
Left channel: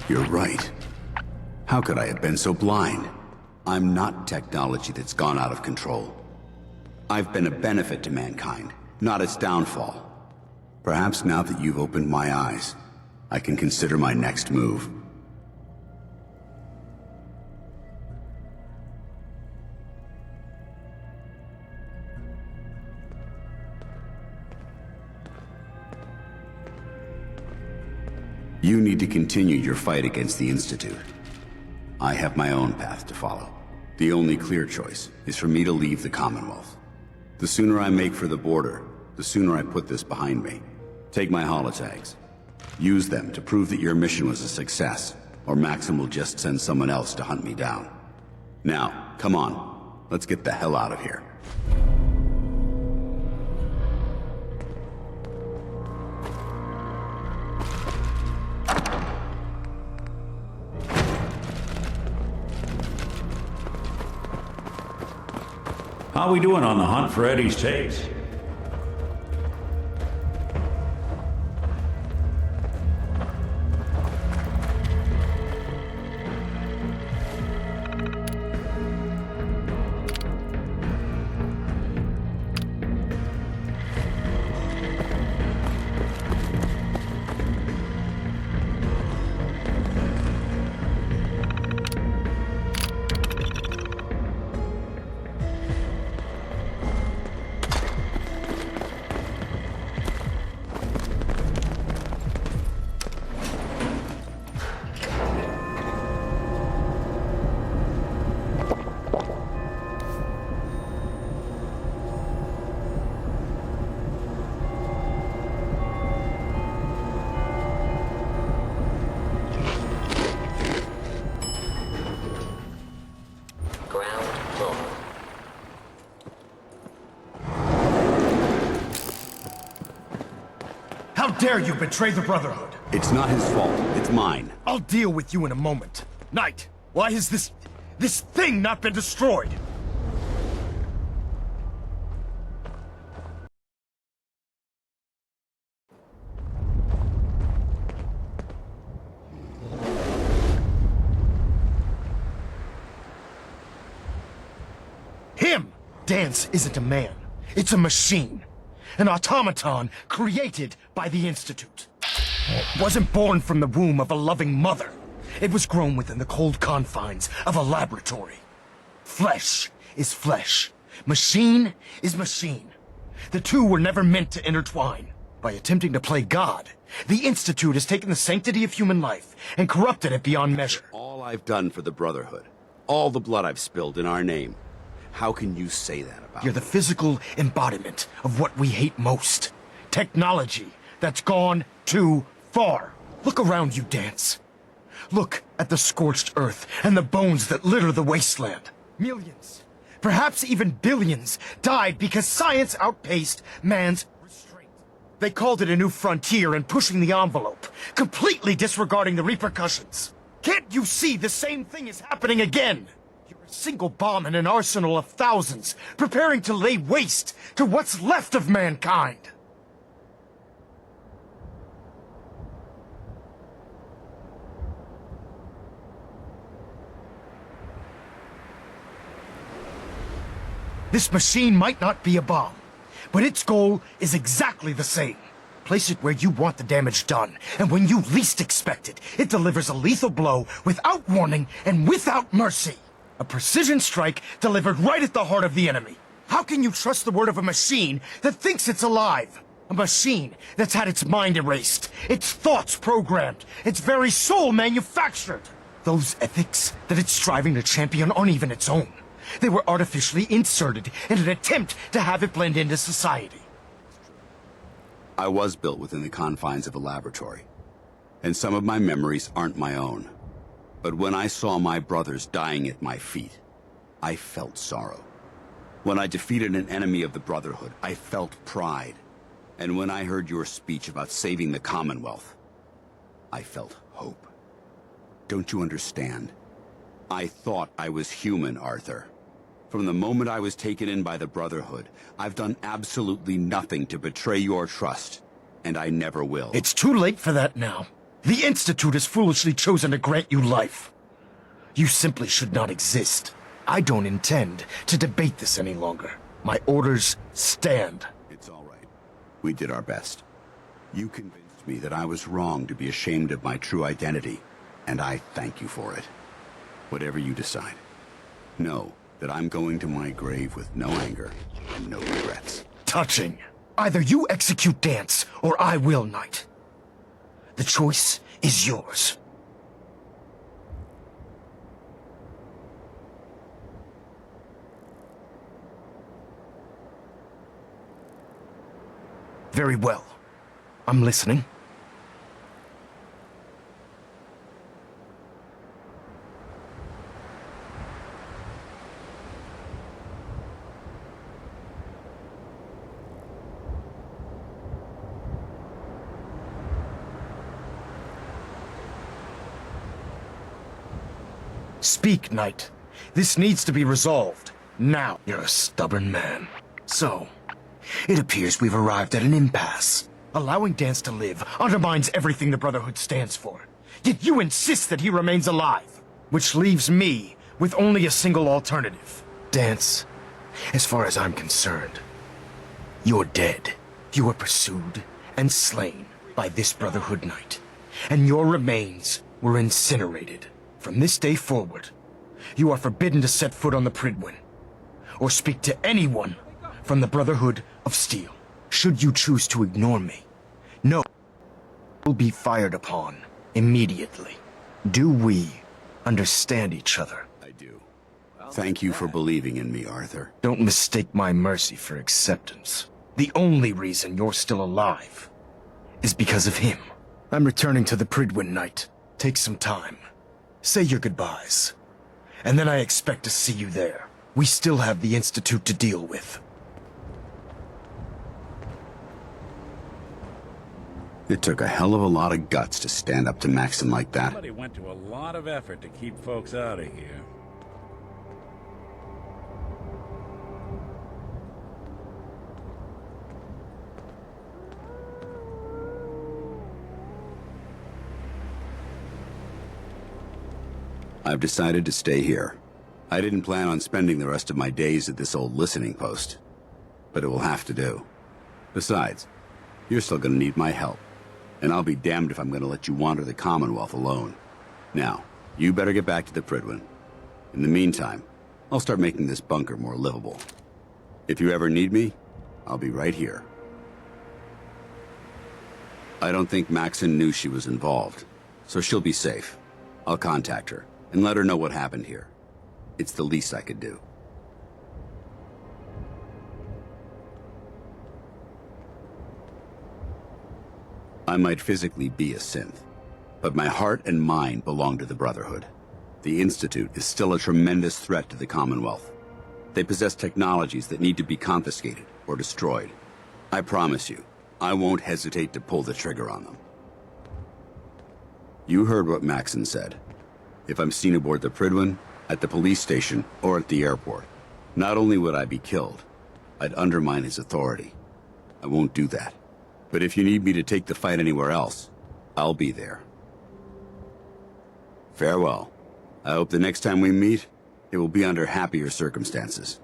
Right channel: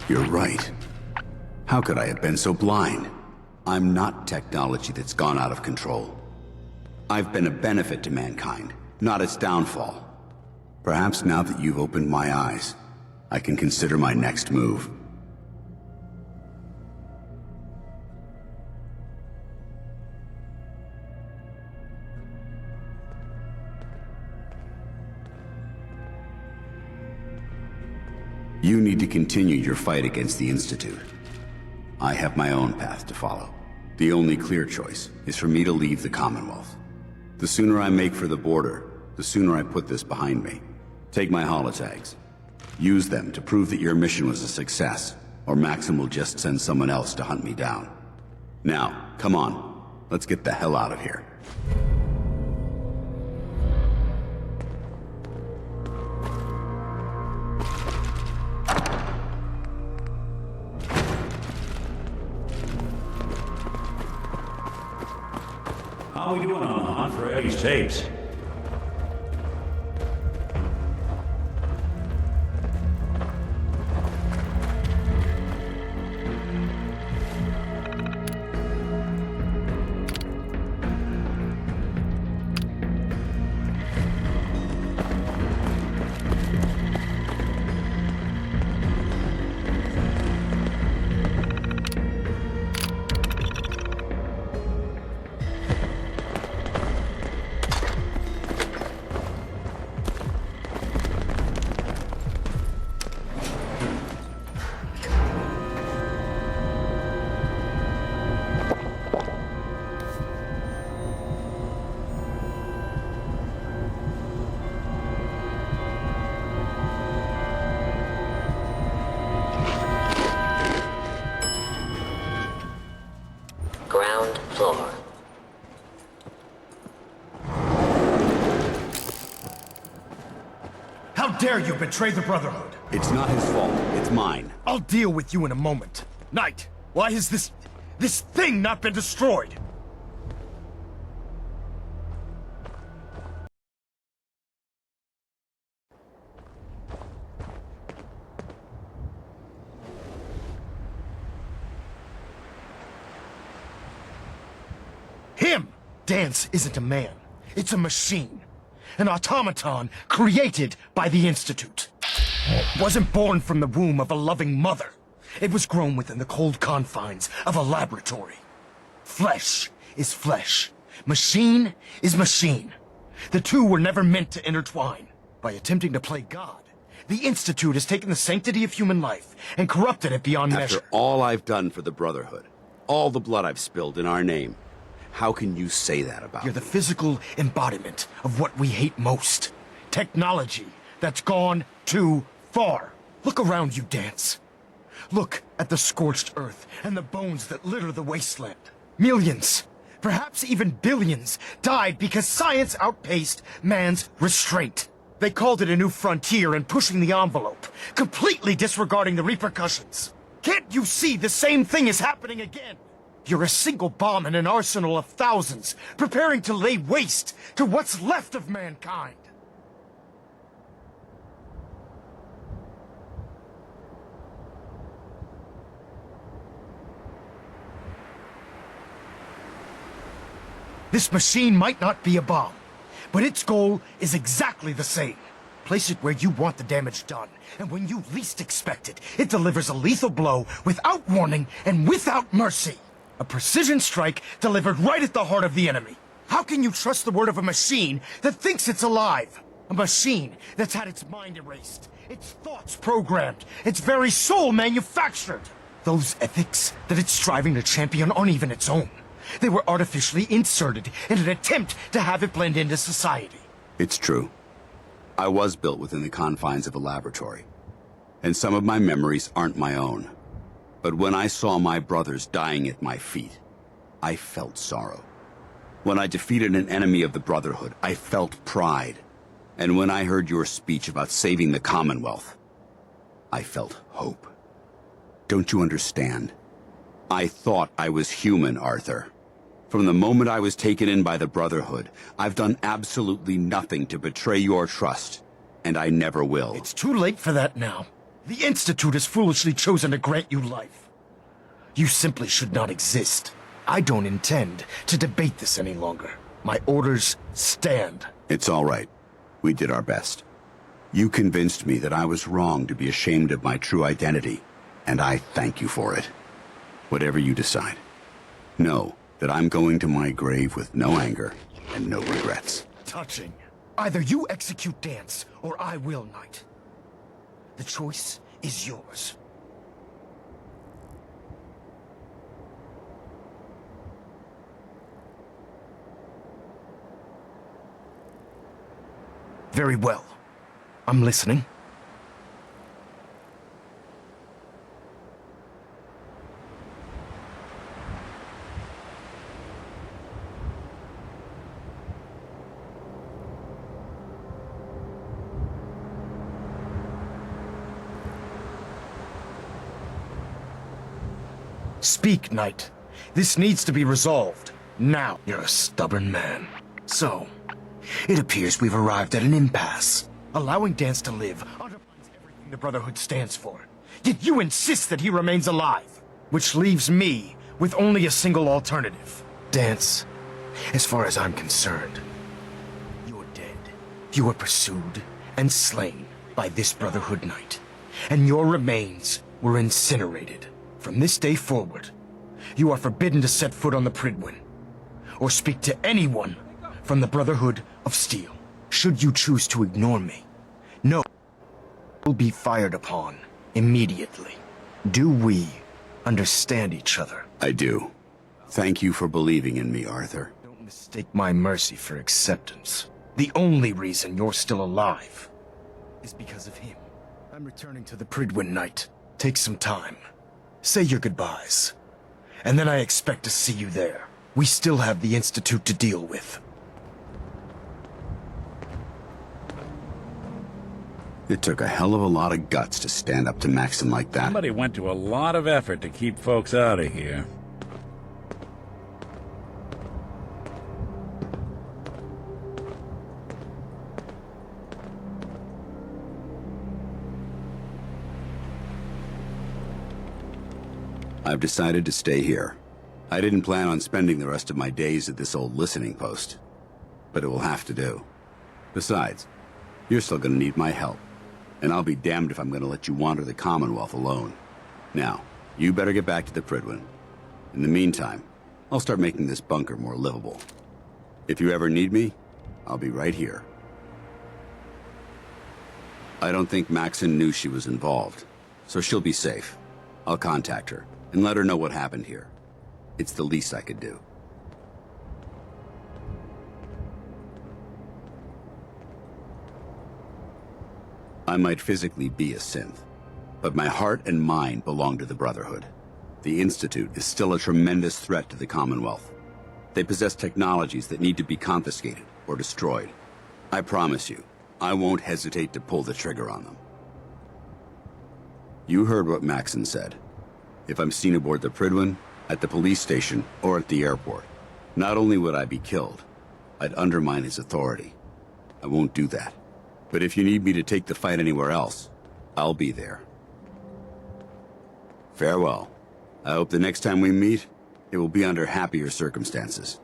You're right. How could I have been so blind? I'm not technology that's gone out of control. I've been a benefit to mankind, not its downfall. Perhaps now that you've opened my eyes, I can consider my next move. You need to continue your fight against the Institute. I have my own path to follow. The only clear choice is for me to leave the Commonwealth. The sooner I make for the border, the sooner I put this behind me. Take my holotags. Use them to prove that your mission was a success, or Maxim will just send someone else to hunt me down. Now, come on. Let's get the hell out of here. How we doing on the hunt for Eddie's tapes? Ground floor. How dare you betray the Brotherhood? It's not his fault. It's mine. I'll deal with you in a moment. Knight, why has this thing not been destroyed? Him! Dance isn't a man. It's a machine. An automaton created by the Institute. Wasn't born from the womb of a loving mother. It was grown within the cold confines of a laboratory. Flesh is flesh. Machine is machine. The two were never meant to intertwine. By attempting to play God, the Institute has taken the sanctity of human life and corrupted it beyond measure. After all I've done for the Brotherhood, all the blood I've spilled in our name, How can you say that about You're me? the physical embodiment of what we hate most. Technology that's gone too far. Look around you, Dance. Look at the scorched earth and the bones that litter the wasteland. Millions, perhaps even billions, died because science outpaced man's restraint. They called it a new frontier and pushing the envelope, completely disregarding the repercussions. Can't you see the same thing is happening again? You're a single bomb in an arsenal of thousands, preparing to lay waste to what's left of mankind. This machine might not be a bomb, but its goal is exactly the same. Place it where you want the damage done, and when you least expect it, it delivers a lethal blow without warning and without mercy. A precision strike delivered right at the heart of the enemy. How can you trust the word of a machine that thinks it's alive? A machine that's had its mind erased, its thoughts programmed, its very soul manufactured. Those ethics that it's striving to champion aren't even its own. They were artificially inserted in an attempt to have it blend into society. It's true. I was built within the confines of a laboratory, and some of my memories aren't my own. But when I saw my brothers dying at my feet, I felt sorrow. When I defeated an enemy of the Brotherhood, I felt pride. And when I heard your speech about saving the Commonwealth, I felt hope. Don't you understand? I thought I was human, Arthur. From the moment I was taken in by the Brotherhood, I've done absolutely nothing to betray your trust, and I never will. It's too late for that now. The Institute has foolishly chosen to grant you life. You simply should not exist. I don't intend to debate this any longer. My orders stand. It's all right. We did our best. You convinced me that I was wrong to be ashamed of my true identity, and I thank you for it. Whatever you decide, know that I'm going to my grave with no anger and no regrets. Touching. Either you execute Dance, or I will, Knight. The choice is yours. Very well. I'm listening. Speak, Knight. This needs to be resolved. Now. You're a stubborn man. So, it appears we've arrived at an impasse. Allowing Dance to live undermines everything the Brotherhood stands for. Yet you insist that he remains alive. Which leaves me with only a single alternative. Dance, as far as I'm concerned, you're dead. You were pursued and slain by this Brotherhood Knight. And your remains were incinerated. From this day forward, you are forbidden to set foot on the Pridwin, or speak to anyone from the Brotherhood of Steel. Should you choose to ignore me, no, will be fired upon immediately. Do we understand each other? I do. Thank you for believing in me, Arthur. Don't mistake my mercy for acceptance. The only reason you're still alive is because of him. I'm returning to the Pridwin, Knight. Take some time. Say your goodbyes. And then I expect to see you there. We still have the Institute to deal with. It took a hell of a lot of guts to stand up to Maxon like that. Somebody went to a lot of effort to keep folks out of here. I've decided to stay here. I didn't plan on spending the rest of my days at this old listening post, but it will have to do. Besides, you're still gonna need my help, and I'll be damned if I'm gonna let you wander the Commonwealth alone. Now, you better get back to the Pridwin. In the meantime, I'll start making this bunker more livable. If you ever need me, I'll be right here. I don't think Maxon knew she was involved, so she'll be safe. I'll contact her and let her know what happened here. It's the least I could do. I might physically be a synth, but my heart and mind belong to the Brotherhood. The Institute is still a tremendous threat to the Commonwealth. They possess technologies that need to be confiscated or destroyed. I promise you, I won't hesitate to pull the trigger on them. You heard what Maxon said. If I'm seen aboard the Prydwen, at the police station, or at the airport, not only would I be killed, I'd undermine his authority. I won't do that. But if you need me to take the fight anywhere else, I'll be there. Farewell. I hope the next time we meet, it will be under happier circumstances.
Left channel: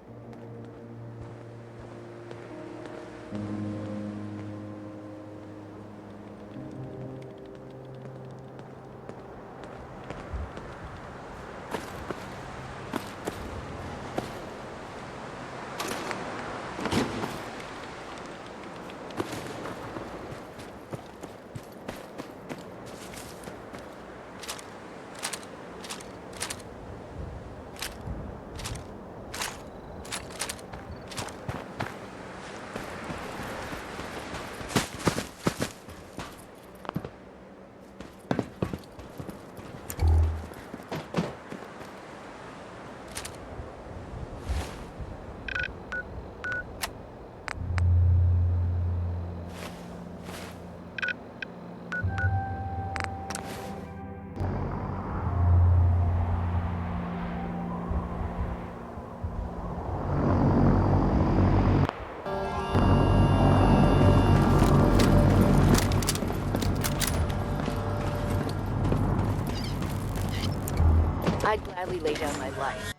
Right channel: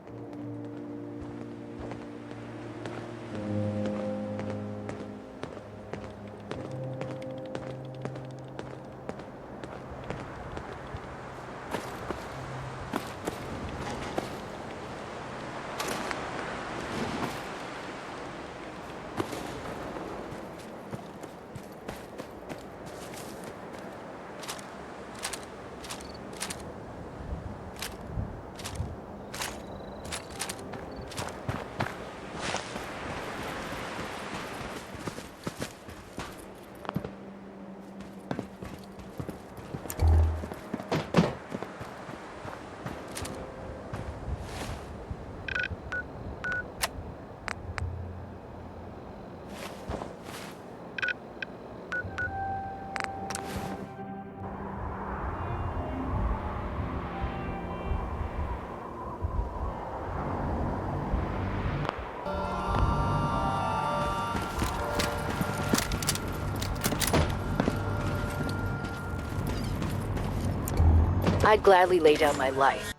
I'd gladly lay down my life.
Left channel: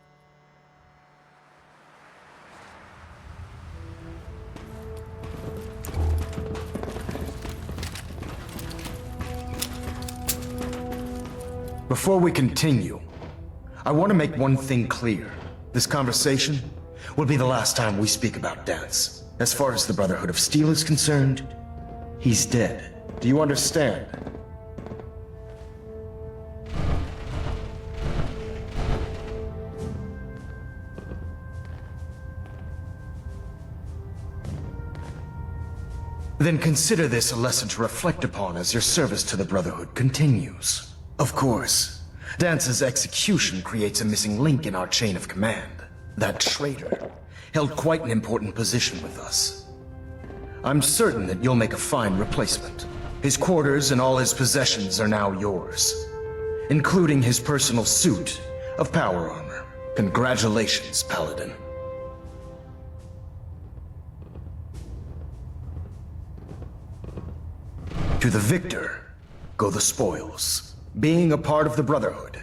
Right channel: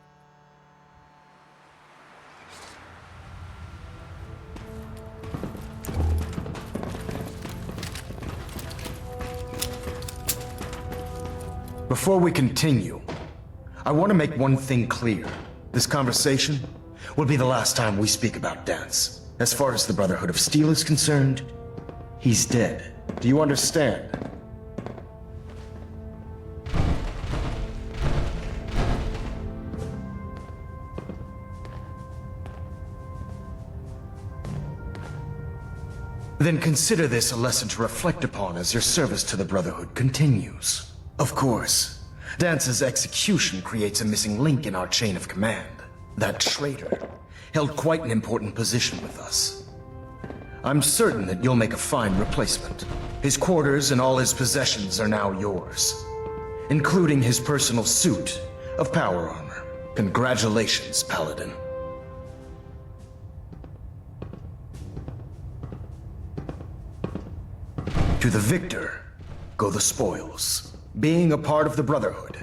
Before we continue, I want to make one thing clear. This conversation will be the last time we speak about Dance. As far as the Brotherhood of Steel is concerned, he's dead. Do you understand? Then consider this a lesson to reflect upon as your service to the Brotherhood continues. Of course, Dance's execution creates a missing link in our chain of command. That traitor held quite an important position with us. I'm certain that you'll make a fine replacement. His quarters and all his possessions are now yours, including his personal suit of power armor. Congratulations, Paladin. To the victor go the spoils. Being a part of the Brotherhood,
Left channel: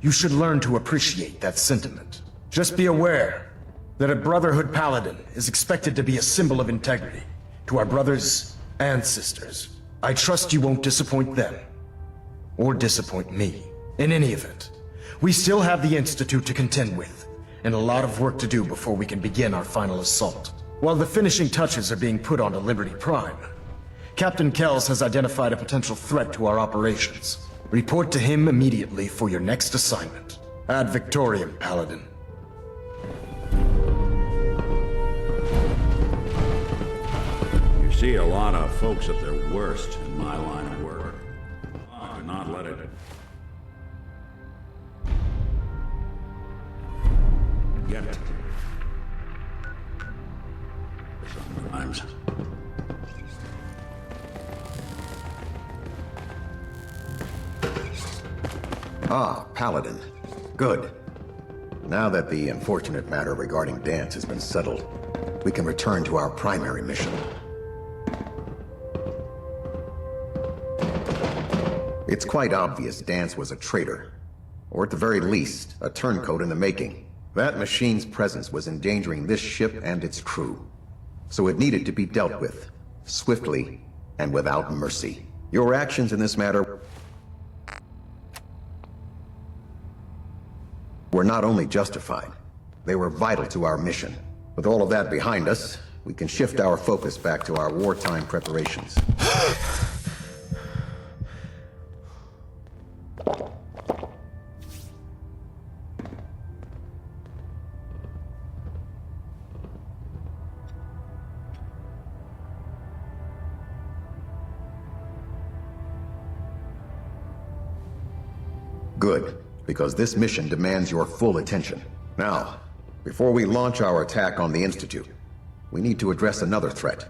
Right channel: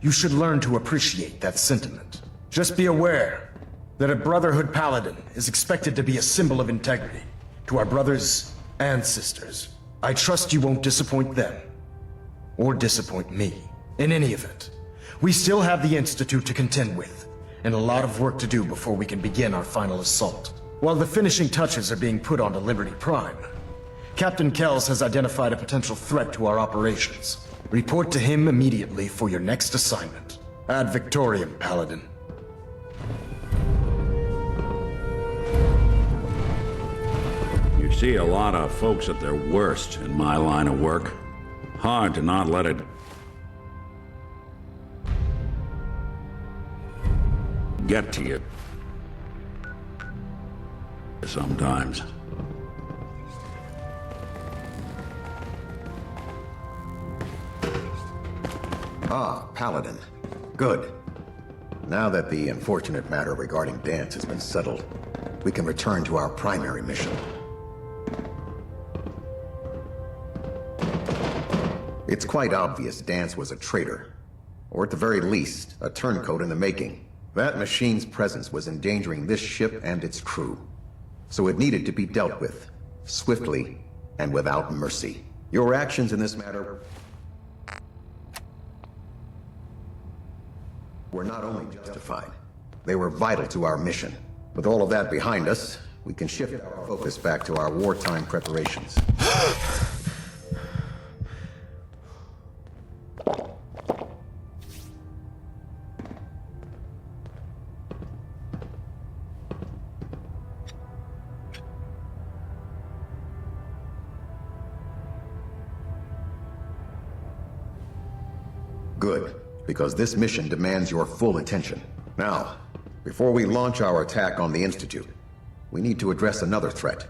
you should learn to appreciate that sentiment. Just be aware that a Brotherhood Paladin is expected to be a symbol of integrity to our brothers and sisters. I trust you won't disappoint them, or disappoint me. In any event, we still have the Institute to contend with, and a lot of work to do before we can begin our final assault. While the finishing touches are being put onto Liberty Prime, Captain Kells has identified a potential threat to our operations. Report to him immediately for your next assignment. Ad Victoriam, Paladin. You see a lot of folks at their worst in my line of work. Hard to not let it get to you. Sometimes. Ah, Paladin. Good. Now that the unfortunate matter regarding Dance has been settled, we can return to our primary mission. It's quite obvious Dance was a traitor, or at the very least, a turncoat in the making. That machine's presence was endangering this ship and its crew, so it needed to be dealt with, swiftly and without mercy. Your actions in this matter were not only justified, they were vital to our mission. With all of that behind us, we can shift our focus back to our wartime preparations. Good, because this mission demands your full attention. Now, before we launch our attack on the Institute, we need to address another threat.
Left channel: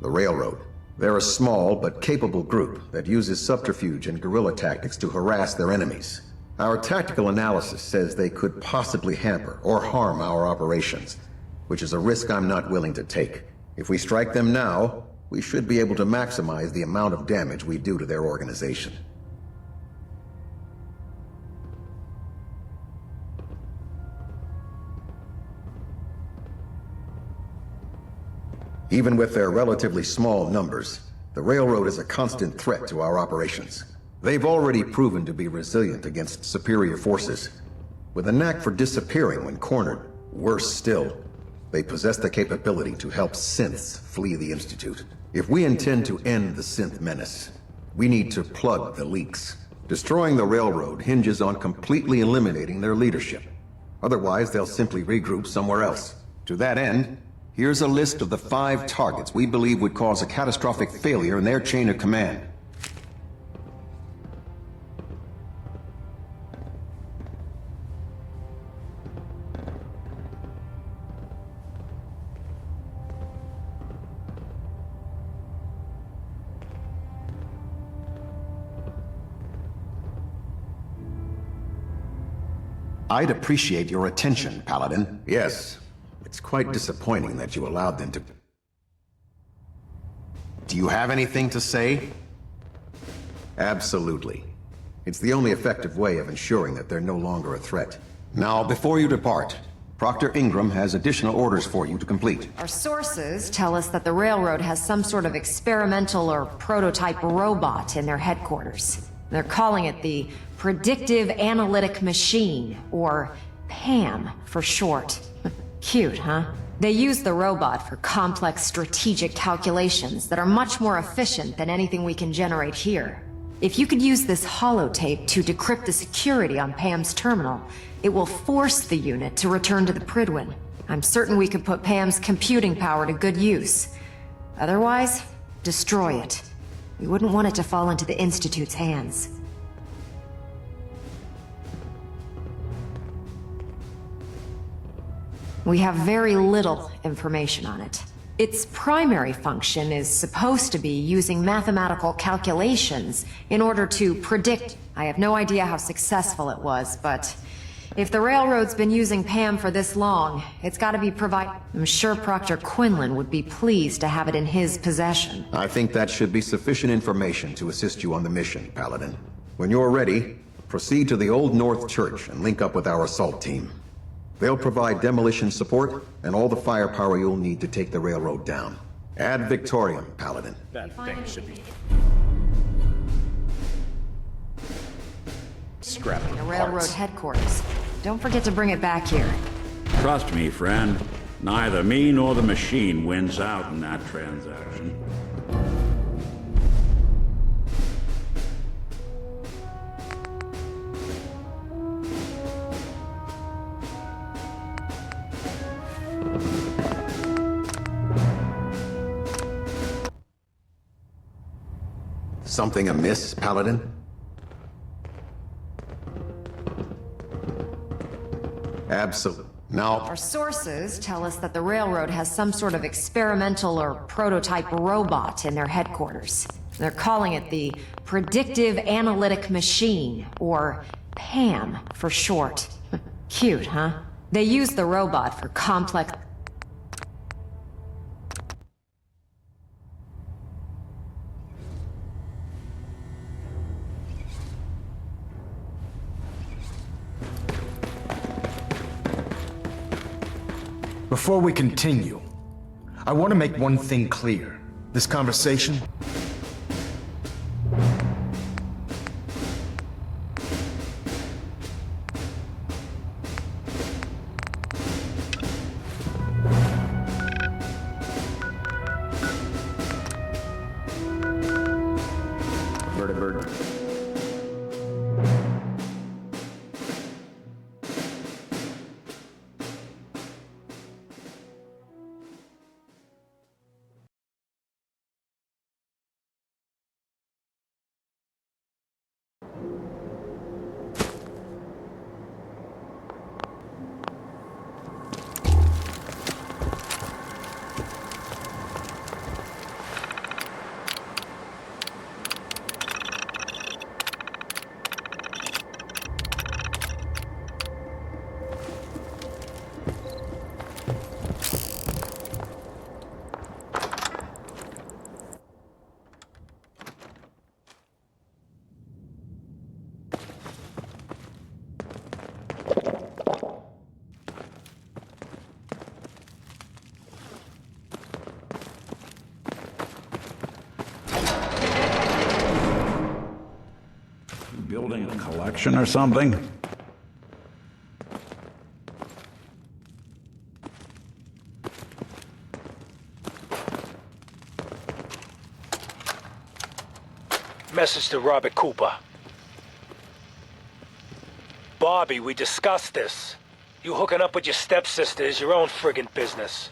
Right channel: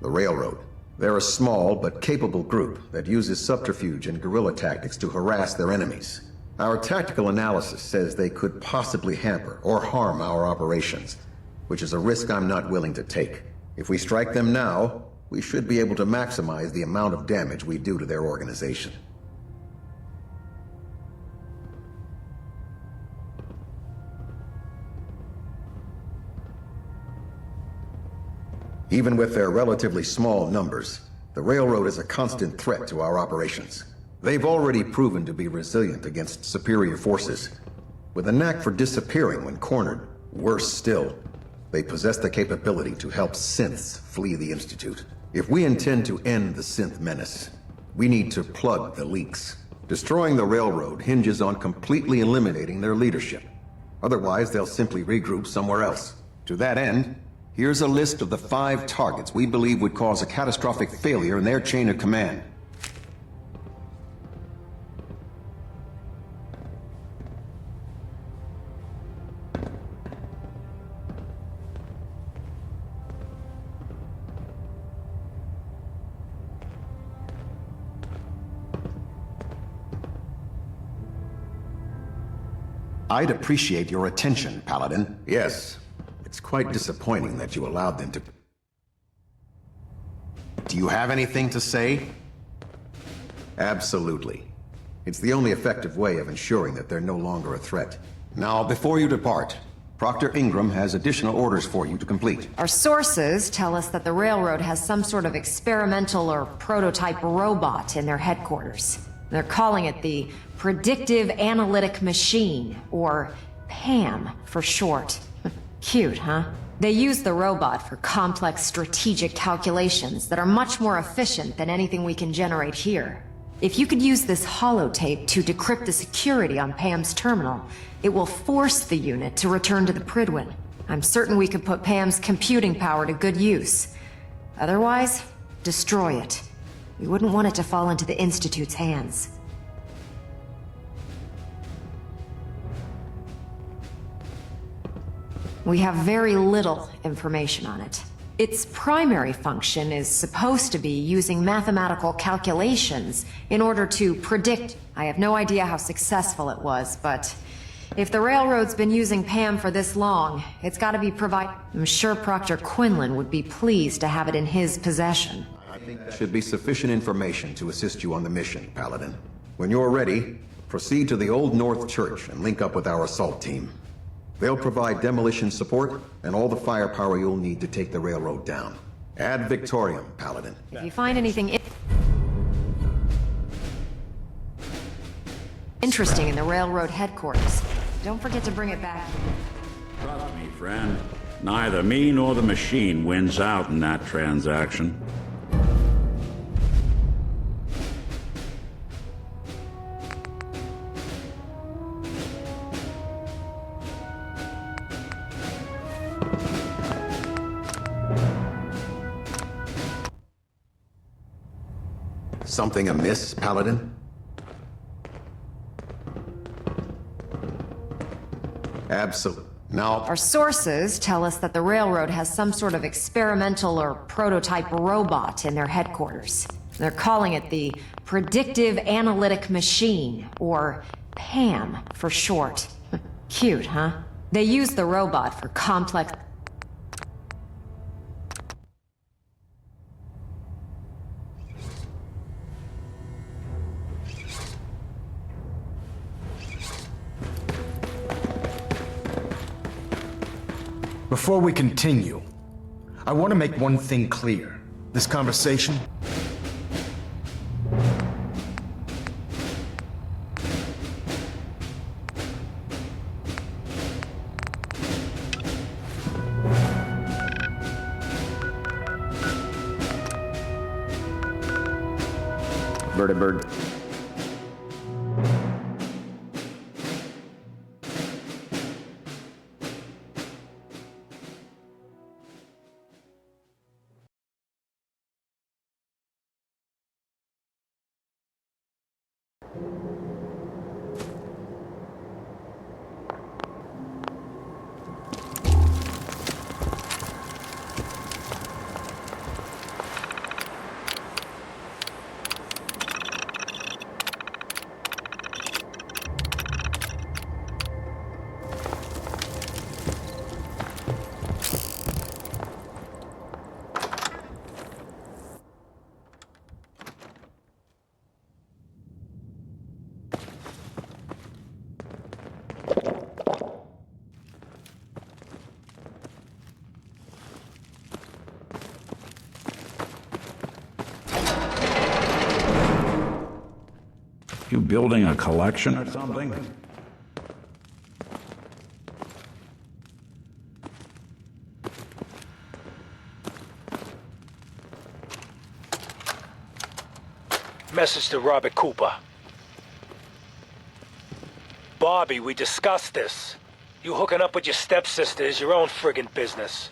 The Railroad. They're a small but capable group that uses subterfuge and guerrilla tactics to harass their enemies. Our tactical analysis says they could possibly hamper or harm our operations, which is a risk I'm not willing to take. If we strike them now, we should be able to maximize the amount of damage we do to their organization. Even with their relatively small numbers, the Railroad is a constant threat to our operations. They've already proven to be resilient against superior forces, with a knack for disappearing when cornered. Worse still, they possess the capability to help synths flee the Institute. If we intend to end the synth menace, we need to plug the leaks. Destroying the Railroad hinges on completely eliminating their leadership. Otherwise, they'll simply regroup somewhere else. To that end, here's a list of the 5 targets we believe would cause a catastrophic failure in their chain of command. I'd appreciate your attention, Paladin. Yes. It's quite disappointing that you allowed them to... Do you have anything to say? Absolutely. It's the only effective way of ensuring that they're no longer a threat. Now, before you depart, Proctor Ingram has additional orders for you to complete. Our sources tell us that the Railroad has some sort of experimental or prototype robot in their headquarters. They're calling it the Predictive Analytic Machine, or PAM for short. Cute, huh? They use the robot for complex strategic calculations that are much more efficient than anything we can generate here. If you could use this holotape to decrypt the security on Pam's terminal, it will force the unit to return to the Pridwin. I'm certain we could put Pam's computing power to good use. Otherwise, destroy it. We wouldn't want it to fall into the Institute's hands. We have very little information on it. Its primary function is supposed to be using mathematical calculations in order to predict. I have no idea how successful it was, but if the Railroad's been using Pam for this long, it's gotta be I'm sure Proctor Quinlan would be pleased to have it in his possession. I think that should be sufficient information to assist you on the mission, Paladin. When you're ready, proceed to the Old North Church and link up with our assault team. They'll provide demolition support and all the firepower you'll need to take the Railroad down. Ad Victoriam, Paladin. If you find anything interesting in the Railroad headquarters, don't forget to bring it back here. Trust me, friend. Neither me nor the machine wins out in that transaction. Something amiss, Paladin? Absolutely. Now... Our sources tell us that the Railroad has some sort of experimental or prototype robot in their headquarters. They're calling it the Predictive Analytic Machine, or PAM for short. Cute, huh? They use the robot for complex... Before we continue, I want to make one thing clear. This conversation... Vertibird. building a collection or something? Message to Robert Cooper. Bobby, we discussed this. You hooking up with your stepsister is your own friggin' business.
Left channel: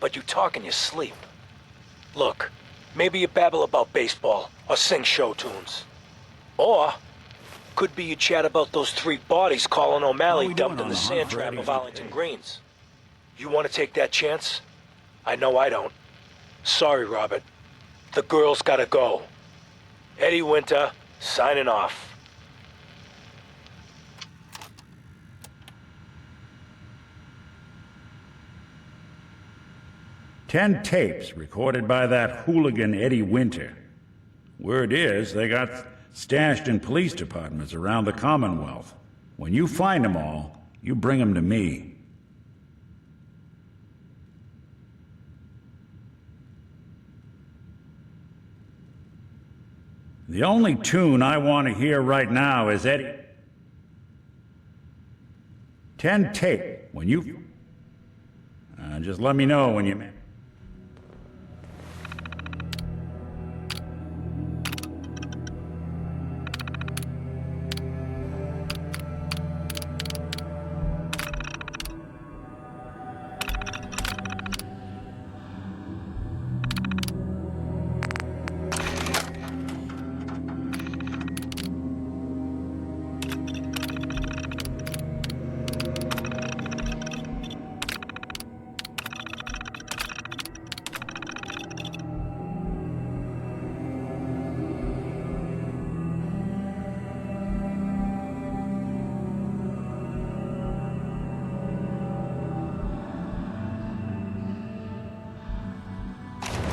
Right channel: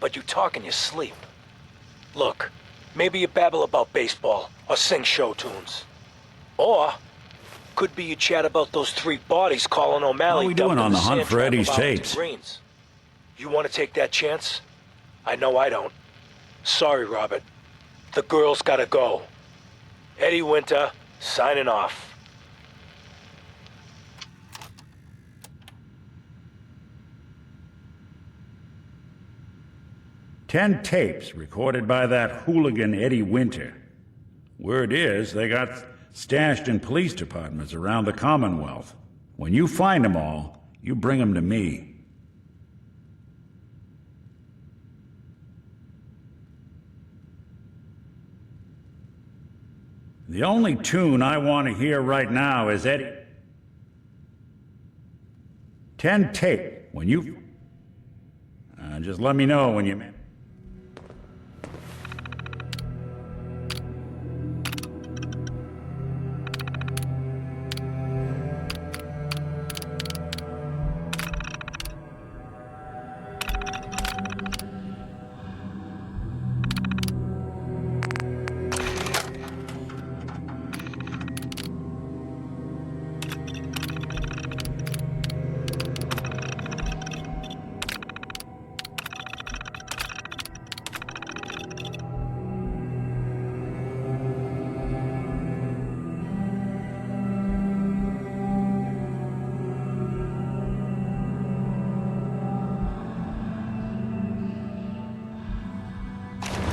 But you talk in your sleep. Look, maybe you babble about baseball or sing show tunes. Or could be you chat about those 3 bodies Colin O'Malley How we dumped doing in on the the hunt sand for trap Eddie's of Arlington tapes? Greens. You want to take that chance? I know I don't. Sorry, Robert. The girl's gotta go. Eddie Winter, signing off. "10 tapes recorded by that hooligan Eddie Winter. Word is, they got stashed in police departments around the Commonwealth. When you find them all, you bring them to me." The only tune I want to hear right now is Eddie. 10 tape. When you... just let me know when you...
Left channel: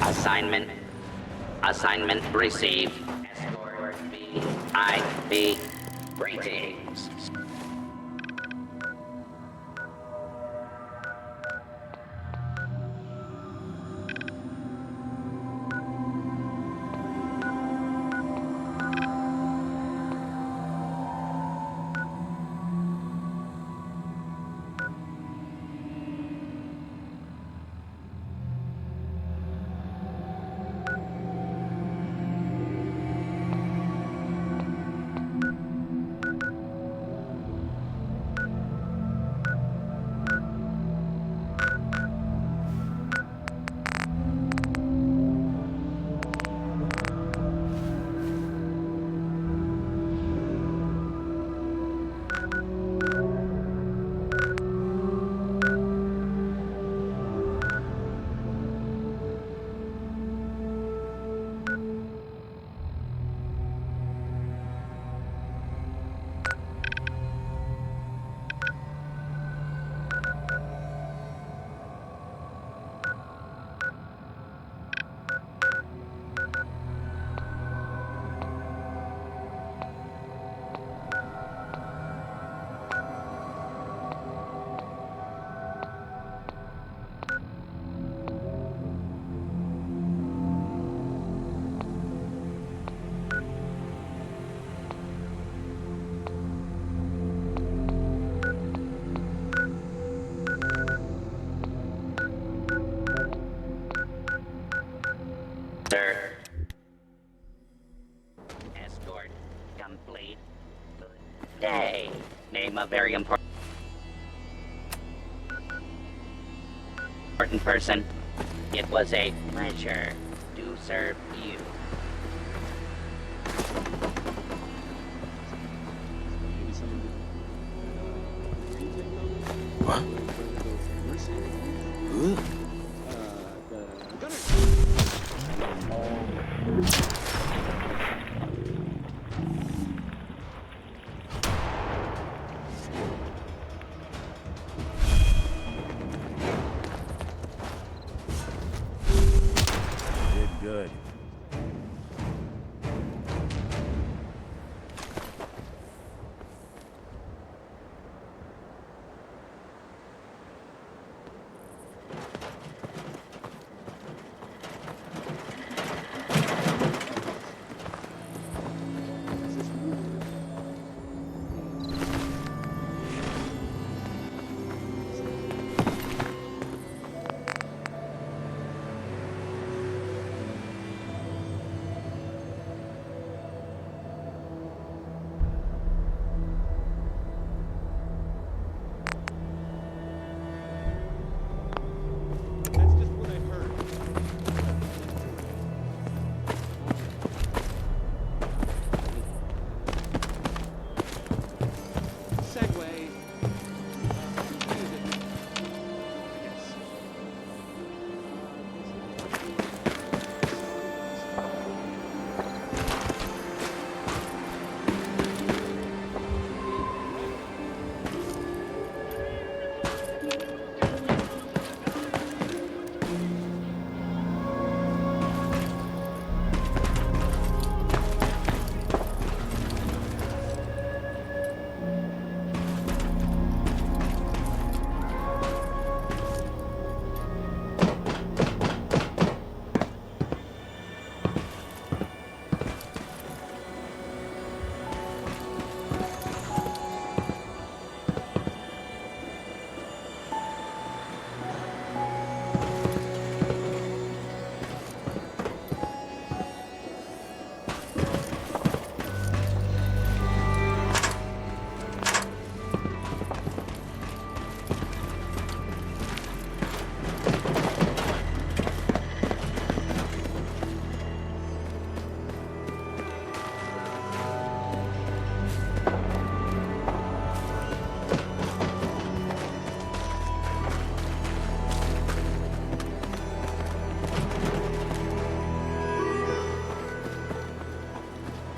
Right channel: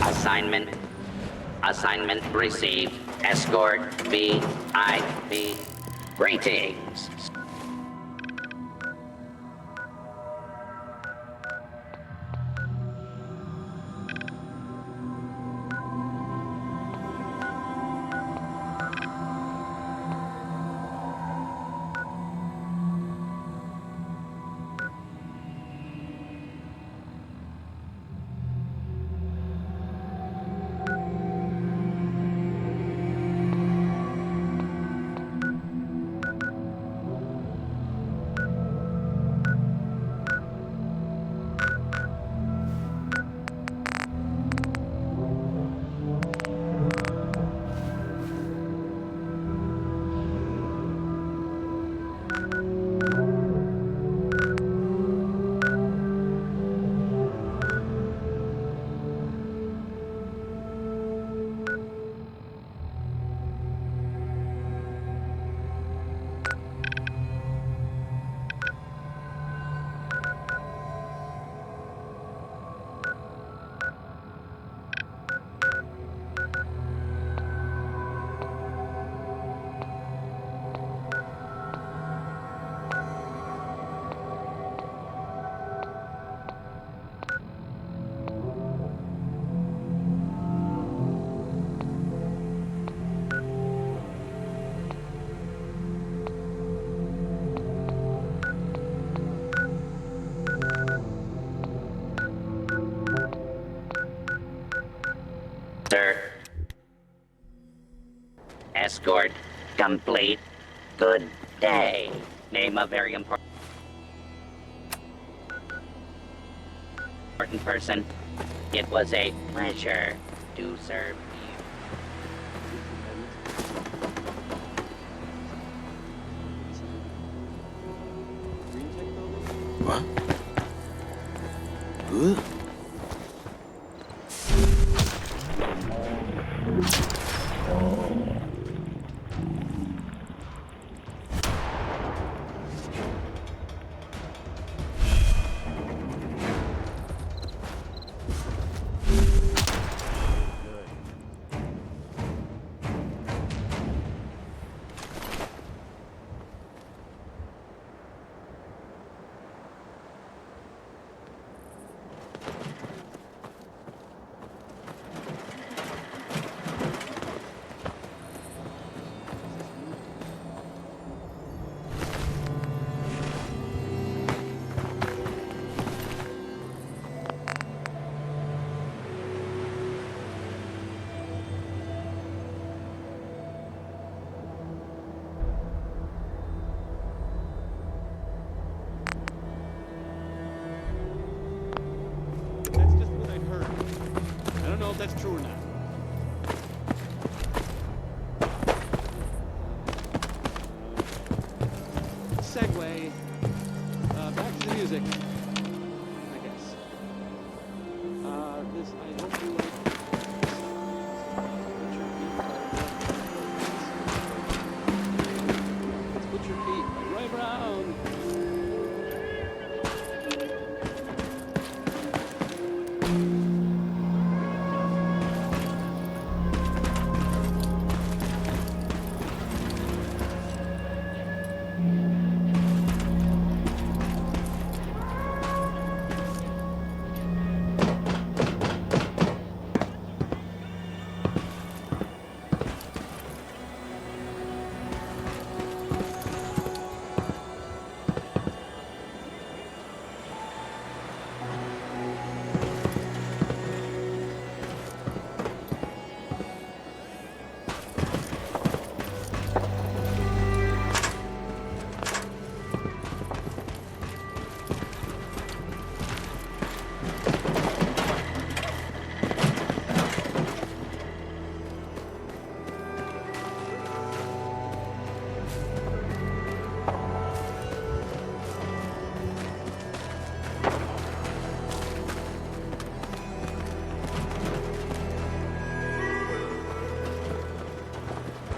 Assignment. Assignment received. Escort VIP. Greetings. Sir. Escort complete. Good day. Name a very important person. It was a pleasure to serve you. What? Huh? Good. segue. Back to the music, I guess. This, I hope you like. Put your feet right around.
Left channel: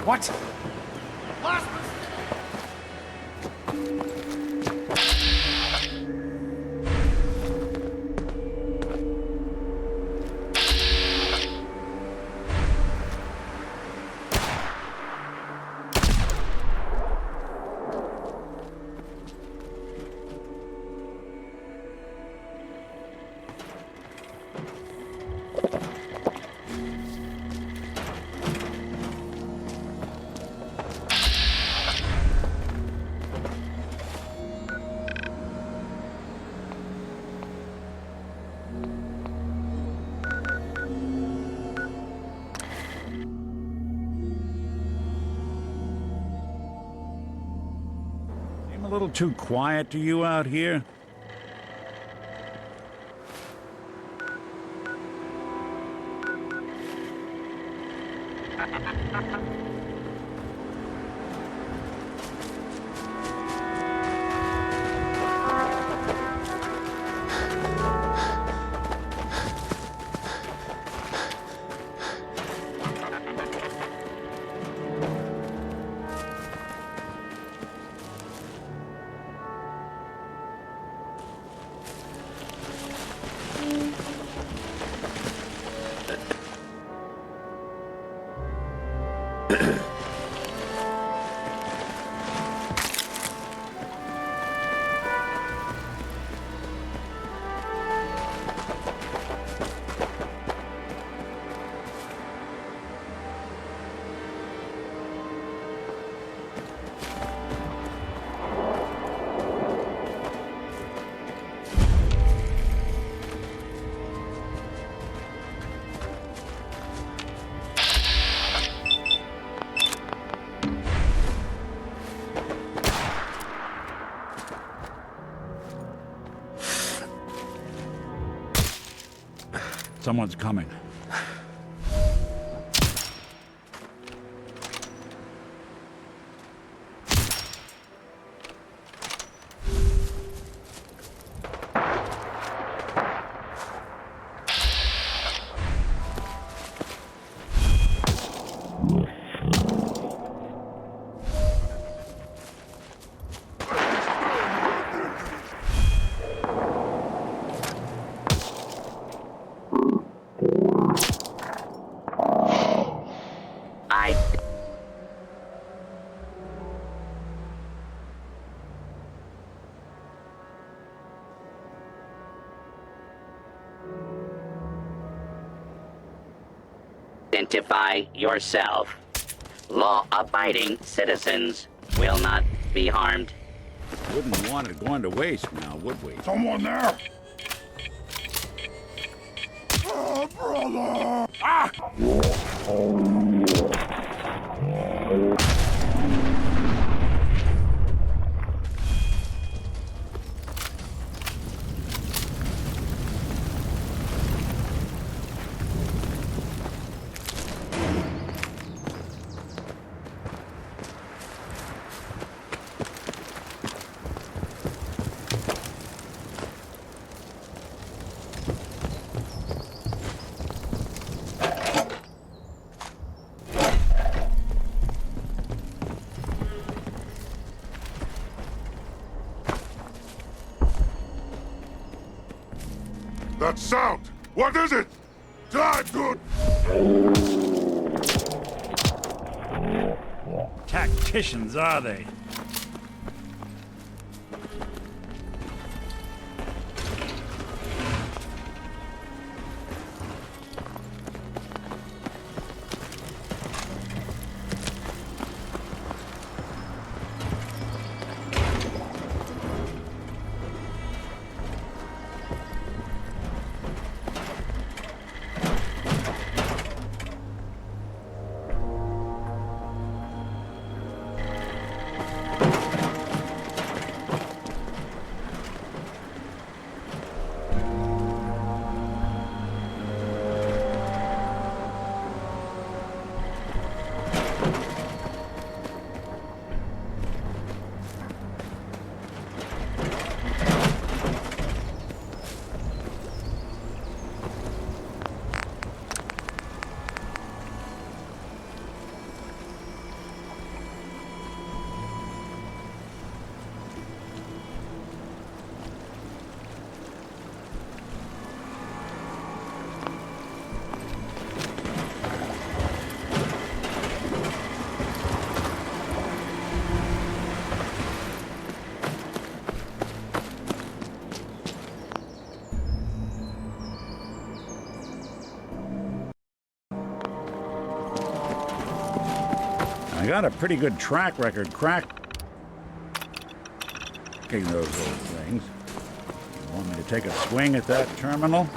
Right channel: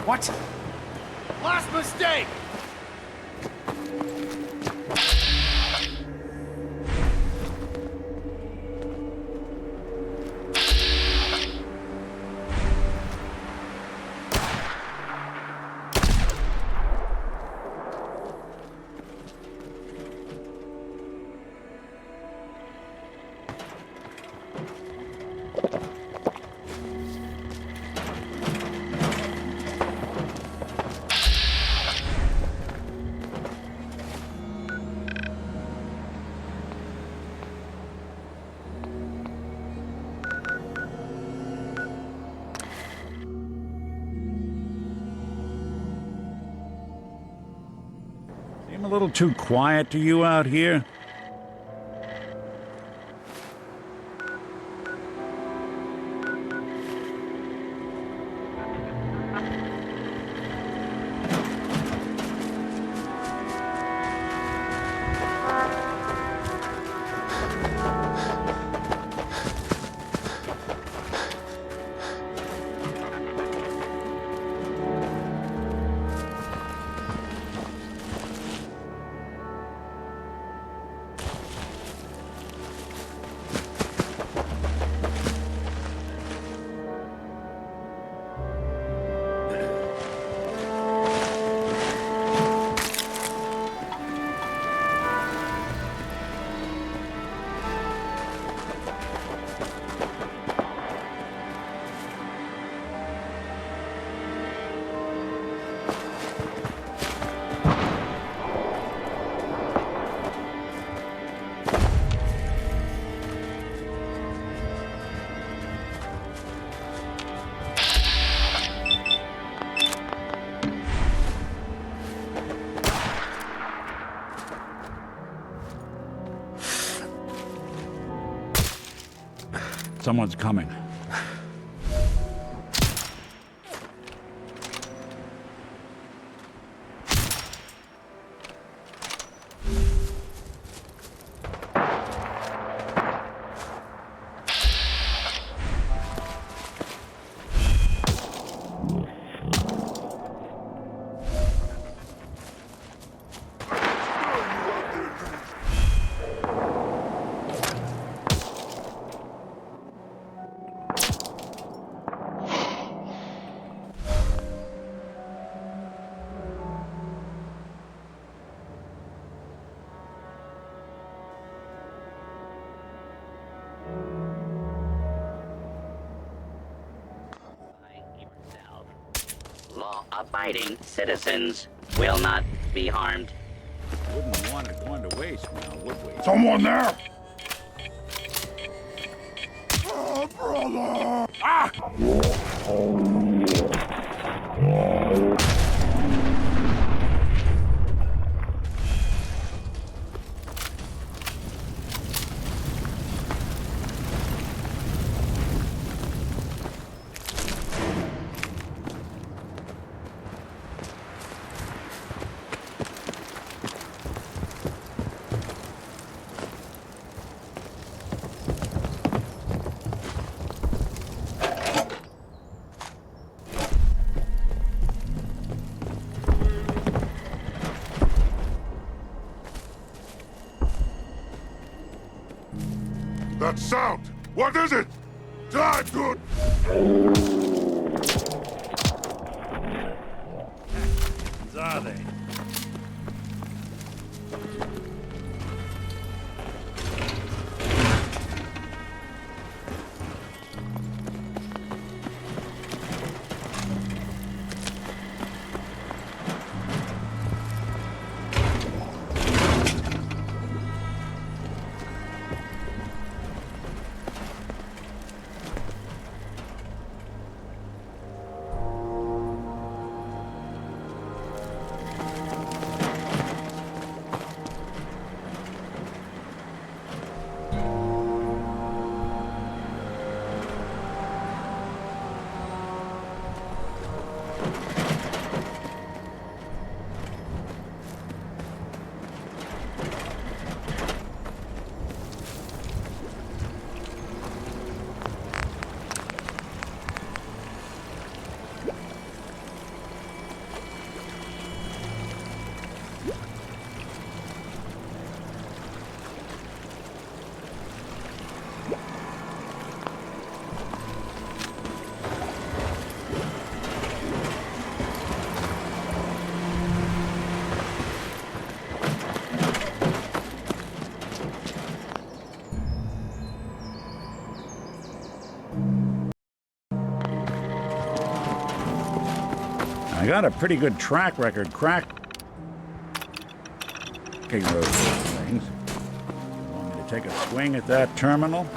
What? Last mistake! Seem a little too quiet to you out here? Someone's coming. Identify yourself. Law-abiding citizens will not be harmed. Wouldn't want it going to waste now, would we? Someone there! Oh, brother! Ah! That sound! What is it? Time to... Tacticians, are they? I got a pretty good track record cracking those things. You want me to take a swing at that terminal?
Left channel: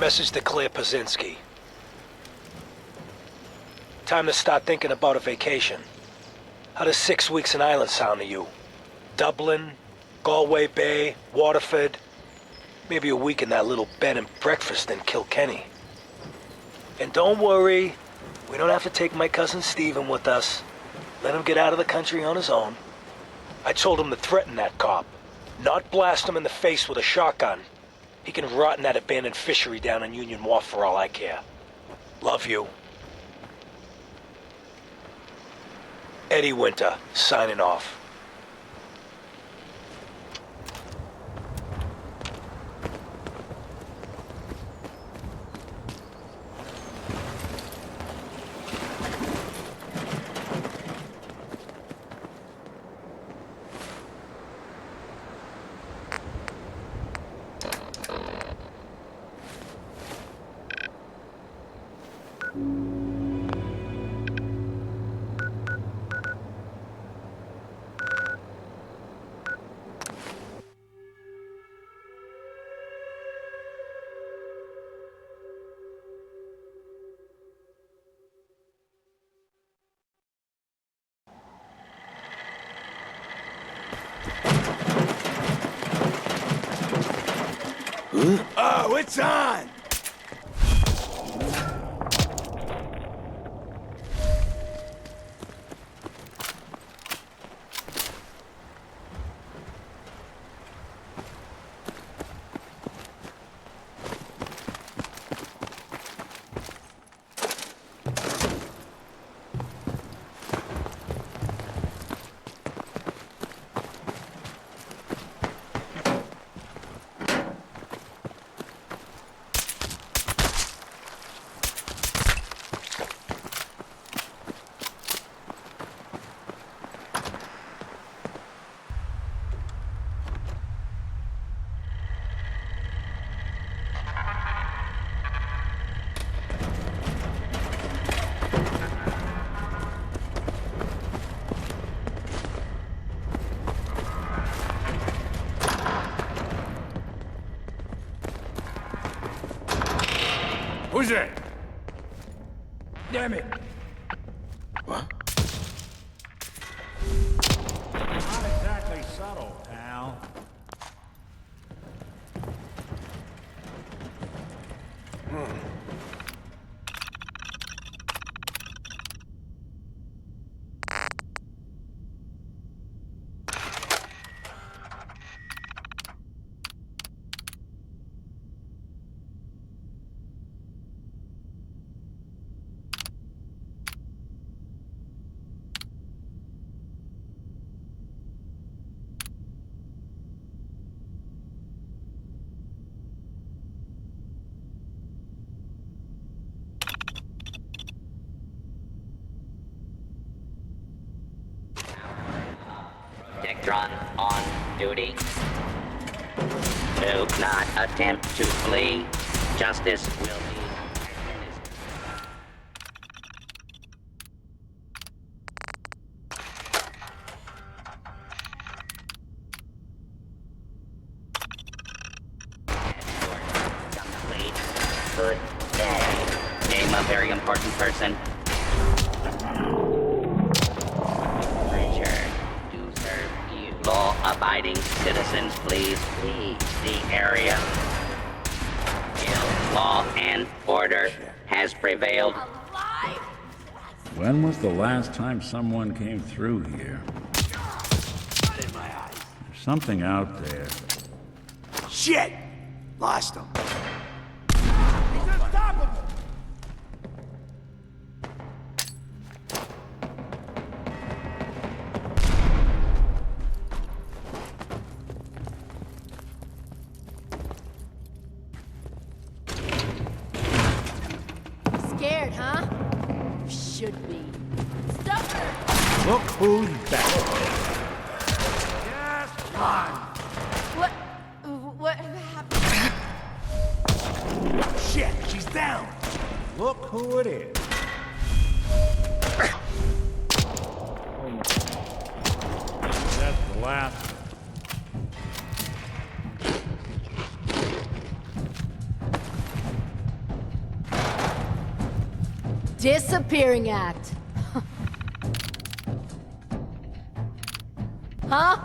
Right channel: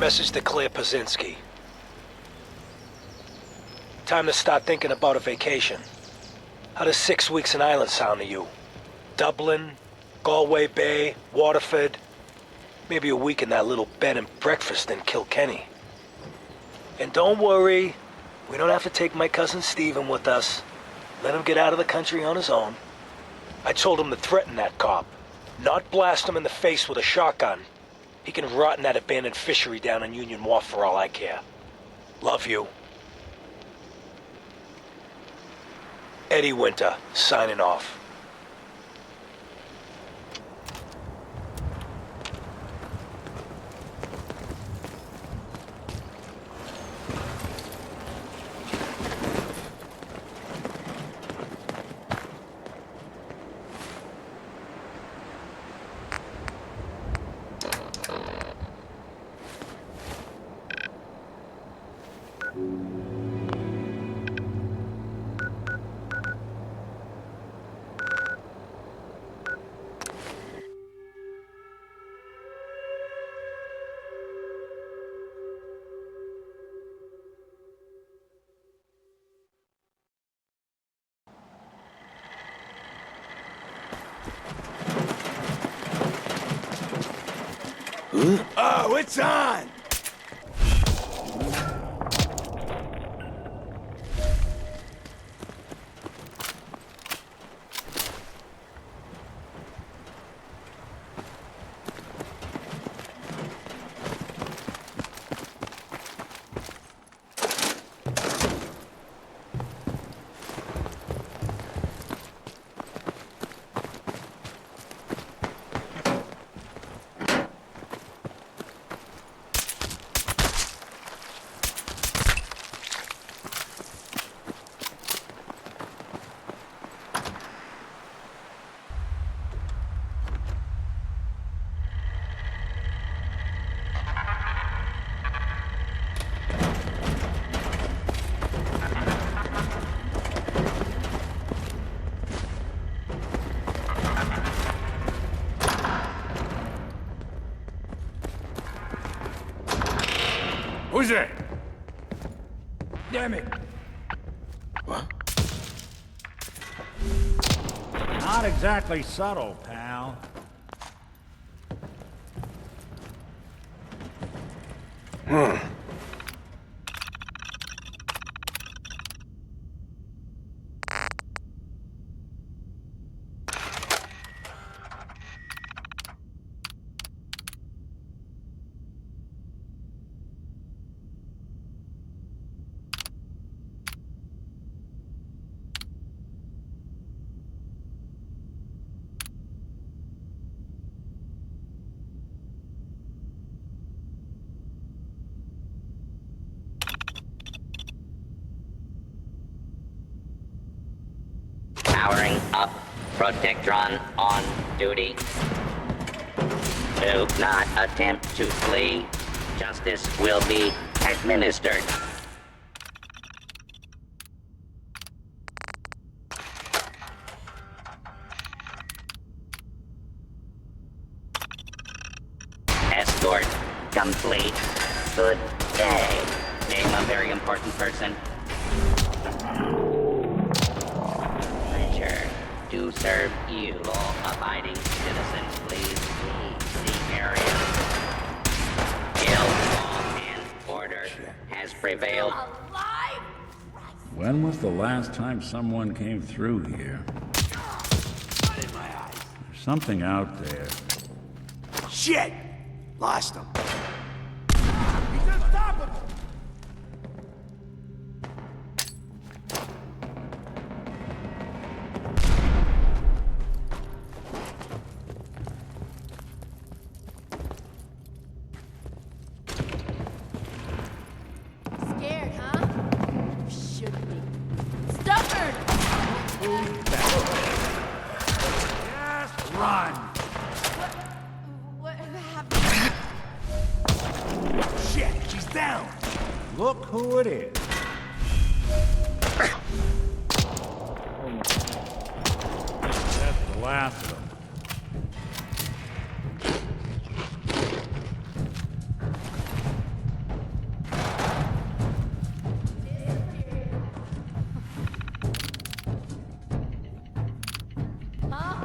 Message to Claire Pazinski. Time to start thinking about a vacation. How does 6 weeks in Ireland sound to you? Dublin, Galway Bay, Waterford, maybe a week in that little bed and breakfast in Kilkenny. And don't worry, we don't have to take my cousin Stephen with us. Let him get out of the country on his own. I told him to threaten that cop, not blast him in the face with a shotgun. He can rot in that abandoned fishery down in Union Wharf for all I care. Love you. Eddie Winter, signing off. Oh, it's on! Who's there? Damn it. What? Not exactly subtle, pal. Powering up. Protectron on duty. Do not attempt to flee. Justice will be administered. Escort complete. Good day. Name a very important person. Pleasure to serve you. Law-abiding citizens, please leave the area. Guild law and order has prevailed. When was the last time someone came through here? There's something out there. Shit! Lost him. He's unstoppable! Scared, huh? Should be. Stubborn! Look who's back. Just run! What happened? Shit, she's down! Look who it is. That's the last of them. Disappearing act. Huh?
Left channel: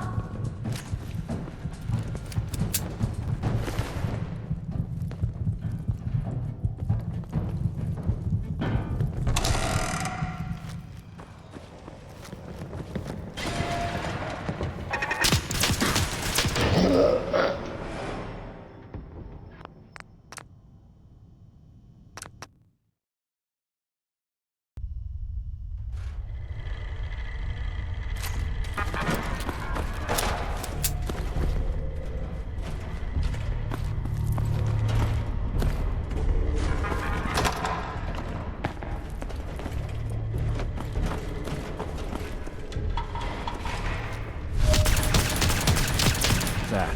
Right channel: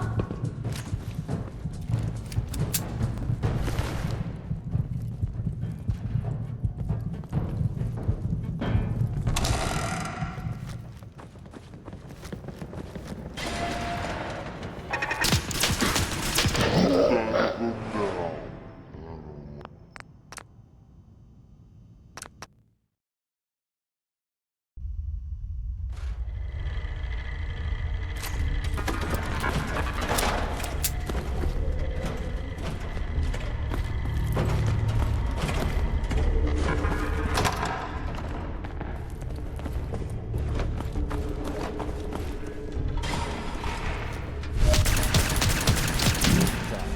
That.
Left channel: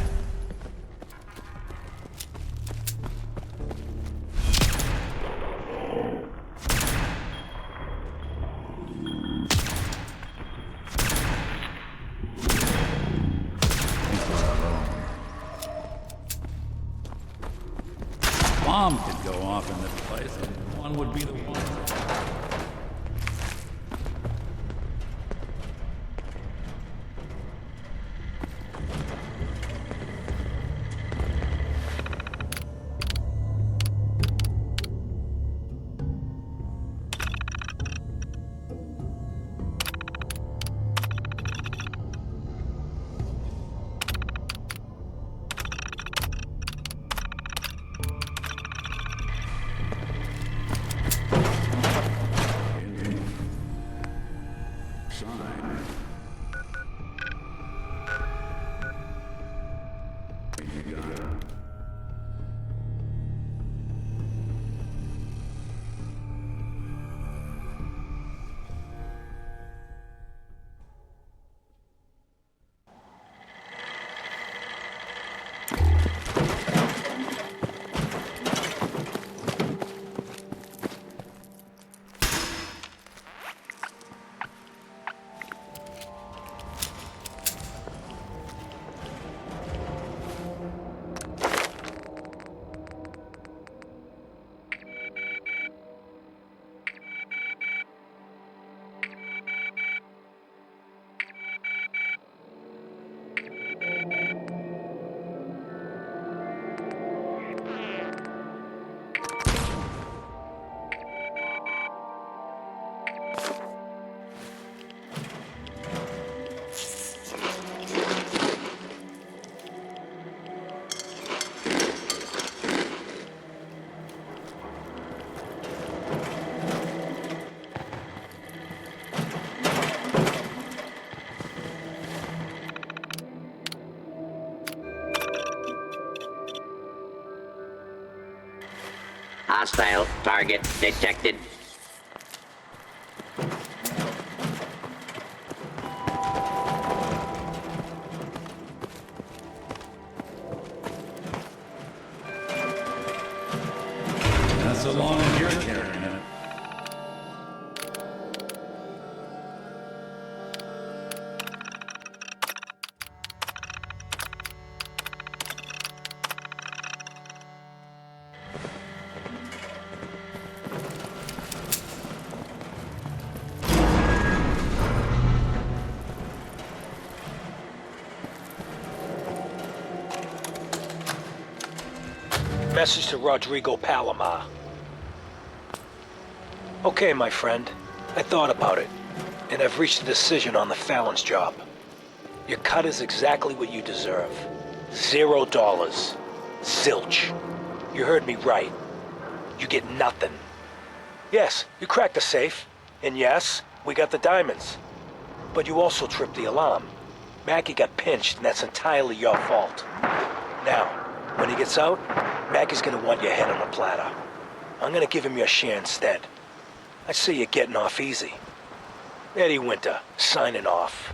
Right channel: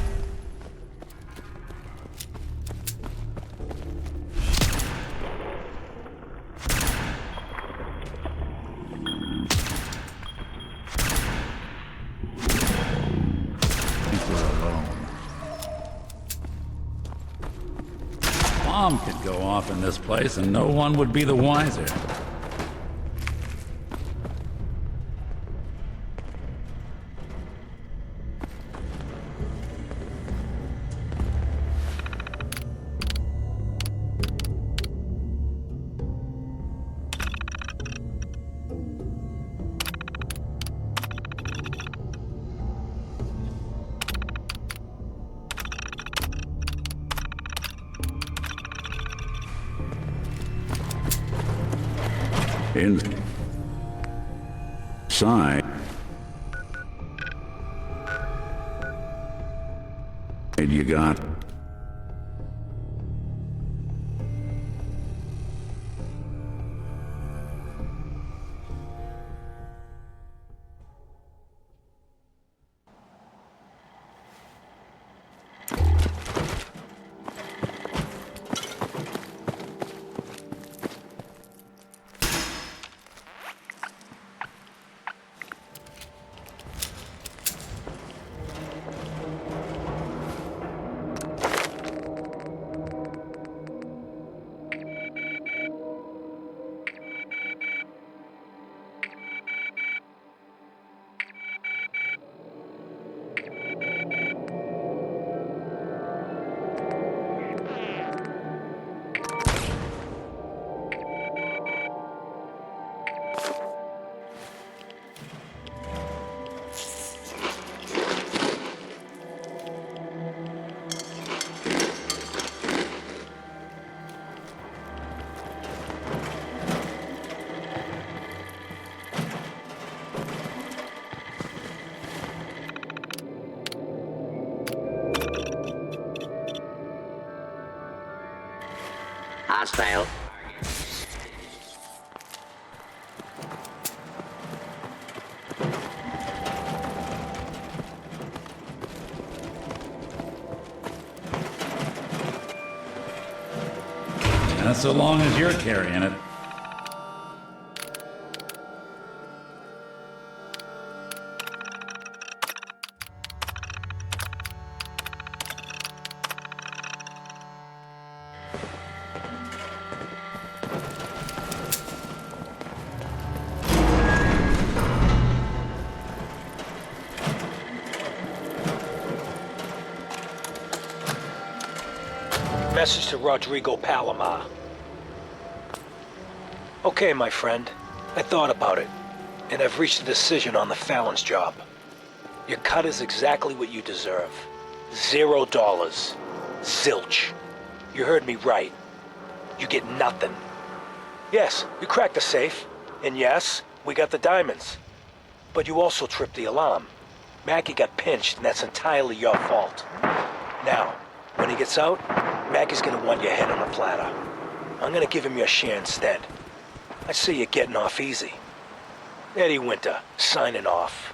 Think we're alone. Bomb could go off in this place and no one would be the wiser. Inside, you got Hostile target detected. Not so long as you're carrying it. Message to Rodrigo Palomar. Okay, my friend. I thought about it, and I've reached a decision on the Fallon's job. Your cut is exactly what you deserve. $0. Zilch. You heard me right. You get nothing. Yes, you cracked the safe, and yes, we got the diamonds. But you also tripped the alarm. Mackie got pinched, and that's entirely your fault. Now, when he gets out, Mackie's gonna want your head on a platter. I'm gonna give him your share instead. I see you getting off easy. Eddie Winter, signing off.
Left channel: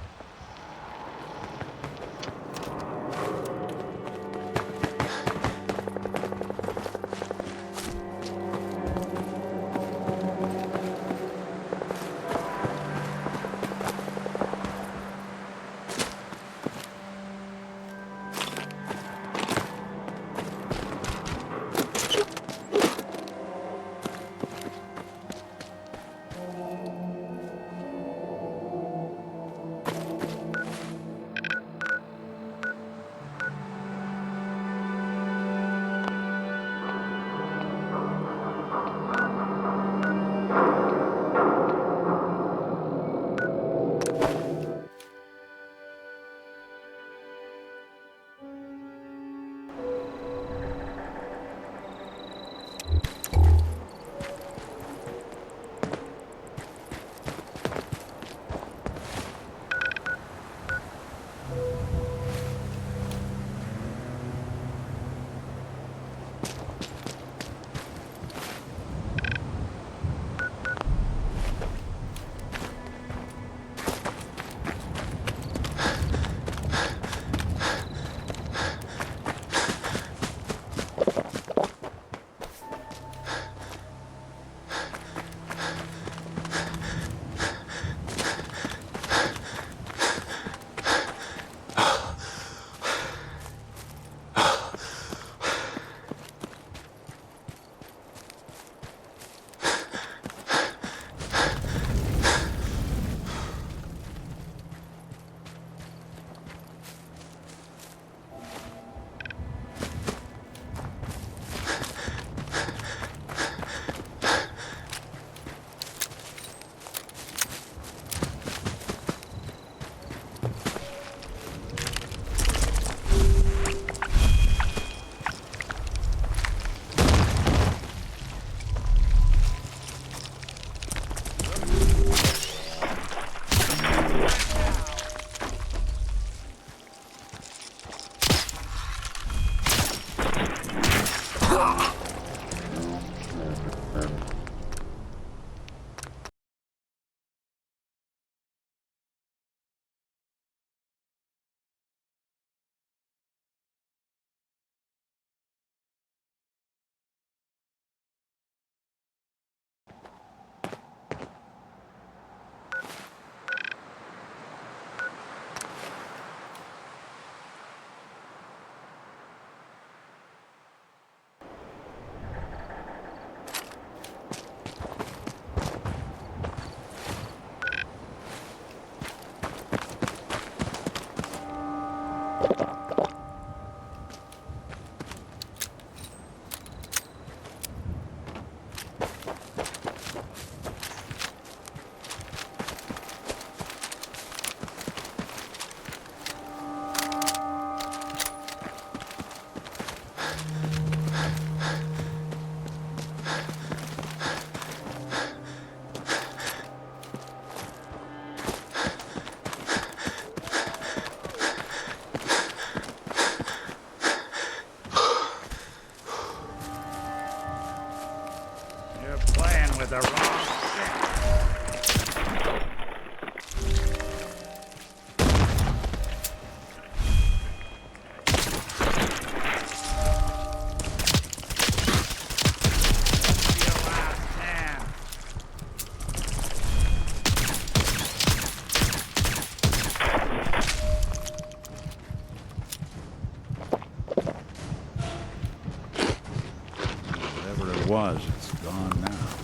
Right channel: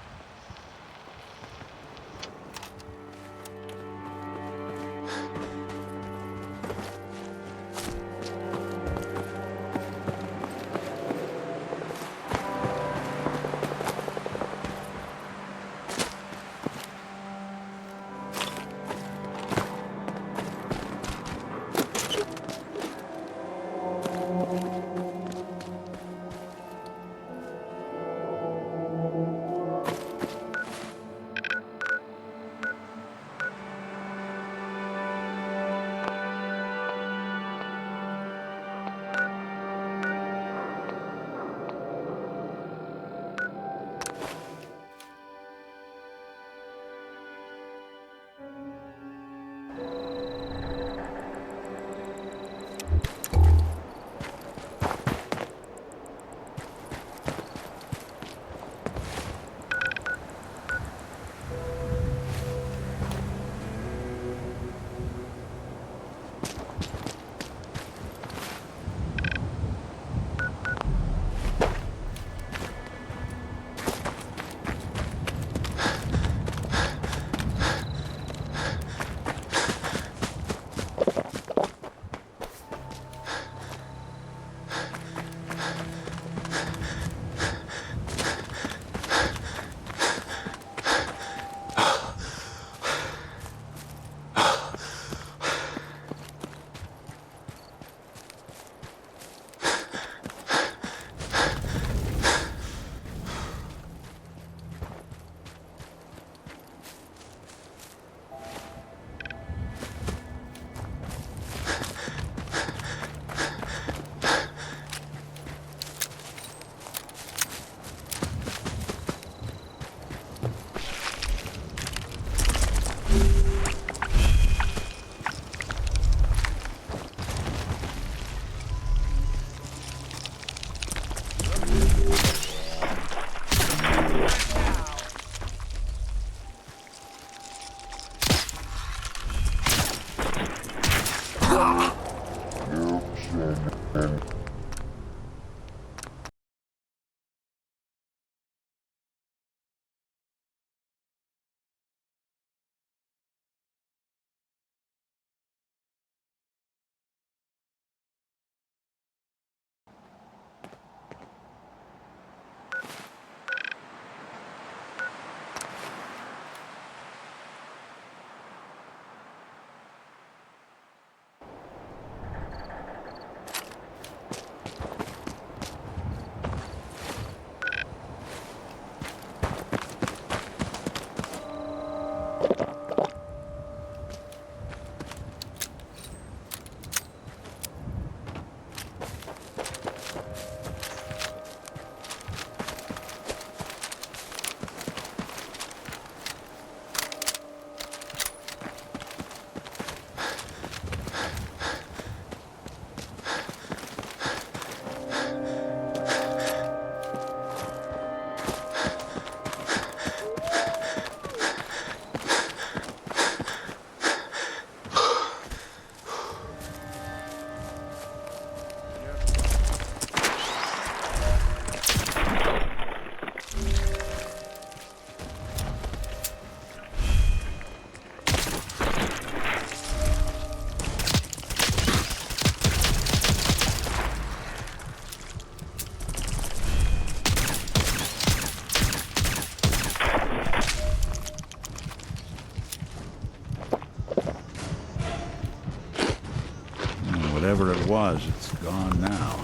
Whatever it was, it's gone now.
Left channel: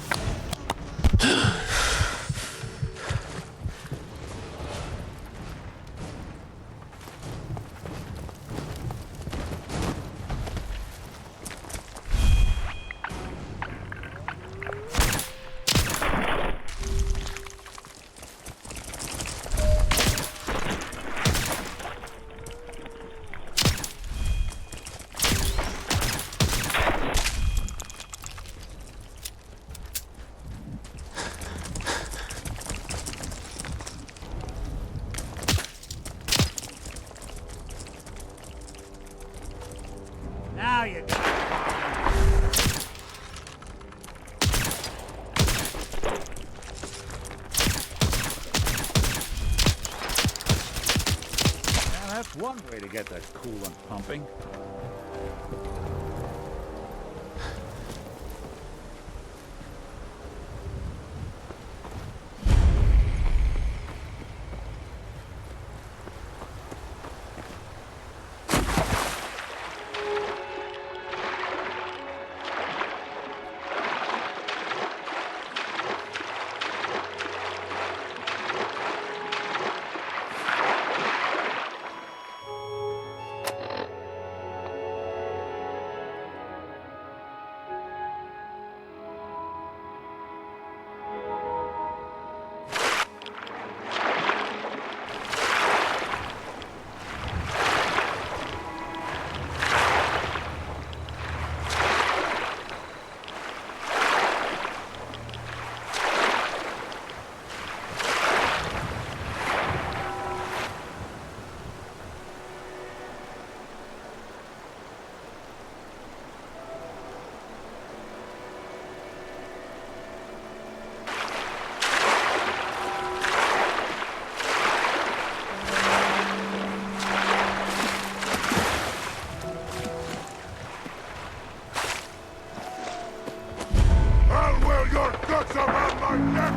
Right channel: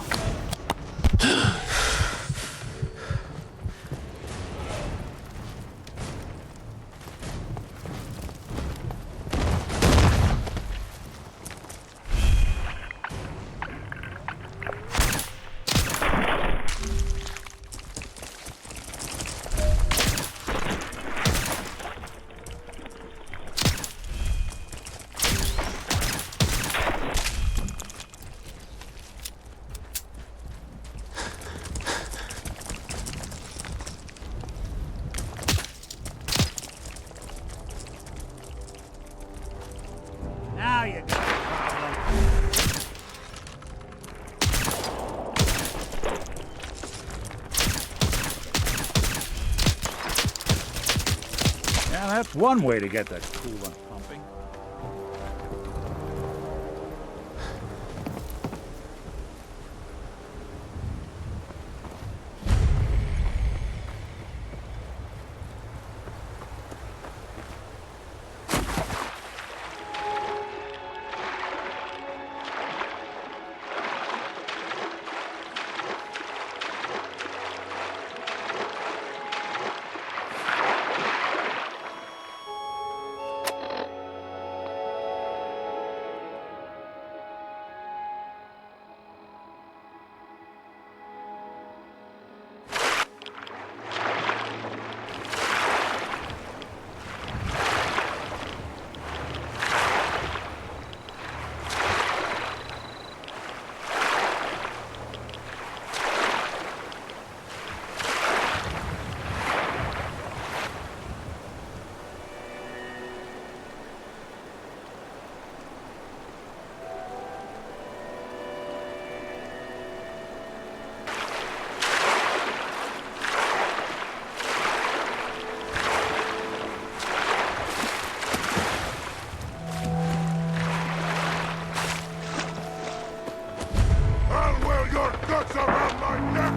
Now you got a problem. Yeah, that's one way to get the coolant pumping. I'll wear your guts around my neck!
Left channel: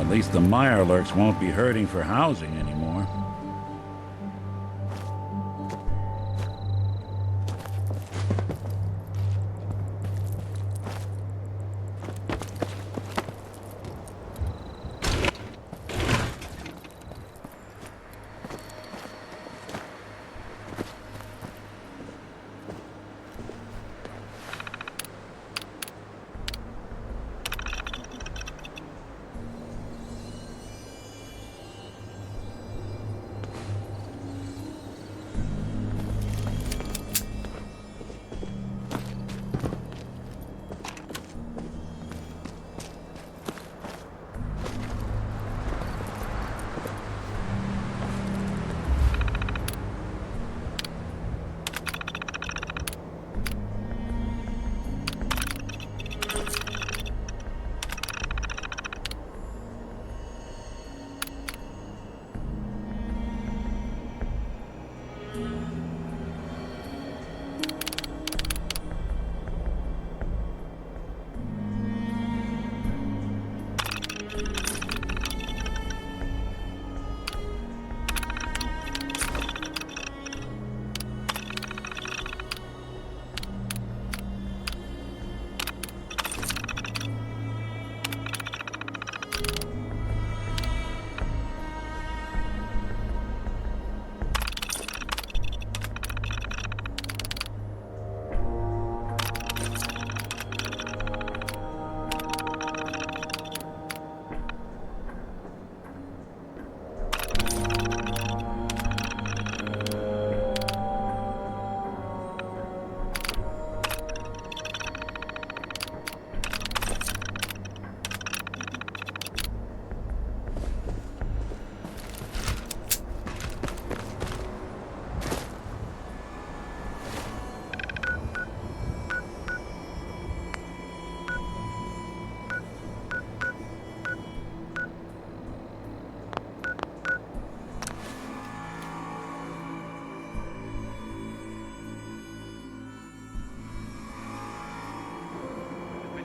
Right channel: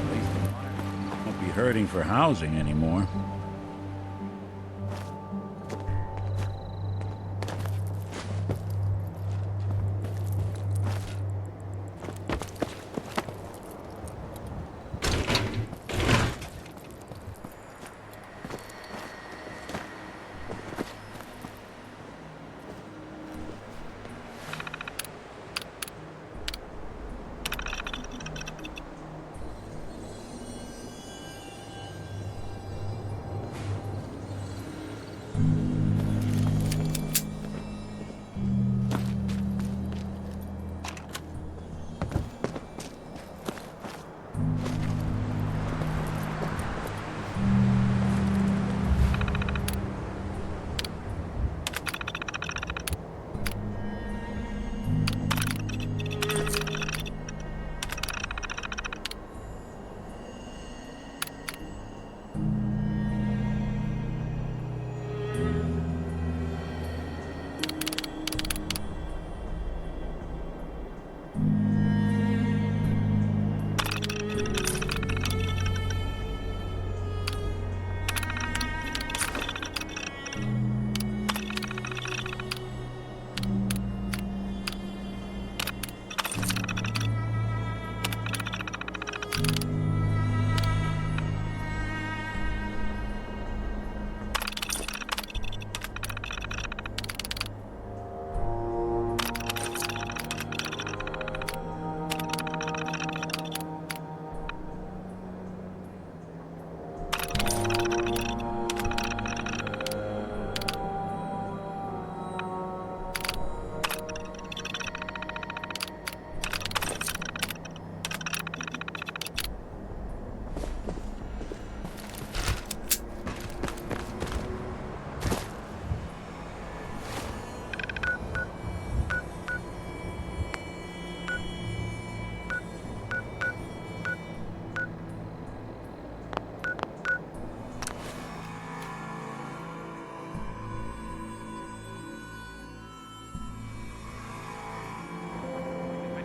At least the Mirelurks won't be hurting for housing anymore.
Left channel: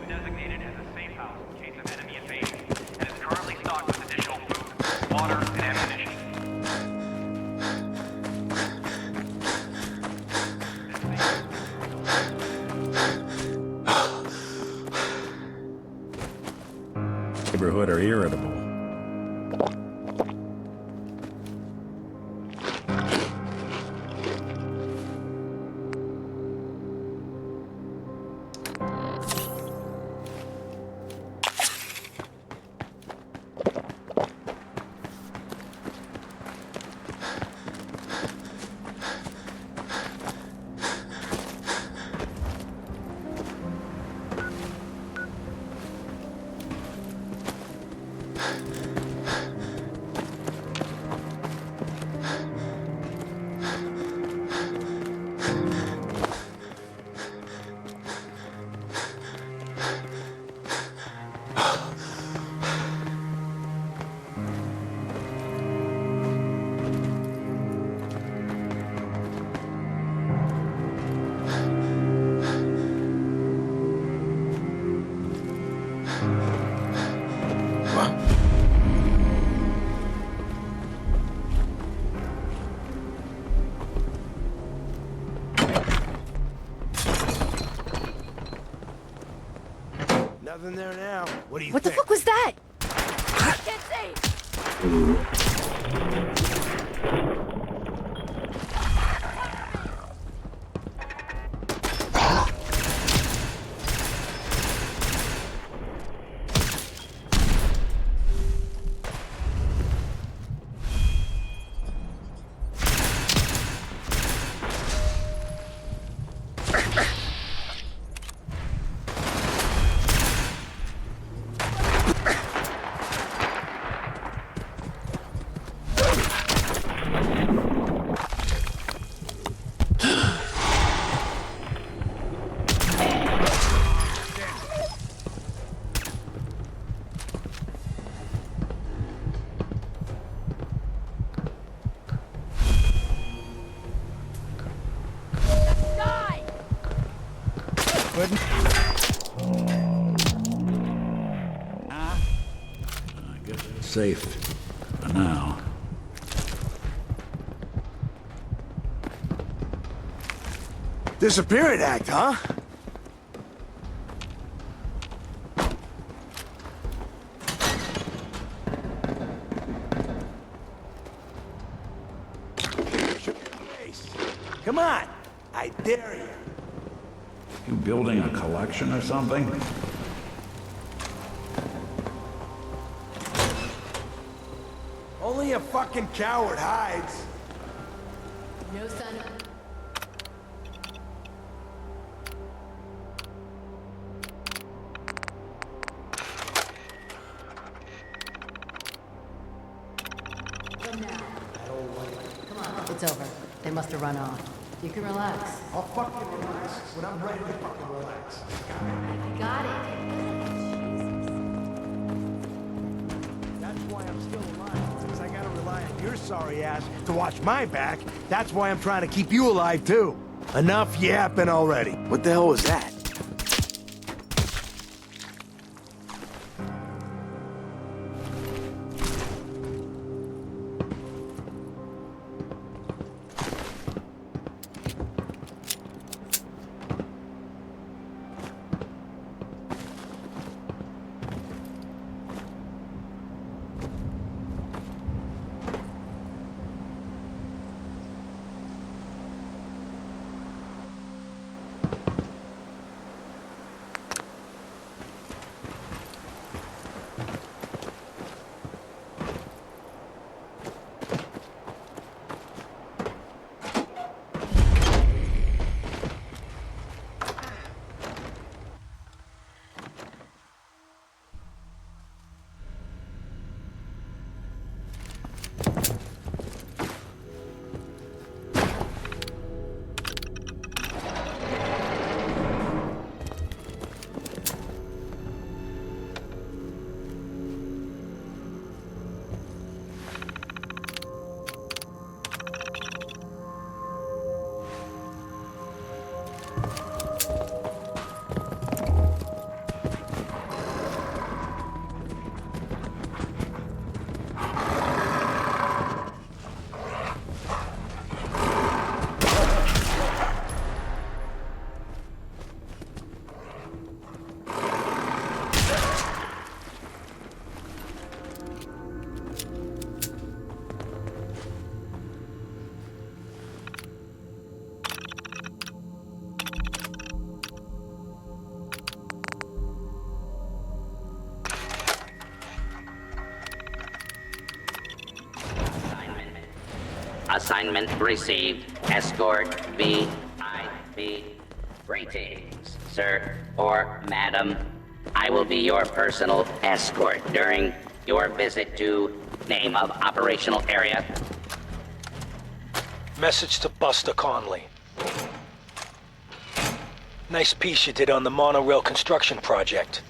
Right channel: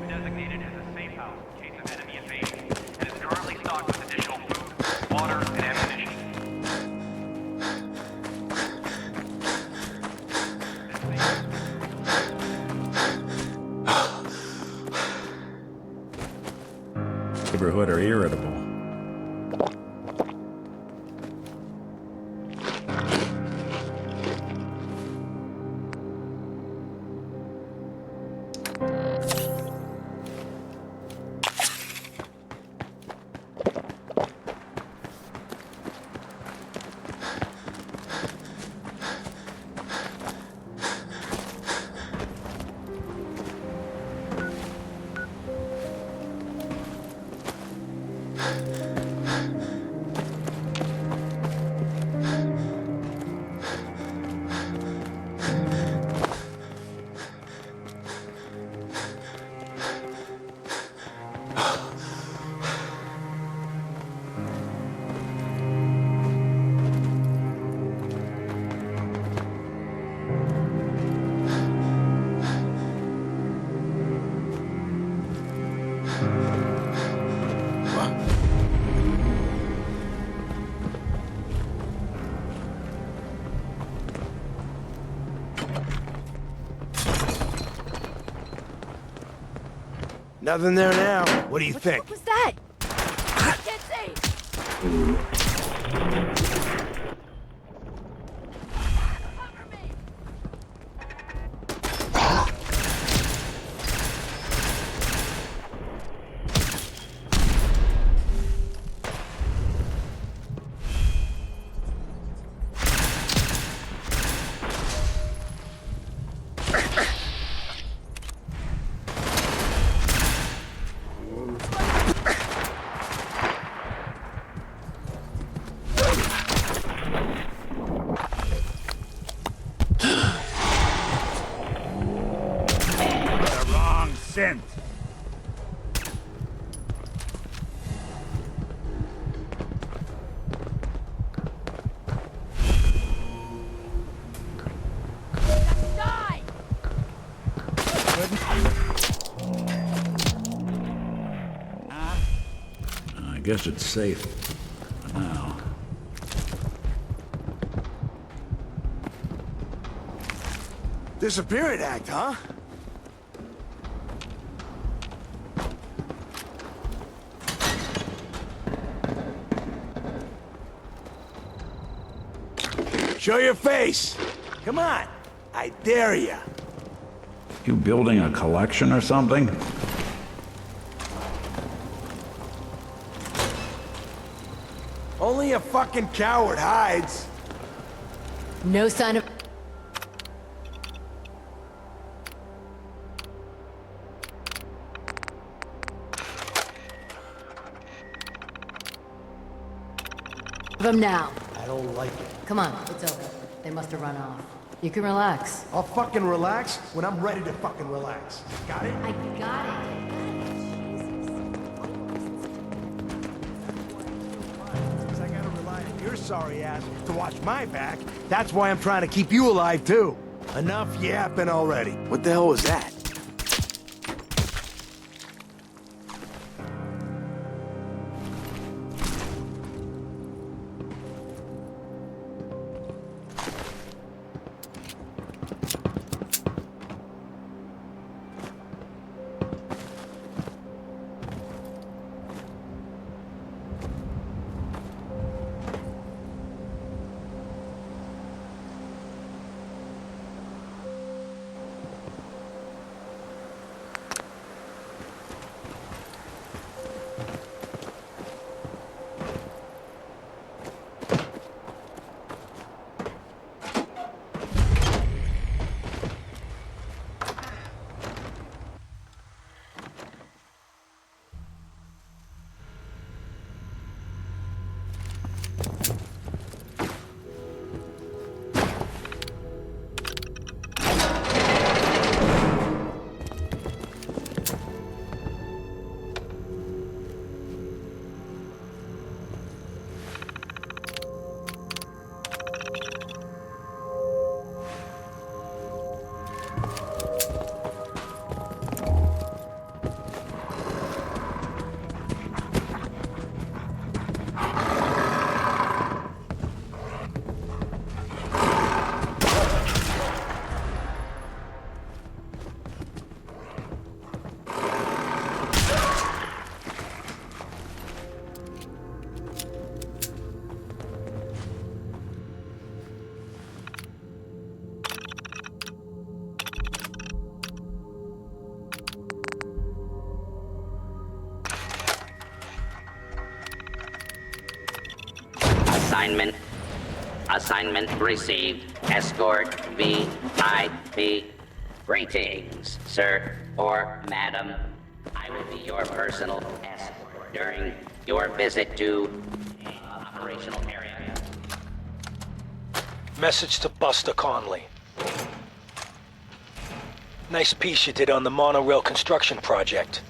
Designated as a safe house in case of enemy invasion, and is currently stocked with additional food, water, and ammunition. Neighborhood are irritable. Nothing there now. What do you think? What the fuck was that? I can't see! I guess it's safe for now. Disappearance act, huh? Show your face. Come on. I dare ya. You building a collection or something? Only a fucking coward hides. No sign of... them now. I don't like it. Come on, it's over. They must have run off. You can relax. I'll fucking relax when I'm ready to fucking relax. Got it? I got it. That's why I'm still alive. Because I gotta rely on your sorry ass to watch my back. That's why I'm trying to keep you alive, too. Enough yapping already. What the hell was that? assignment. Assignment received. Escort VIP. Greetings, sir or madam. I will be your personal escort during your visit to name of operational area. Message to Buster Conley. Nice piece you did on the monorail construction project.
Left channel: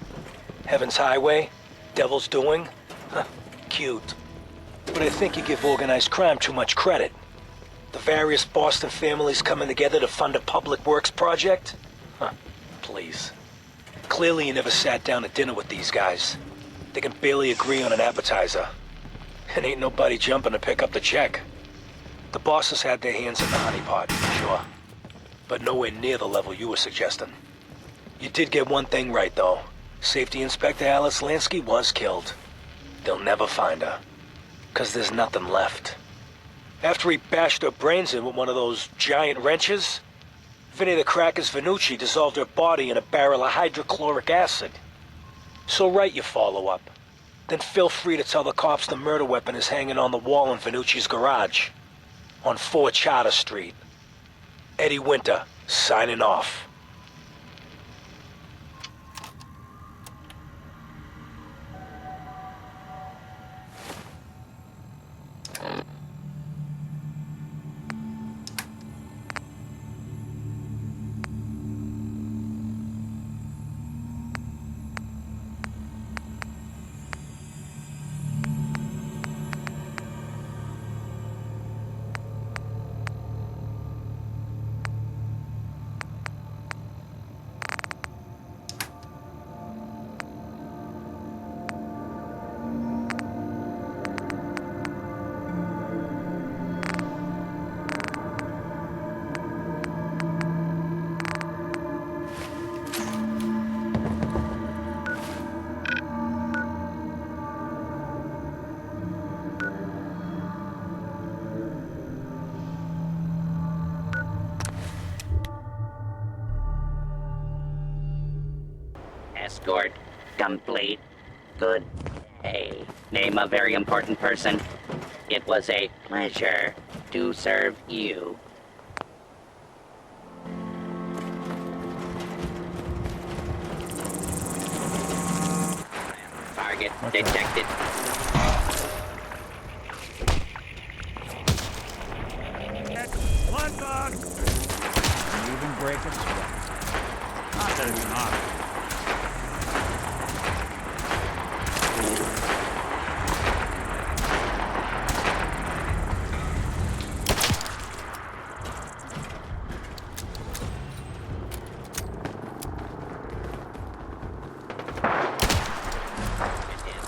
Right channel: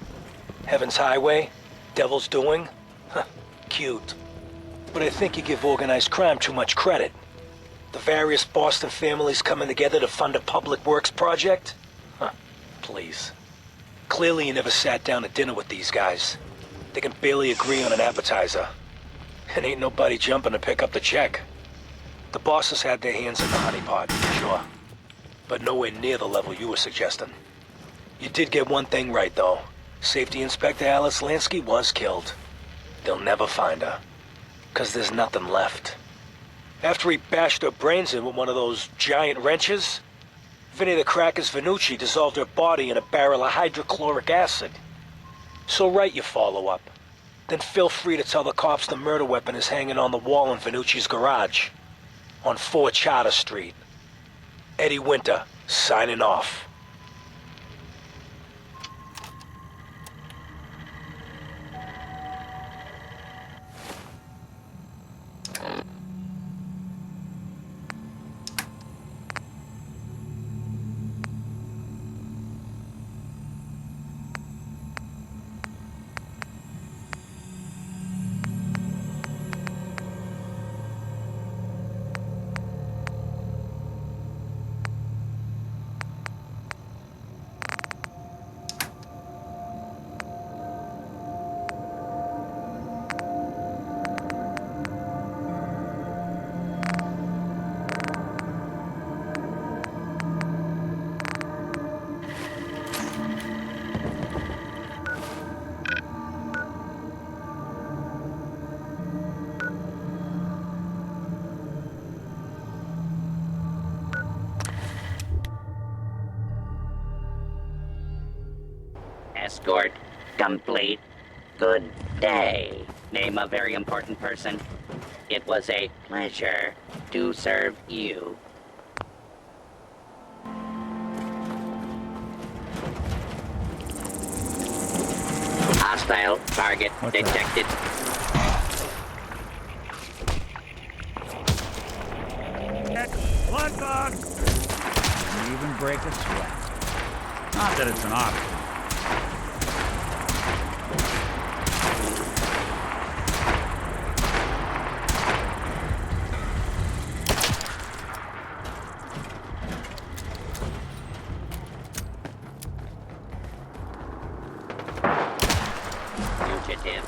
Heaven's Highway, Devil's Doing. Huh, cute. But I think you give organized crime too much credit. The various Boston families coming together to fund a public works project? Huh, please. Clearly you never sat down to dinner with these guys. They can barely agree on an appetizer. And ain't nobody jumping to pick up the check. The bosses had their hands in the honeypot, sure. But nowhere near the level you were suggesting. You did get one thing right, though. Safety Inspector Alice Lansky was killed. They'll never find her. 'Cause there's nothing left. After he bashed her brains in with one of those giant wrenches, Vinny the Cracker's Venucci dissolved her body in a barrel of hydrochloric acid. So write your follow-up. Then feel free to tell the cops the murder weapon is hanging on the wall in Venucci's garage. On 4 Charter Street. Eddie Winter, signing off. Escort complete. Good day. Name a very important person. It was a pleasure to serve you. Hostile target detected. Blood bug! You even break a sweat. Not that it's an option. Fugitive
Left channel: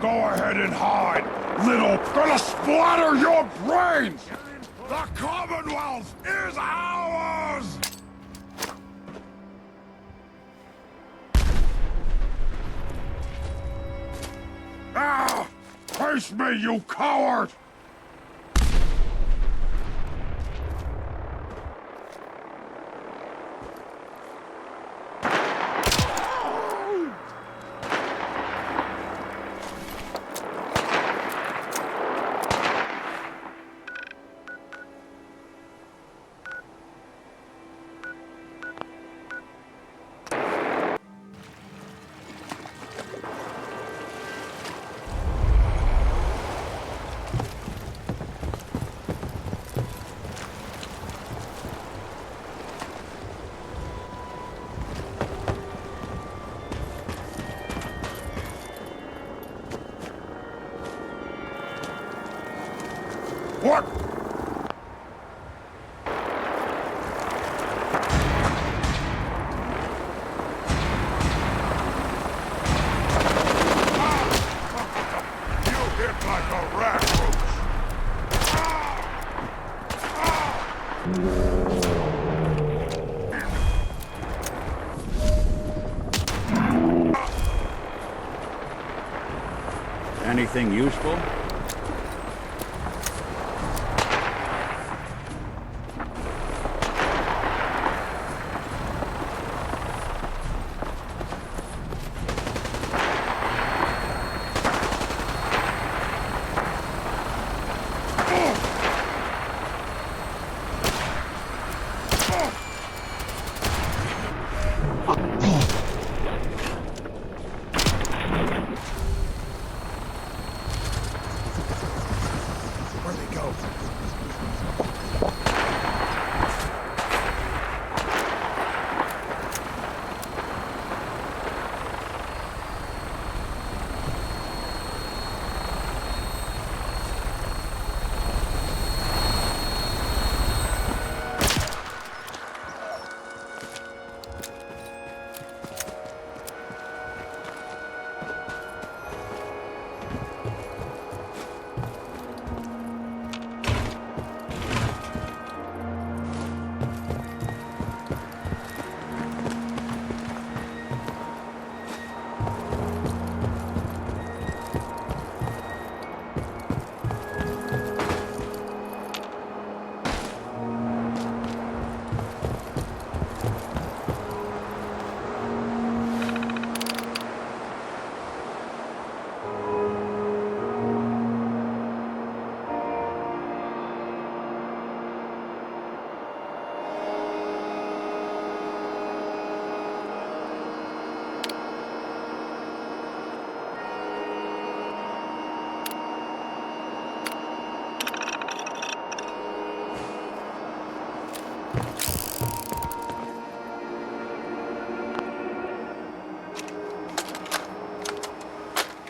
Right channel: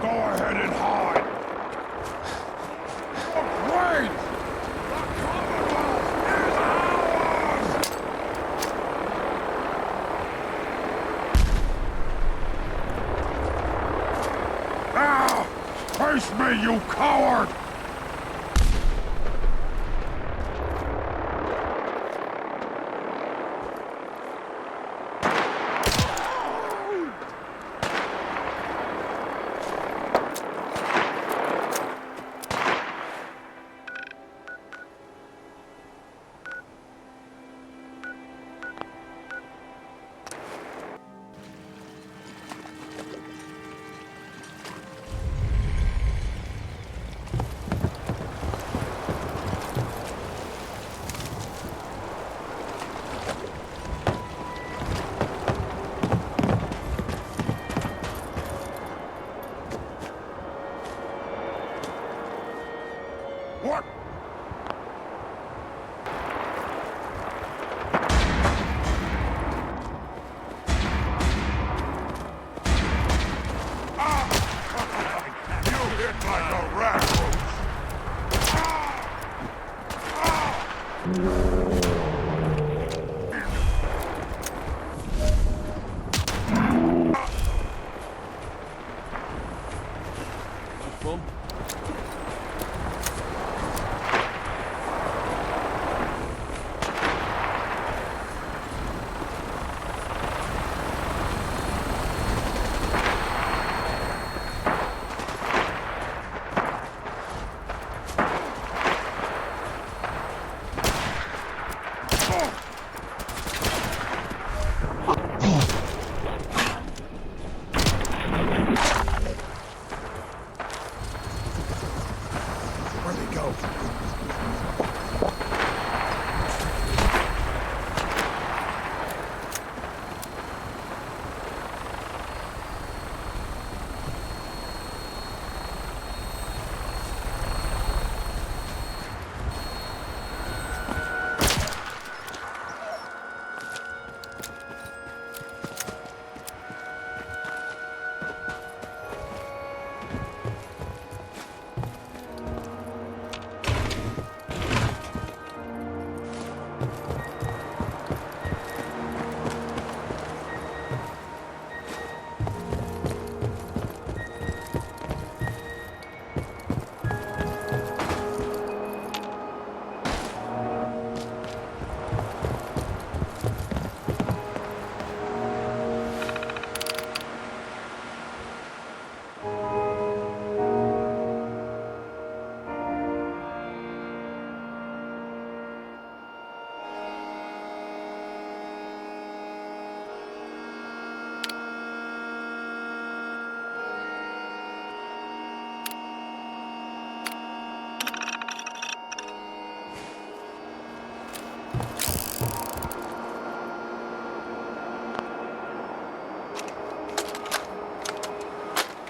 Go ahead and hide, little... Gonna splatter your brains! The Commonwealth is ours! Now! Face me, you coward! What? You hit like a rat roach. Anything useful? Where'd they go?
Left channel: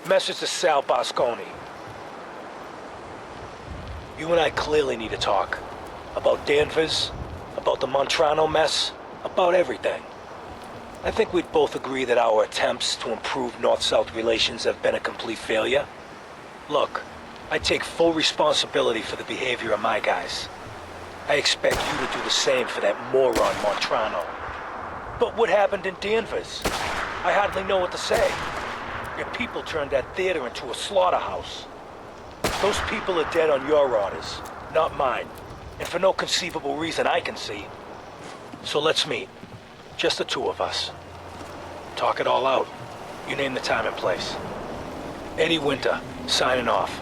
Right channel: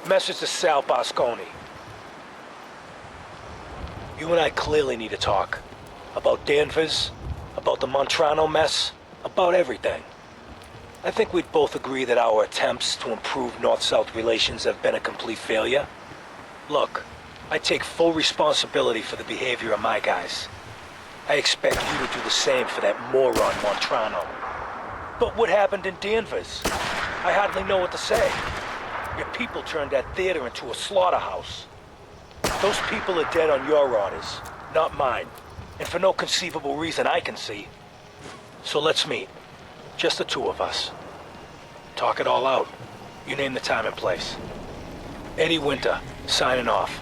Message to Sal Bosconi. You and I clearly need to talk. About Danvers, about the Montrano mess, about everything. I think we'd both agree that our attempts to improve North-South relations have been a complete failure. Look, I take full responsibility for the behavior of my guys. I expect you to do the same for that moron Montrano. But what happened in Danvers? I hardly know what to say. Your people turned that theater into a slaughterhouse. Those people are dead on your orders, not mine. And for no conceivable reason I can see. So let's meet. Just the two of us. Talk it all out. You name the time and place. Eddie Winter, signing off.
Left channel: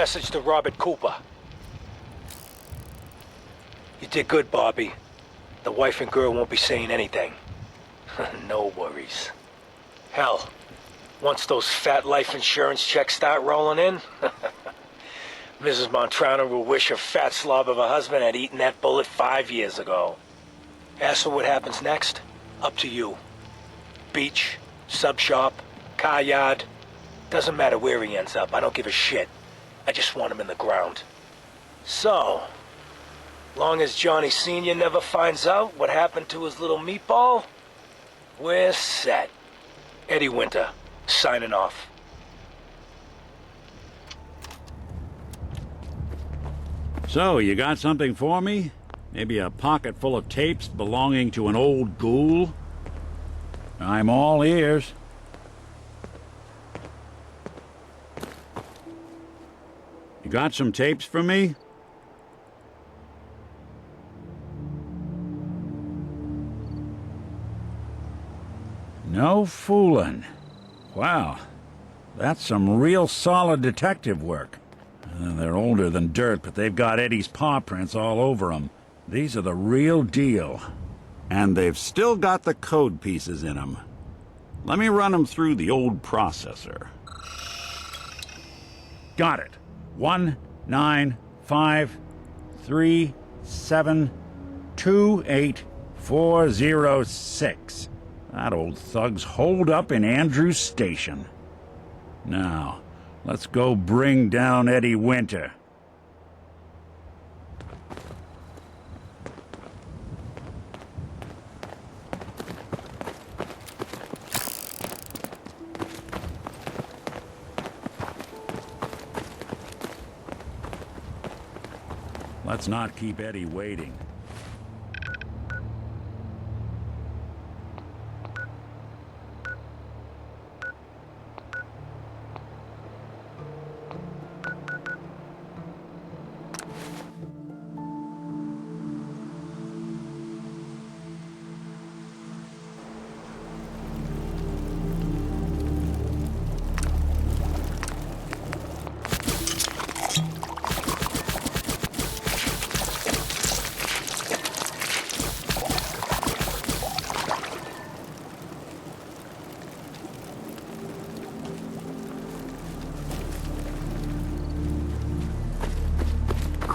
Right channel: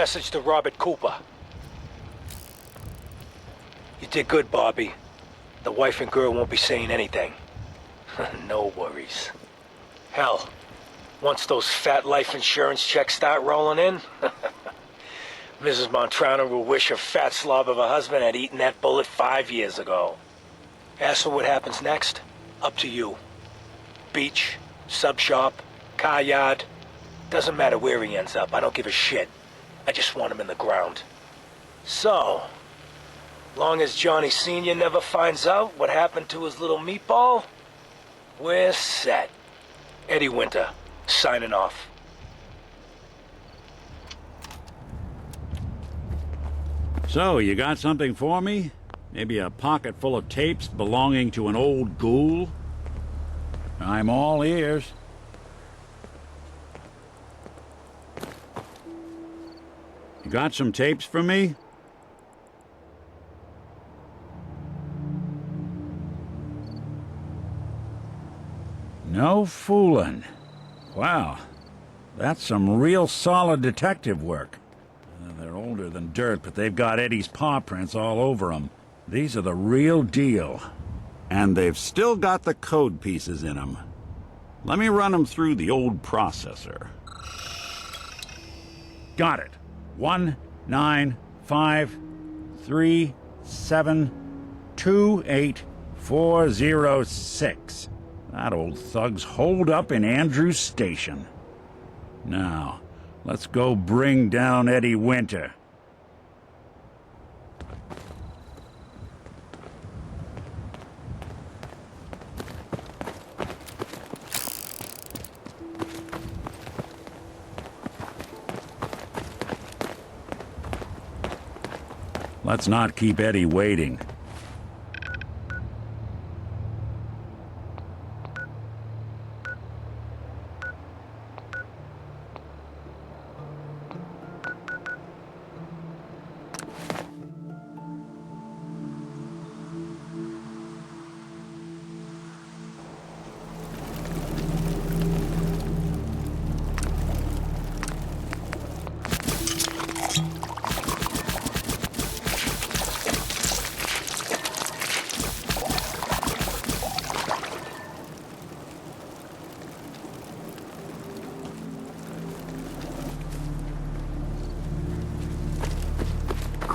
message to Robert Cooper. You did good, Bobby. The wife and girl won't be saying anything. No worries. Hell, once those fat life insurance checks start rolling in, Mrs. Montrano will wish her fat slob of a husband had eaten that bullet 5 years ago. As for what happens next, up to you. Beach, sub shop, car yard. Doesn't matter where he ends up, I don't give a shit. I just want him in the ground. So, long as Johnny Sr. never finds out what happened to his little meatball, we're set. Eddie Winter, signing off. So, you got something for me? Maybe a pocket full of tapes belonging to an old ghoul? I'm all ears. You got some tapes for me? No fooling. Wow, that's some real solid detective work. They're older than dirt, but they've got Eddie's paw prints all over them. These are the real deal. And they've still got the code pieces in them. Let me run them through the old processor. Got it. 1953728 That old thug's holed up in Andrews Station. Now, let's go bring down Eddie Winter. Let's not keep Eddie waiting.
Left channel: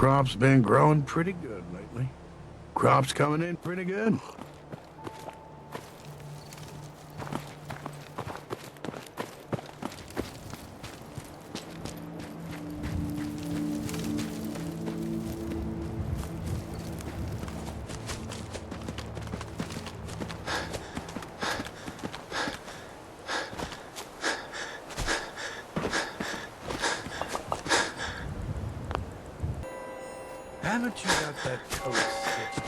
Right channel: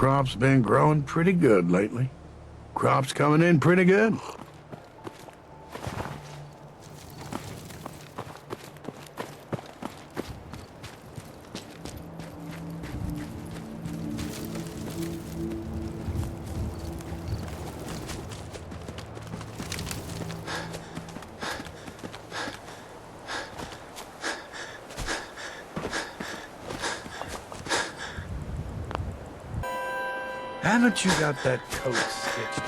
Crop's been growing pretty good lately. Crop's coming in pretty good. Haven't you got that coat stitched